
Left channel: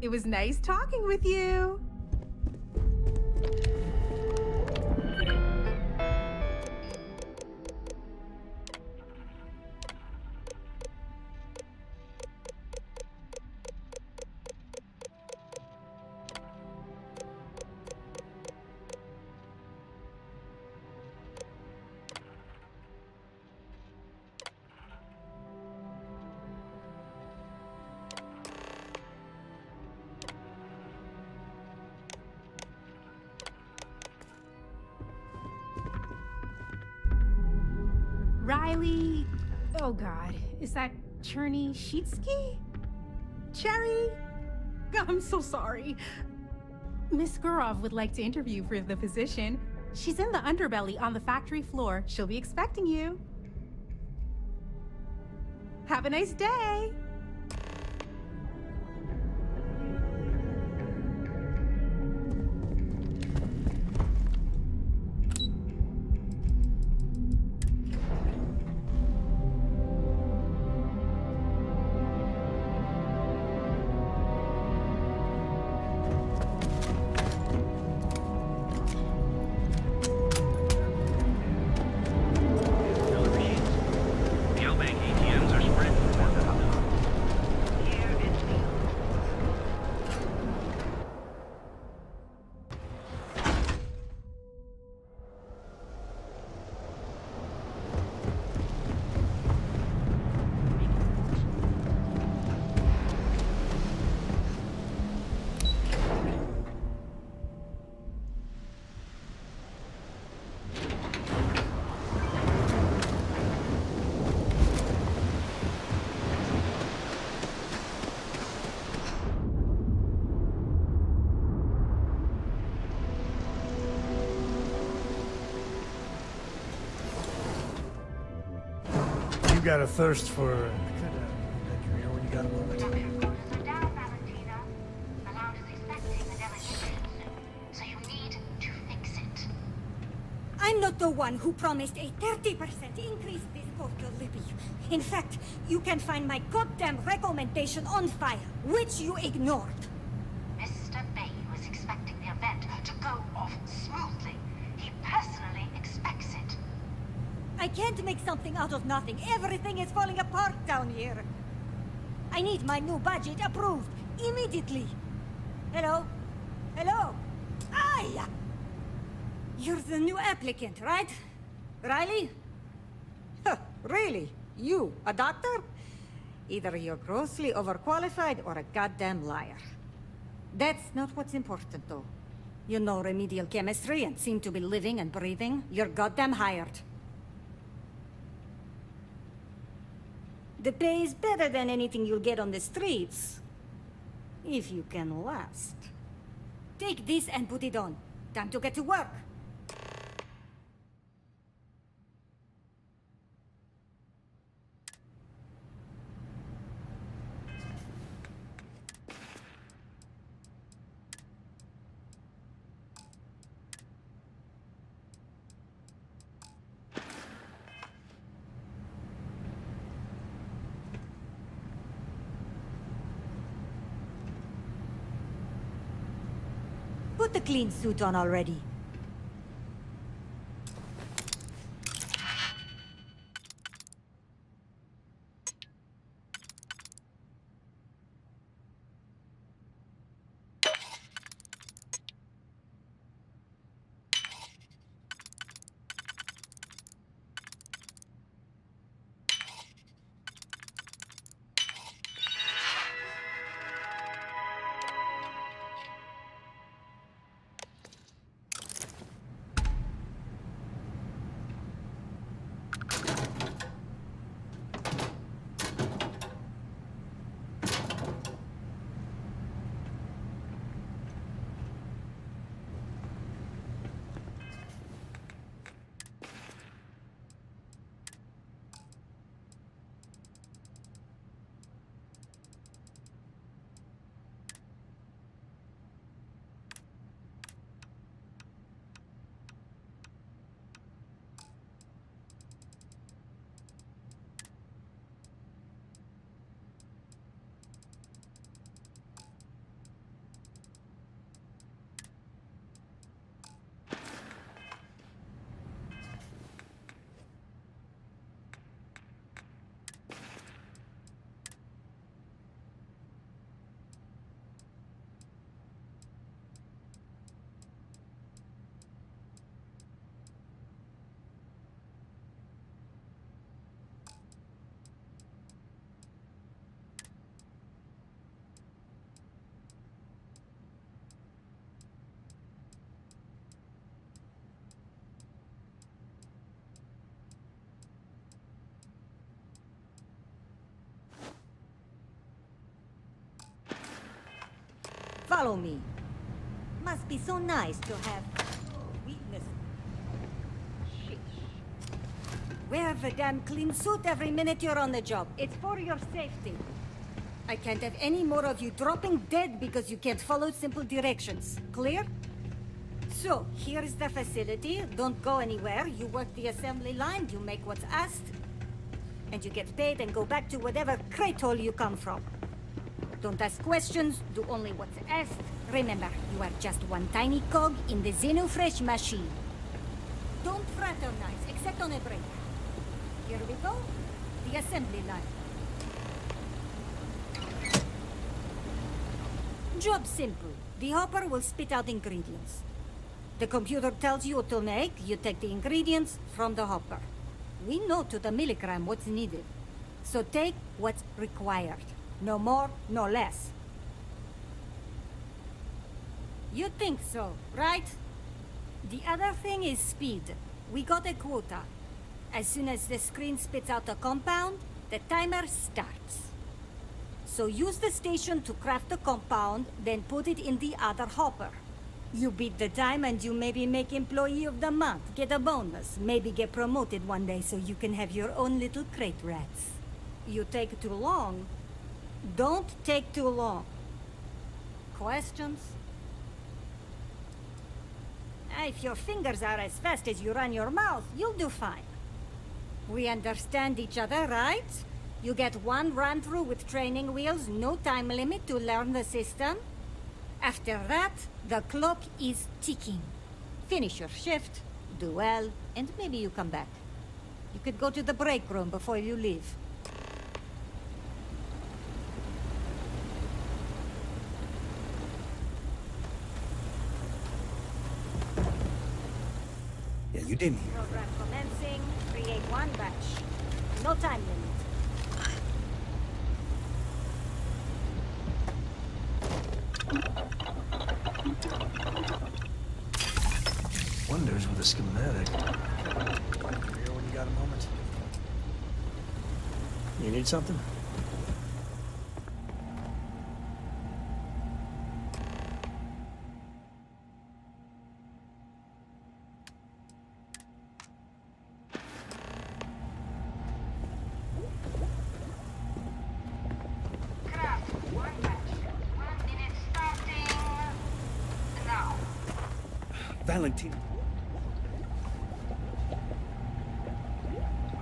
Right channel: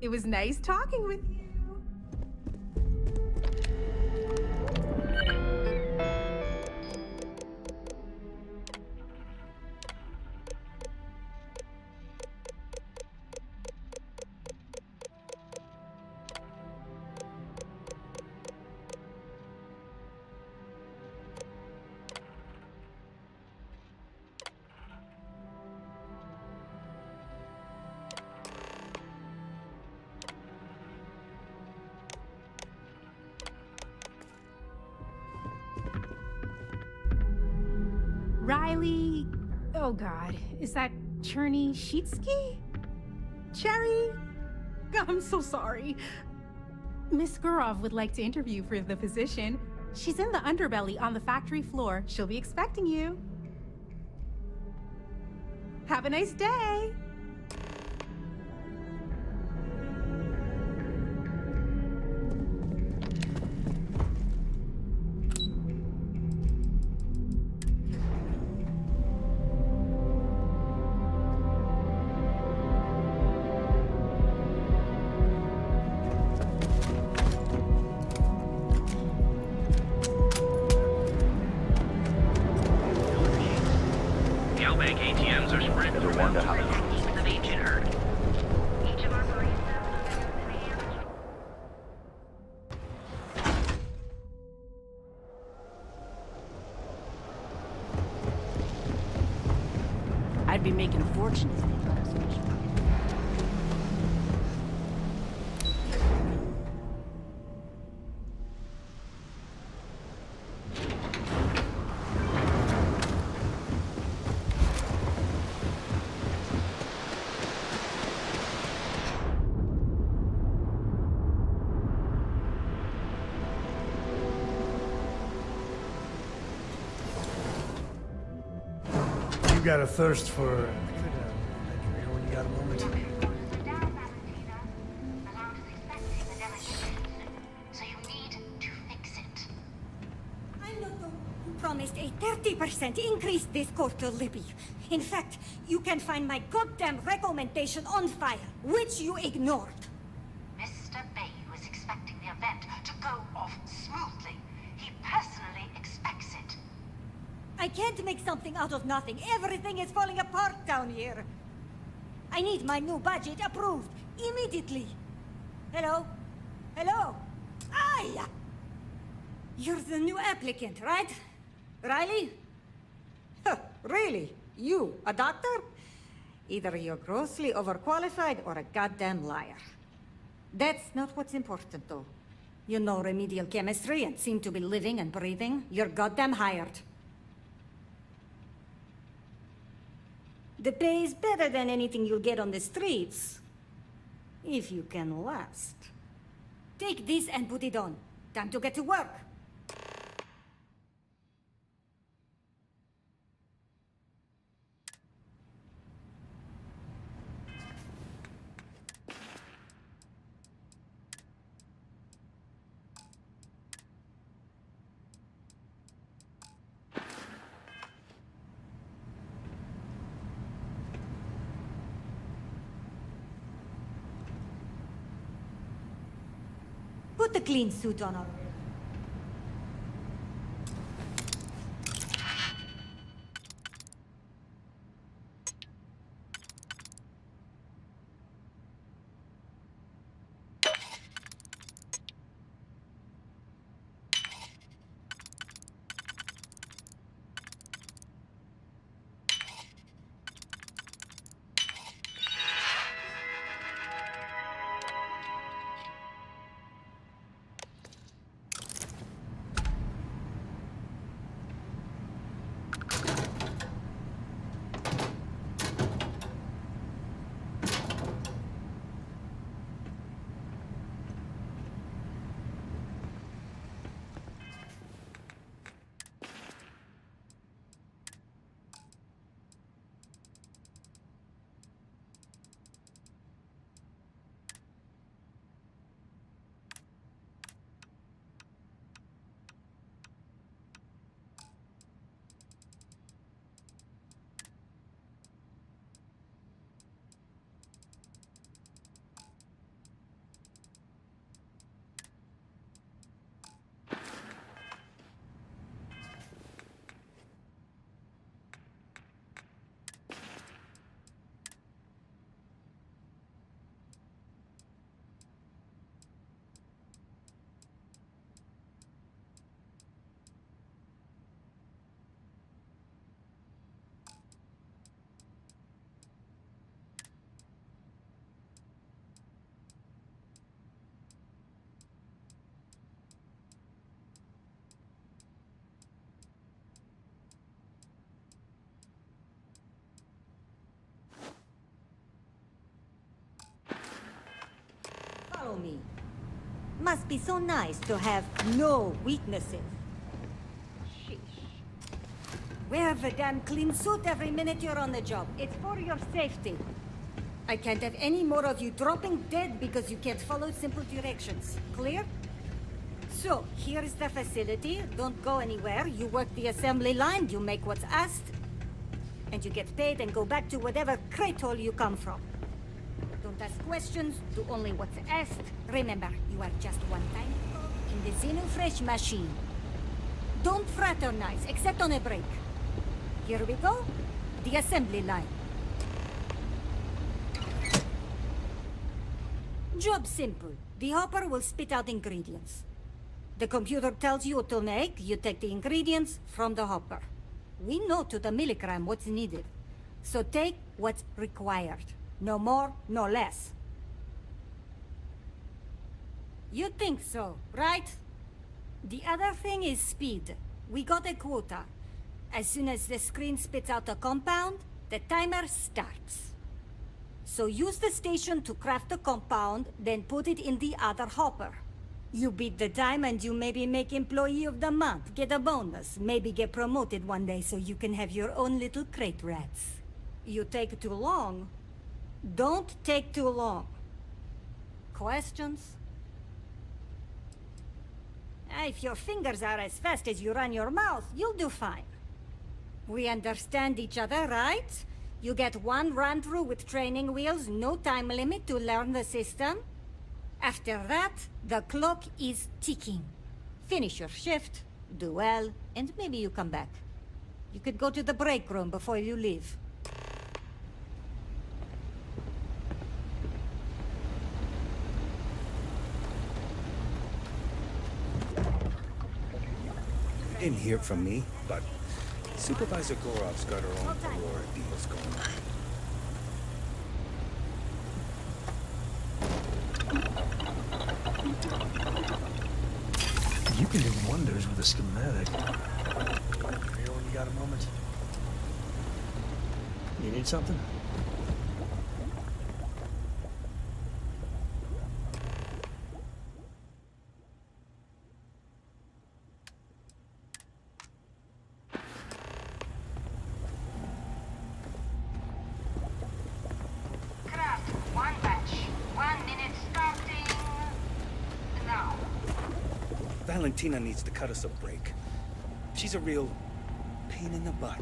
It was nice talking with you. Riley... Oh god, is that Cherny Sheetsky? Cherry? I'm so sorry. Miss Gurov would like to interview for the position. She's in the underbelly on the factory floor. She'll be expecting you. Have a nice day! Galbank ATMs are spread throughout the I'd be making a fortune. You got a thirst for... I could lend you here when you got a moment. I'm not the one who promised a 30% increase this quarter, Libby. In fact, you can find my goddamn recommendation on file, which you ignored. Mr. Bay was expecting the event to go off smoothly. He personally expects it. I can't make something out of nothing. Everything is falling apart down here. I need my new budget approved immediately. Hello? Hello? Aye! You're the new applicant, right? Riley? Huh, really? You, a doctor? Either you're grossly overqualified or a goddamn liar. That's not what's important, though. You know remedial chemistry and seem to be living and breathing. You're goddamn hired. The pay is better than anything you'll get on the streets. If you can last. Take this and put it on. Time to get to work. Put the clean suit on already. Follow me. Must be so nice to have no weaknesses. Sheesh. Wear the damn clean suit every minute you're on the job. It's for your safety. I can't have any more of you dropping dead because you can't follow simple directions. Clear? So, here is the facility. Don't go anywhere. You work the assembly line, you make what's asked, and you get paid and go back to whatever crate hole you come from. Don't ask questions, do only what's asked. Remember, you are just one tiny cog in the Xenofresh machine. Don't fraternize, except on a break. Here we go. The assembly line. Job simple. The hopper will spit out ingredients. The computer tells you what to make, you take the ingredients from the hopper. We know to the milligram what's needed. So take what's required. No more, no less. You think so, right? The other thing is speed. We got a quota. As soon as the screen spits out a compound, the timer starts. So use the station to craft the compound, then put it in the other hopper. You beat the time and you maybe make Employee of the Month, get a bonus, maybe get promoted one day so you can have your own little crate rats. You take too long, don't take too long. Questions? If your fingers are as fast as you run your mouth, you'll do fine. We understand each other, right? You get one run-through with training wheels, no time limit to learn the system. After that, the clock is ticking. Finish your shift, do well, and maybe you come back. You could go to the break room before you leave. You didn't hear from me, but Supervisor Gorov's got her own. No time. can do wonders with a schematic. Here when you got a moment. You need something? Craft, one batch. 1 minute starting now. Valentina needs to cut us a break. She's a real pain in the butt.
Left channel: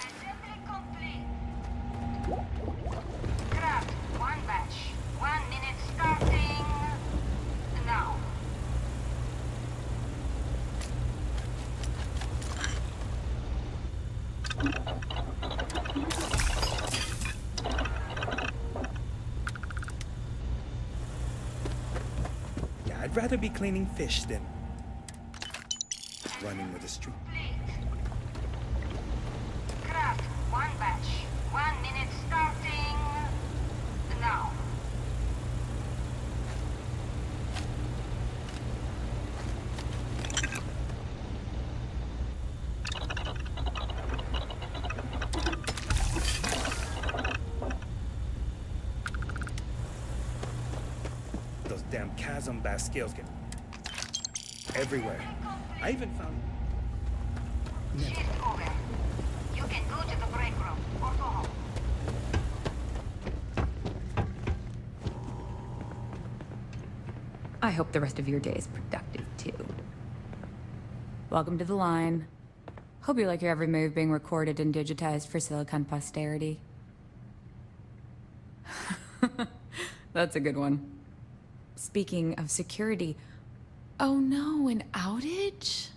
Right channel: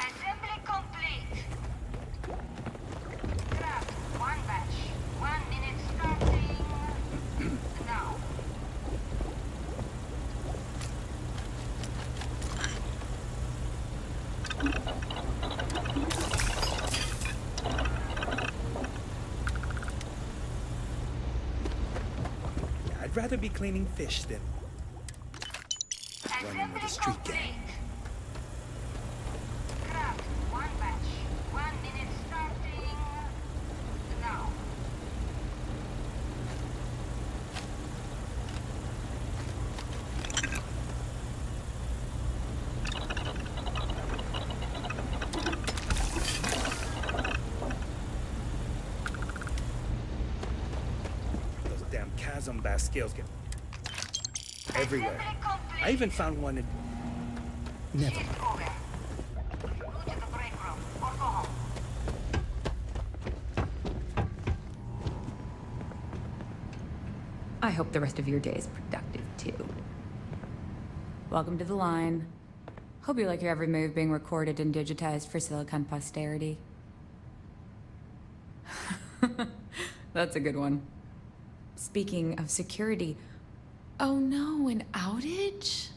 Assembly complete. Craft, one batch. 1 minute starting now. Yeah, I'd rather be cleaning fish than running with a street gang. Craft, one batch. 1 minute starting now. Those damn chasm bass scales get everywhere. I even found one at... Never. Shift over. You can go to the break room or go home. I hope the rest of your day is productive, too. Welcome to the line. Hope you like your every move being recorded and digitized for Silicon posterity. That's a good one. Speaking of security, oh no, an outage?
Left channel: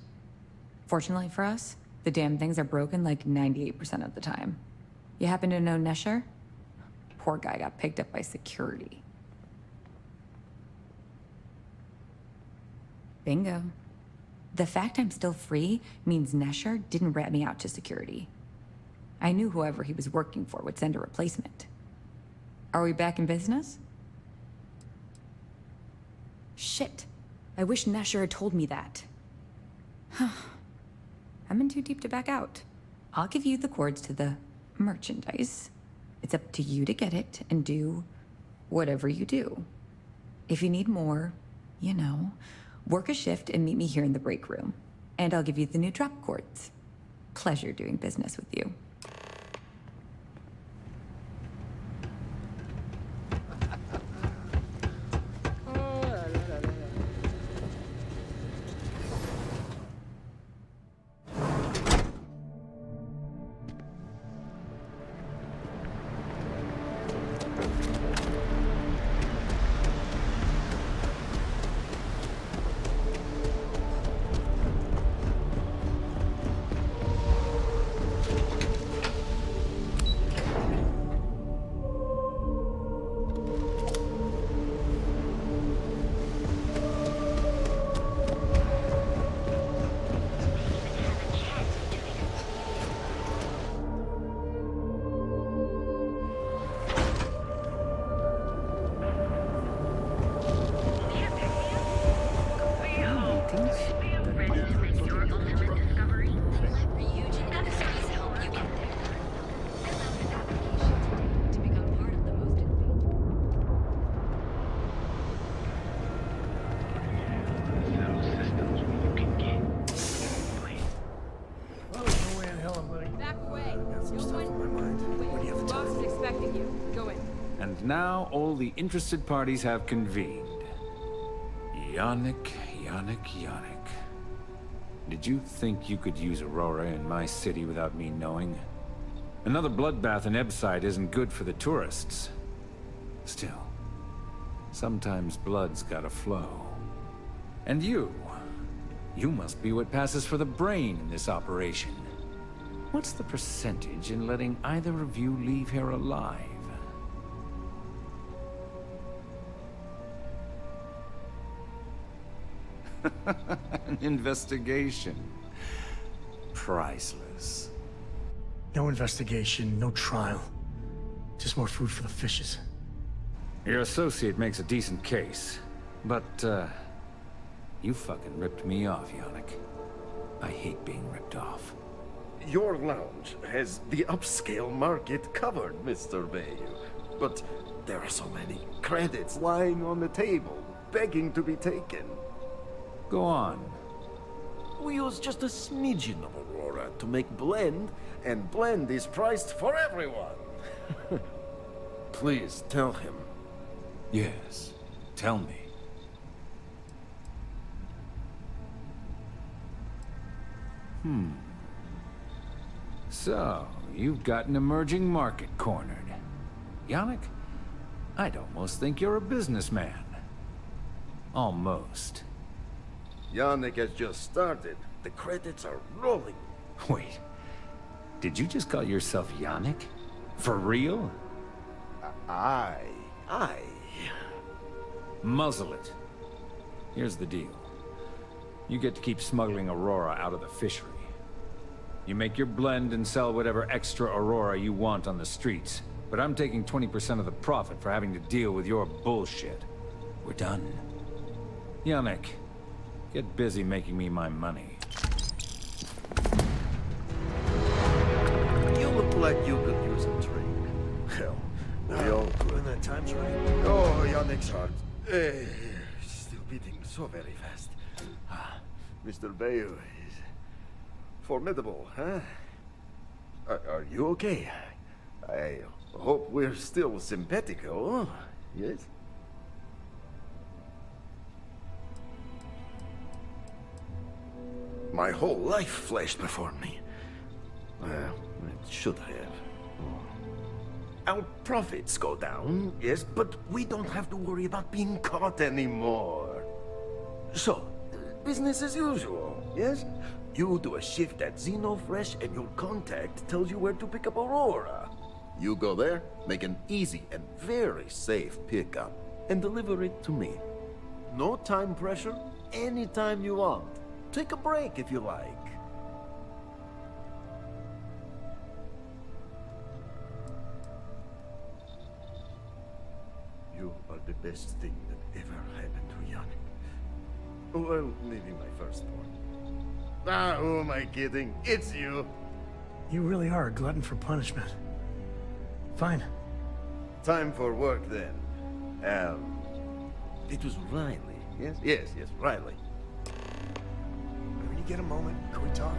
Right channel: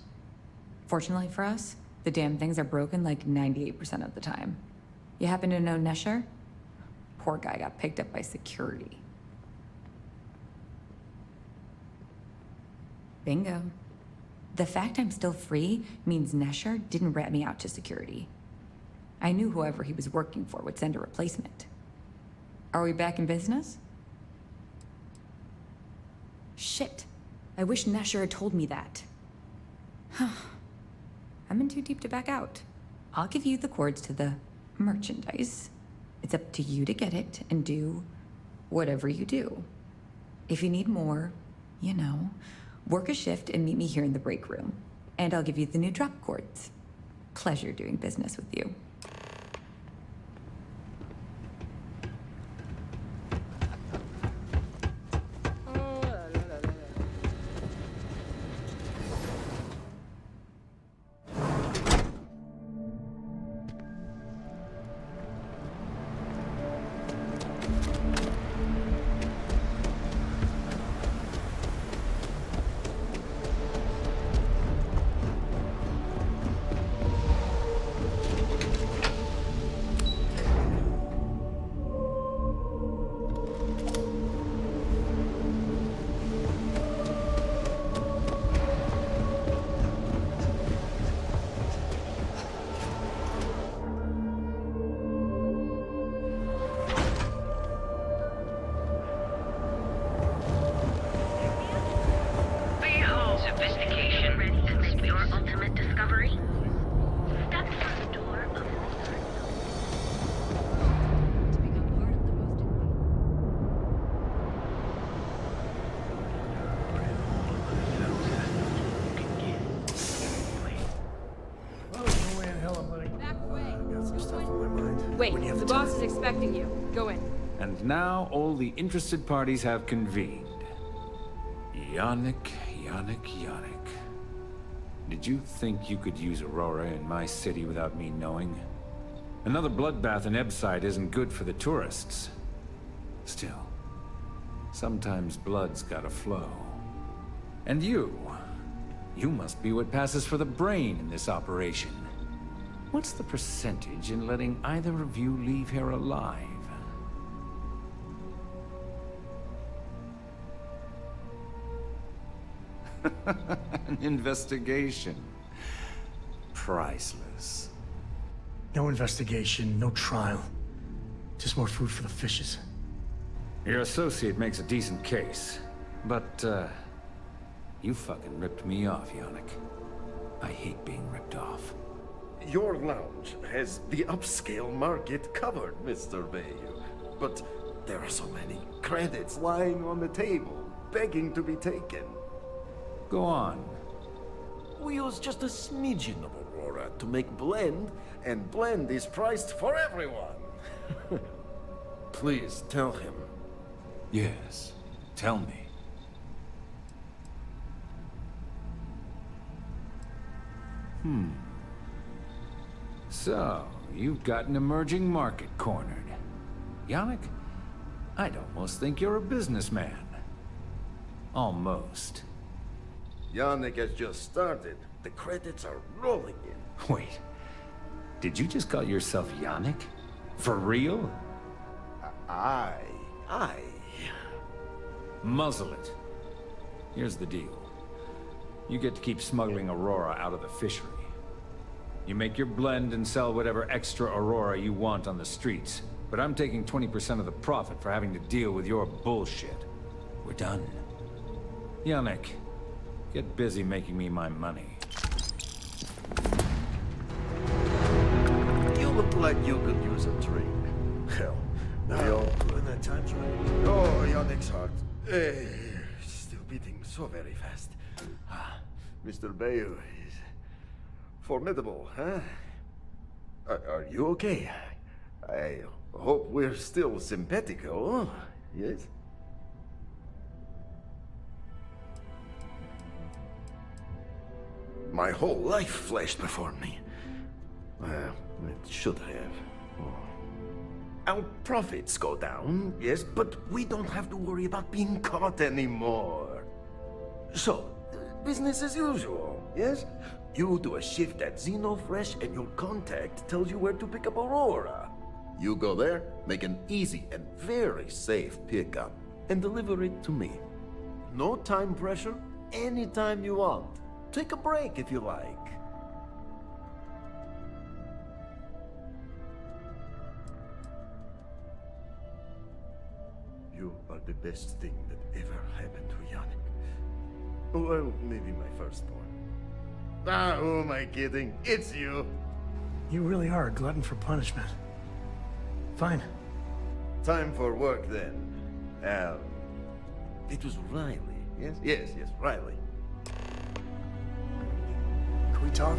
Fortunately for us, the damn things are broken like 98% of the time. You happen to know Nesher? Poor guy got picked up by security. Bingo. The fact I'm still free means Nesher didn't rat me out to security. I knew whoever he was working for would send a replacement. Are we back in business? Shit. I wish Nesher had told me that. I'm in too deep to back out. I'll give you the cords to the merchandise. It's up to you to get it and do whatever you do. If you need more, you know, work a shift and meet me here in the break room. And I'll give you the new drop cords. Pleasure doing business with you. Wait, the boss is expecting you. Go in. And now all the interested parties have convened. Yannick. Did you think you could use Aurora in my city without me knowing? Another bloodbath in Ebside isn't good for the tourists. Still, sometimes blood's gotta flow. And you must be what passes for the brain in this operation. What's the percentage in letting either of you leave here alive? An investigation. Priceless. No investigation, no trial. Just more food for the fishes. Your associate makes a decent case, but, you fucking ripped me off, Yannick. I hate being ripped off. Your lounge has the upscale market covered, Mr. Bayou. But there are so many credits lying on the table, begging to be taken. Go on. We use just a smidgen of Aurora to make blend, and blend is priced for everyone. Please tell him. Yes, tell me. So, you've got an emerging market cornered. Yannick, I'd almost think you're a businessman. Almost. Yannick has just started. The credits are rolling in. Wait, did you just call yourself Yannick? For real? Aye. Muzzle it. Here's the deal. You get to keep smuggling Aurora out of the fishery. You make your blend and sell whatever extra Aurora you want on the streets. But I'm taking 20% of the profit for having to deal with your bullshit. We're done. Yannick, get busy making me my money. You look like you could use a drink. Hell, we all could. When that time's right. Oh, Yannick's heart. Still beating so very fast. Mr. Bayou is formidable, huh? Are you okay? I hope we're still simpatico, yes? My whole life flashed before me. It should have. Our profits go down, yes, but we don't have to worry about being caught anymore. So, business as usual, yes? You do a shift at Xenofresh and your contact tells you where to pick up Aurora. You go there, make an easy and very safe pickup, and deliver it to me. No time pressure, anytime you want. Take a break if you like. You are the best thing that ever happened to Yannick. Well, maybe my firstborn. Who am I kidding? It's you. You really are a glutton for punishment. Fine. Time for work then. It was Riley, yes? Yes, Riley. When you get a moment, can we talk?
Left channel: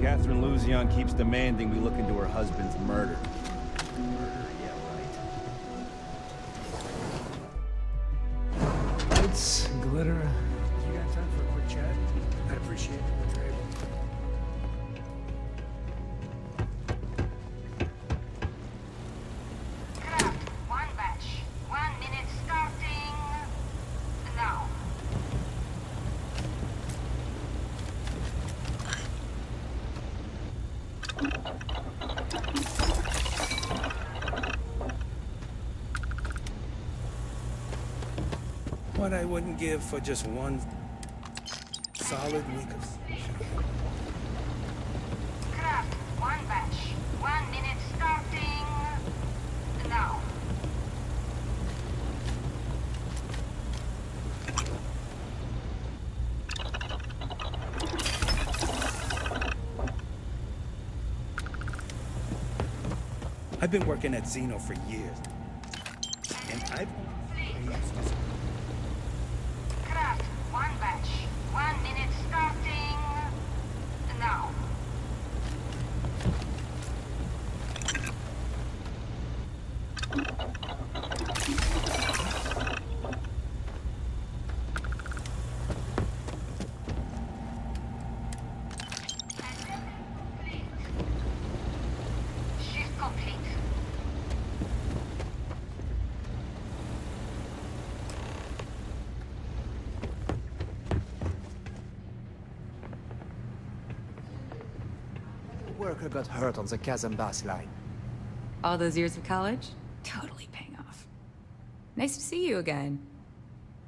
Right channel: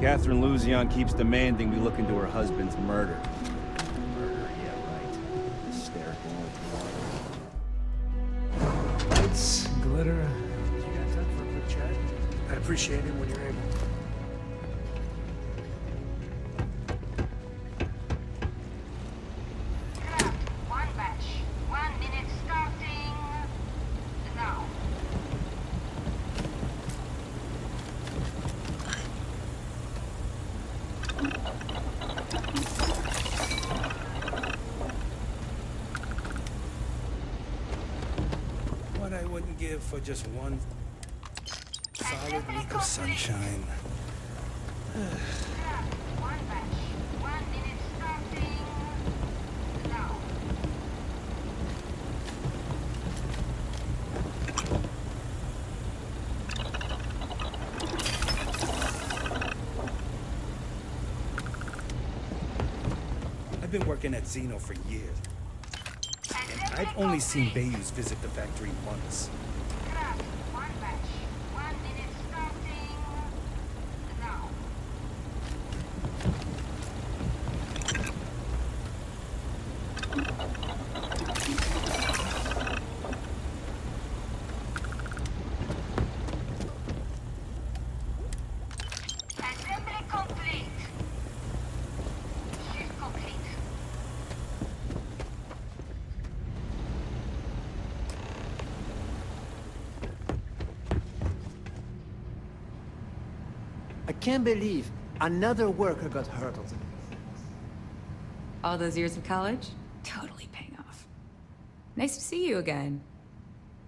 Catherine Luzion keeps demanding we look into her husband's murder. Murder, yeah, right. Lights, glitter. You got time for a quick chat? I'd appreciate it when you're able. Craft, one batch. 1 minute starting now. What I wouldn't give for just one solid week of sunshine. Craft, one batch. 1 minute starting now. I've been working at Xeno for years, and I've only seen Bayous visit the factory once. Craft, one batch. 1 minute starting now. Assembly complete. Shift complete. I can't believe another worker got hurt on the Kazambas line. All those years of college? Totally paying off. Nice to see you again.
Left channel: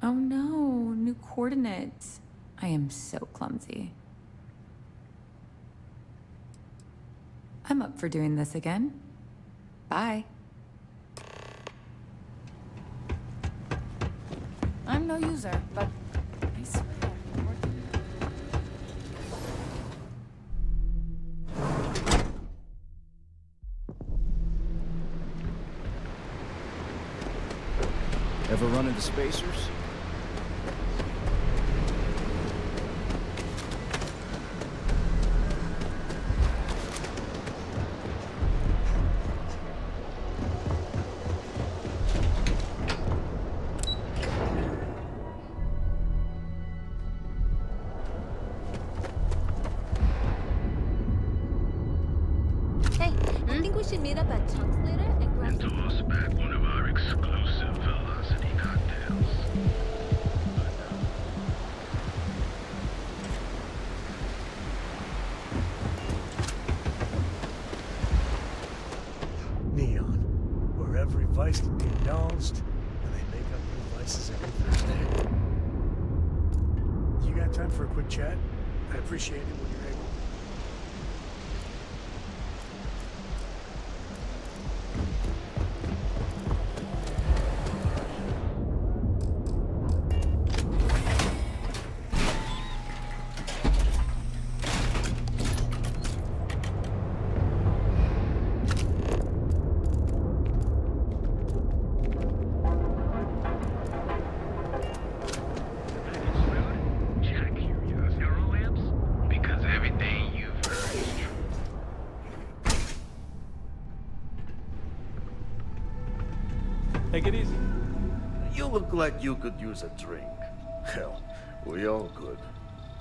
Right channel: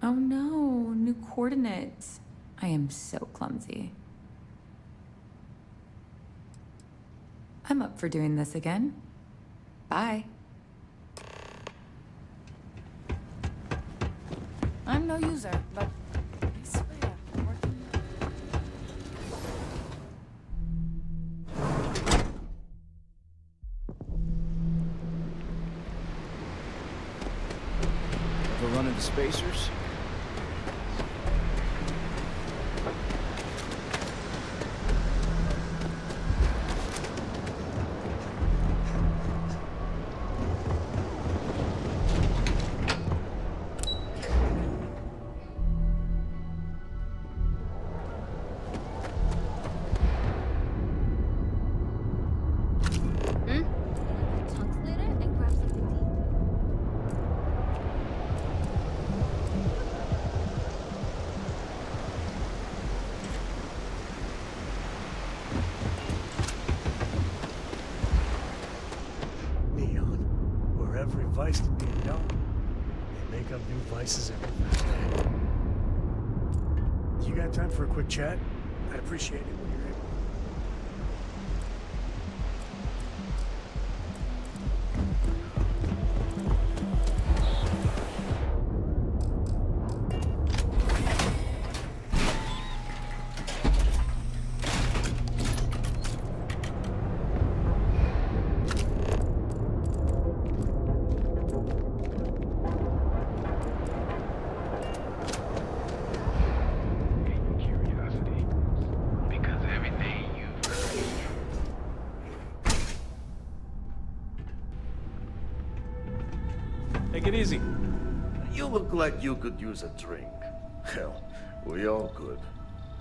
Oh no, new coordinates. I am so clumsy. I'm up for doing this again. Bye. I'm no user, but I swear, working. Ever run into spacers? Hey, I think we should meet up at Chunks later and grab some. Toss back one of our exclusive velocity cocktails. Neon, where every vice can be indulged, and they make up new vices every Thursday. You got time for a quick chat? I'd appreciate it when you're able. Jack curiosity lamps? Because everything you've heard is true. Take it easy. You look like you could use a drink. Hell, we all could.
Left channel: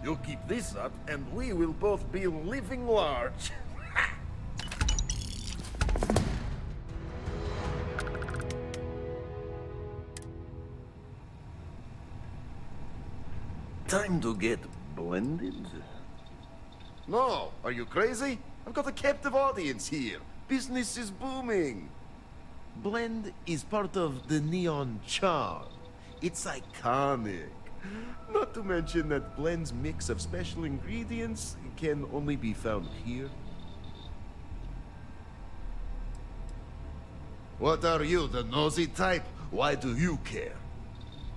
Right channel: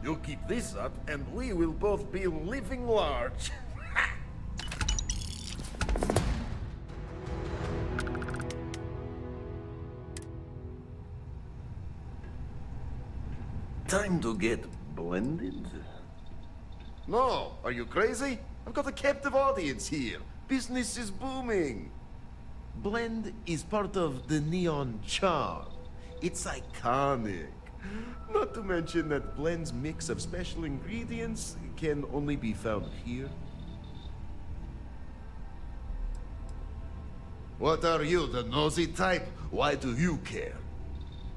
You keep this up, and we will both be living large. Time to get blended? No, are you crazy? I've got a captive audience here. Business is booming. Blend is part of the neon charm. It's iconic. Not to mention that Blend's mix of special ingredients can only be found here. What are you, the nosy type? Why do you care?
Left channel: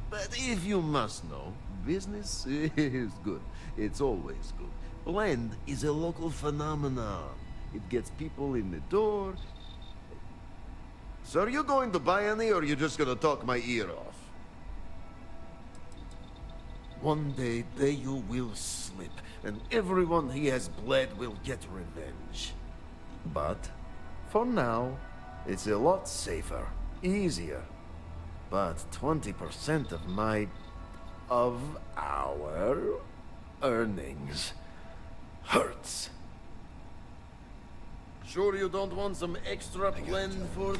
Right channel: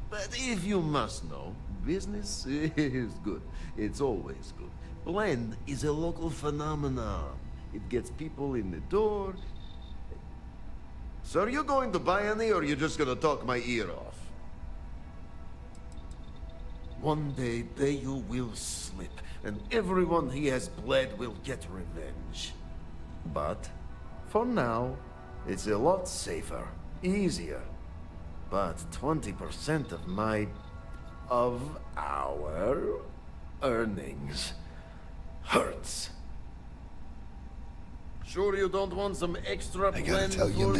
But if you must know, business is good. It's always good. Blend is a local phenomenon. It gets people in the door. So are you going to buy any, or are you just gonna talk my ear off? One day, Bayu will slip, and everyone he has bled will get revenge. But, for now, it's a lot safer, easier. But 20% of our earnings hurts. Sure you don't want some extra blend for the